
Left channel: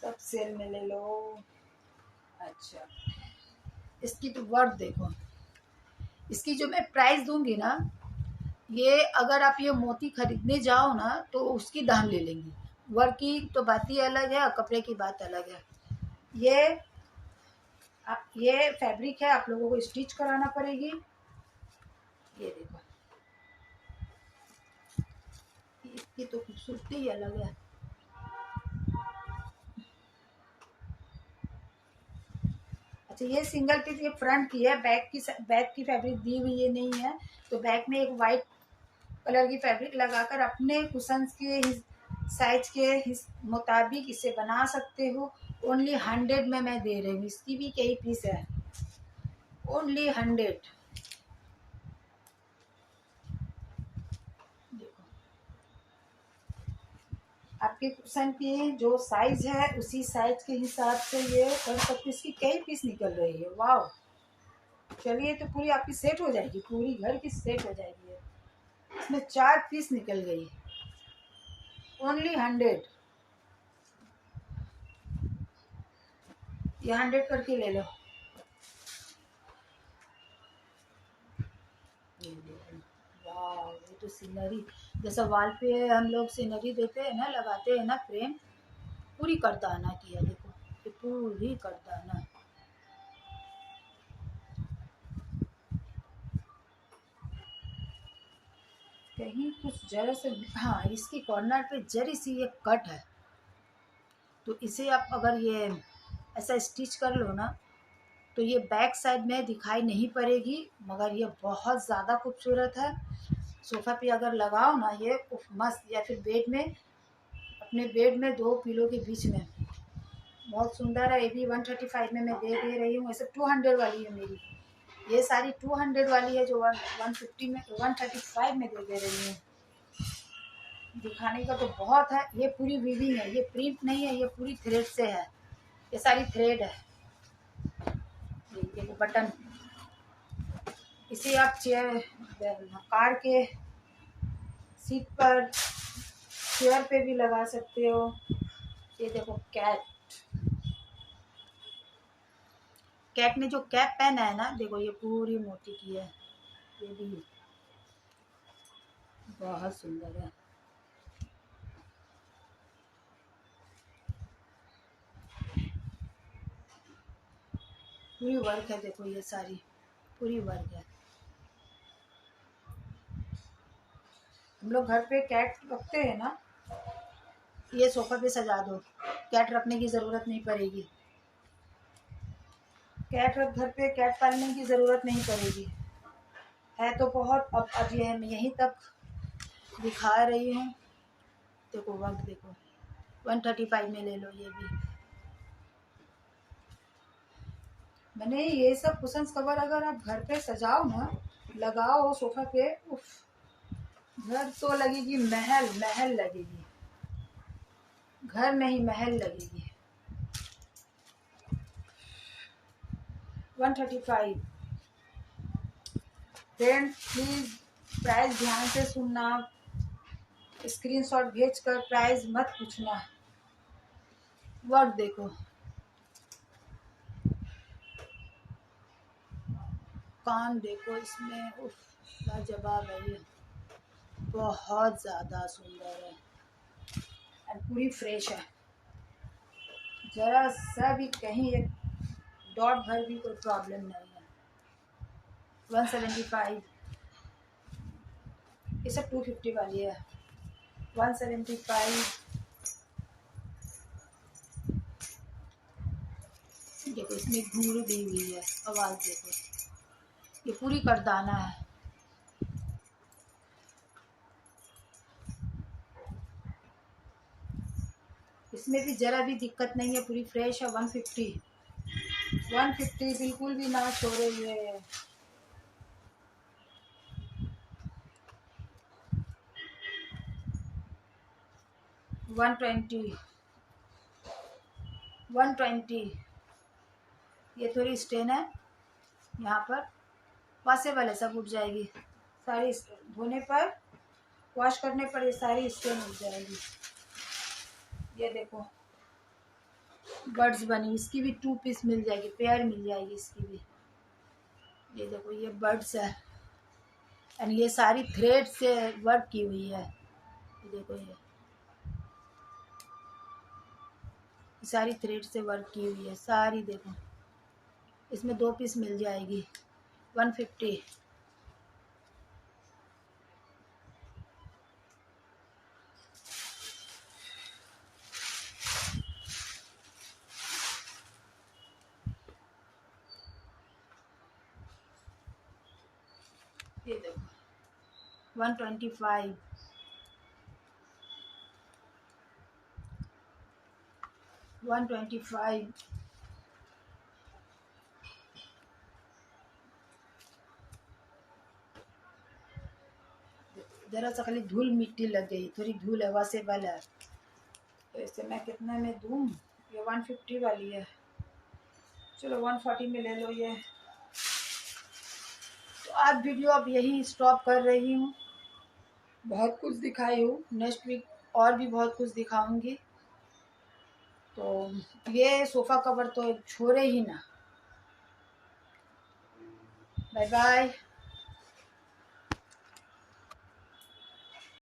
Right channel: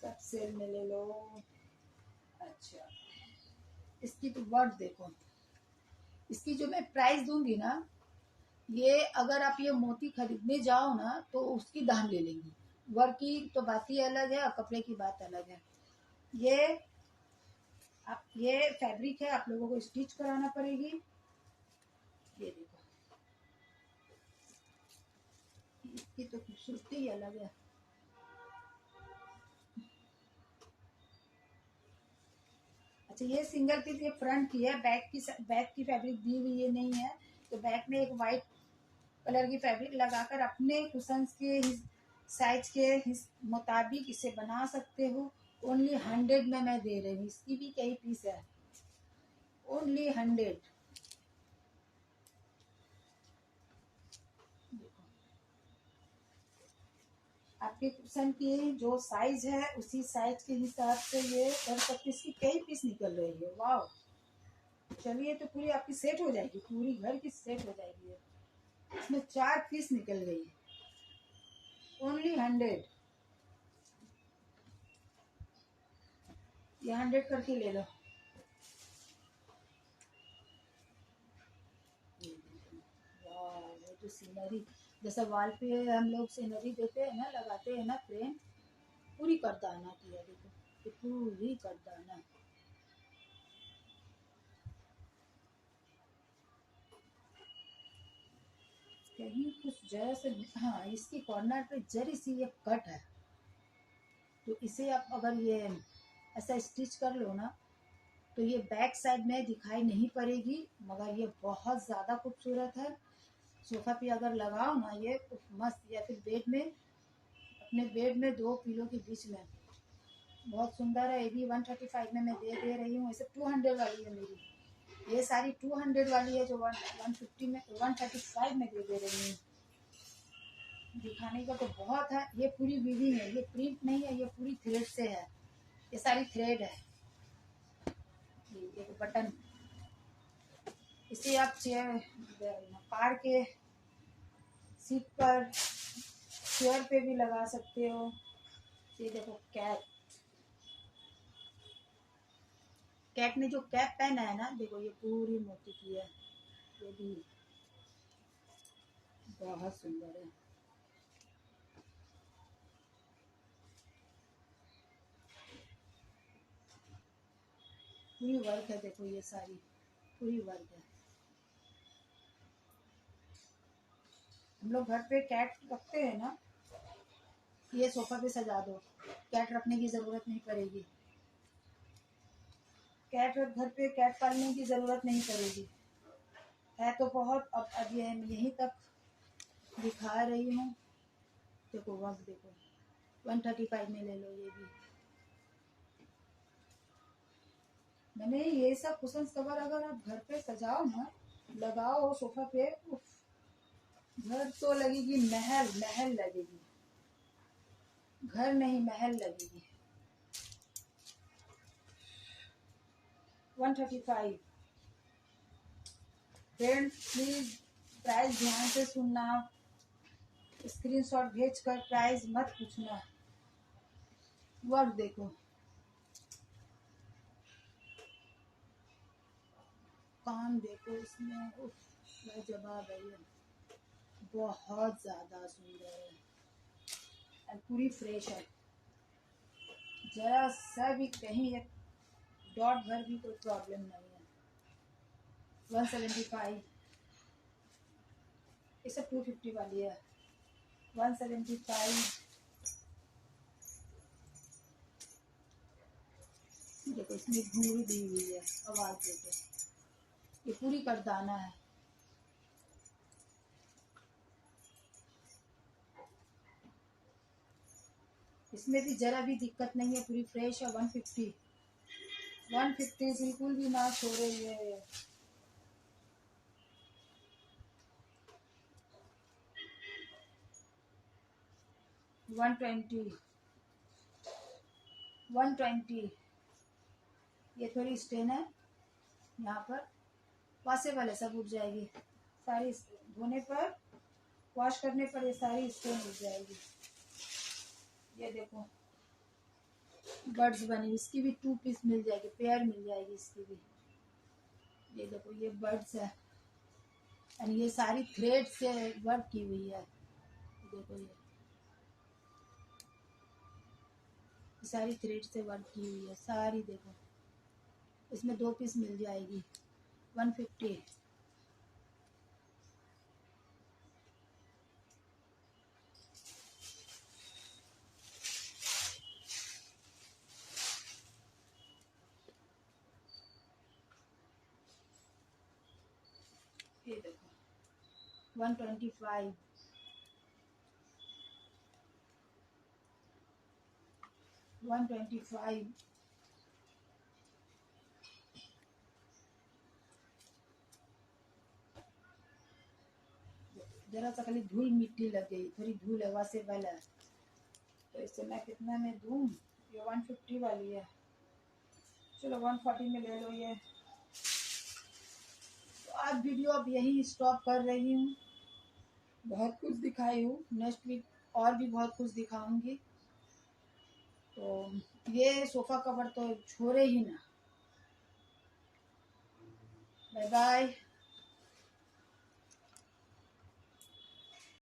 सब सेल में ले लो। अच्छा, इसकी तो वर्क देखो, इसकी जो मैं प्राइस दूंगी ना, ये अगर आप ये मोती खरीदने जाओ ना तो उसकी दाम ले लेंगी। वर्क की तो बात ही अलग है और कपड़े की बात अलग है। ये फैब्रिक है, आप लोगों को स्टिच कराना पड़ेगी। ये देखो, इसकी तो खूबसूरती ही अलग है। अच्छा, ये सिंगल पीस, ये फ्रंट की है, बैक की फैब्रिक दी हुई ये नहीं है, तो बैक में एक वाइट कलर की फैब्रिक लगाकर अपने कुशंस के साइज के मुताबिक इसे बना सकते हो। ओनली 100 में मैं दे रही हूँ, इसकी भी कई पीस है, ओनली 100। देखो आपके कुशन की जो साइज है उसी साइज के हिसाब से ये कर सकते। इसकी कई पीस निकल रही है, वाह। चलिए, तो पूरी आपकी सेट हो जाएगी, पूरी घर की सेट हो जाएगी। इसमें 4 पीस निकल गई, ओनली 100। ये 100 करके ले लो। वाह, ये तो सीनरी, जैसा वाल पे हम लोग सीनरी देते हैं ना, लगाते हैं ना फ्रेम, पूरी करदाना की है। देखो ये पूरी करदाना, कहीं कुछ जरा से, हाँ इसकी कॉर्नर पे जरी सी ये कट है, तो इसे आप अगर ये ऐसा स्टिच कर लो ना तो ये बैक साइड में दिखाई नहीं पड़ेगी, मगर ये बहुत ज़्यादा खूबसूरत है। सोफ़ा पे अगर लगाओ ना ये मस्त, या फिर बेड में, अपने बेड में 2 पिलो के बीच में, बहुत सुंदर है। ये भी 135 में मैं दे रही हूँ, ऐसे 200 वाली है मेरी, ये सारी 200 वाली है जो 150 में 135 में दे रही हूँ। दिखाने का तो बहुत है। ये पूरी वीविंग है, ये प्रिंट नहीं है, ये पूरी थ्रेड से है। ये सारी थ्रेड है। ये बटन, इसे आप चेयर कार के सीट पर, चेयर पे भी लगा सकते हो। ये देखो कैट ने जो कैप पहना है ना, देखो ये पूरी मोती की है। ये भी बहुत सुंदर है। पूरी वर्क है, देखो ये सारी पूरी वर्क है। हम लोग घर पे कैट रखते हैं ना, ये सोफा पे सजा दो, कैट रखने की ज़रूरत नहीं पड़ेगी। घर पे कैट पालने की ज़रूरत नहीं पड़ेगी। है तो बहुत। अब ये मैं यहीं तक दिखा रही हूँ। देखो वर्क देखो, 135 में ले लो। ये भी मैंने ये सब कुशन्स कवर अगर आप घर पे सजाओ ना, लगाओ सोफा पे, उफ, घर तो लगेगी महल, महल लगेगी। घर नहीं महल लगेगी। 135। फ्रेंड प्लीज प्राइस ध्यान से सुनना, स्क्रीनशॉट भेजकर प्राइस मत पूछना। वर्क देखो, कान देखो इसमें, उफ, लाजवाब है। ये बहुत ज़्यादा सुंदर है और पूरी फ्रेश है। जरा सा भी कहीं एक डॉट भर भी कोई प्रॉब्लम नहीं है। 175। ये सब 250 वाली है। 175। देखो इसमें घूर दी हुई है, आवाज़ देखो। ये पूरी करदाना है। इसमें भी ज़रा भी दिक्कत नहीं है, पूरी फ्रेश है। 150 बिल्कुल भी ना छोड़े हुए है। 120। ये थोड़ी स्टेन है यहाँ पर, वॉशेबल है, सब उठ जाएगी सारी। धोने पर, वॉश करने पर ये सारी स्टेन उठ जाएगी। ये देखो बर्ड्स बनी, इसकी भी 2 पीस मिल जाएगी, पेयर मिल जाएगी इसकी भी। ये देखो ये बर्ड्स है एंड ये सारी थ्रेड से वर्क की हुई है। ये देखो ये सारी थ्रेड से वर्क की हुई है सारी। देखो इसमें 2 पीस मिल जाएगी। 150। ये देखो 125। 125। जरा सा खाली धूल मिट्टी लग गई, थोड़ी धूल है, वॉशेबल है, तो इसे मैं कितना में दूँ? ये 150 वाली है, चलो 140 में ले लो ये। तो आज वीडियो अब यही स्टॉप कर रही हूँ। बहुत कुछ दिखाई हूँ, नेक्स्ट वीक और भी बहुत कुछ दिखाऊंगी। तो ये सोफ़ा कवर तो छोड़े ही ना। Bye bye.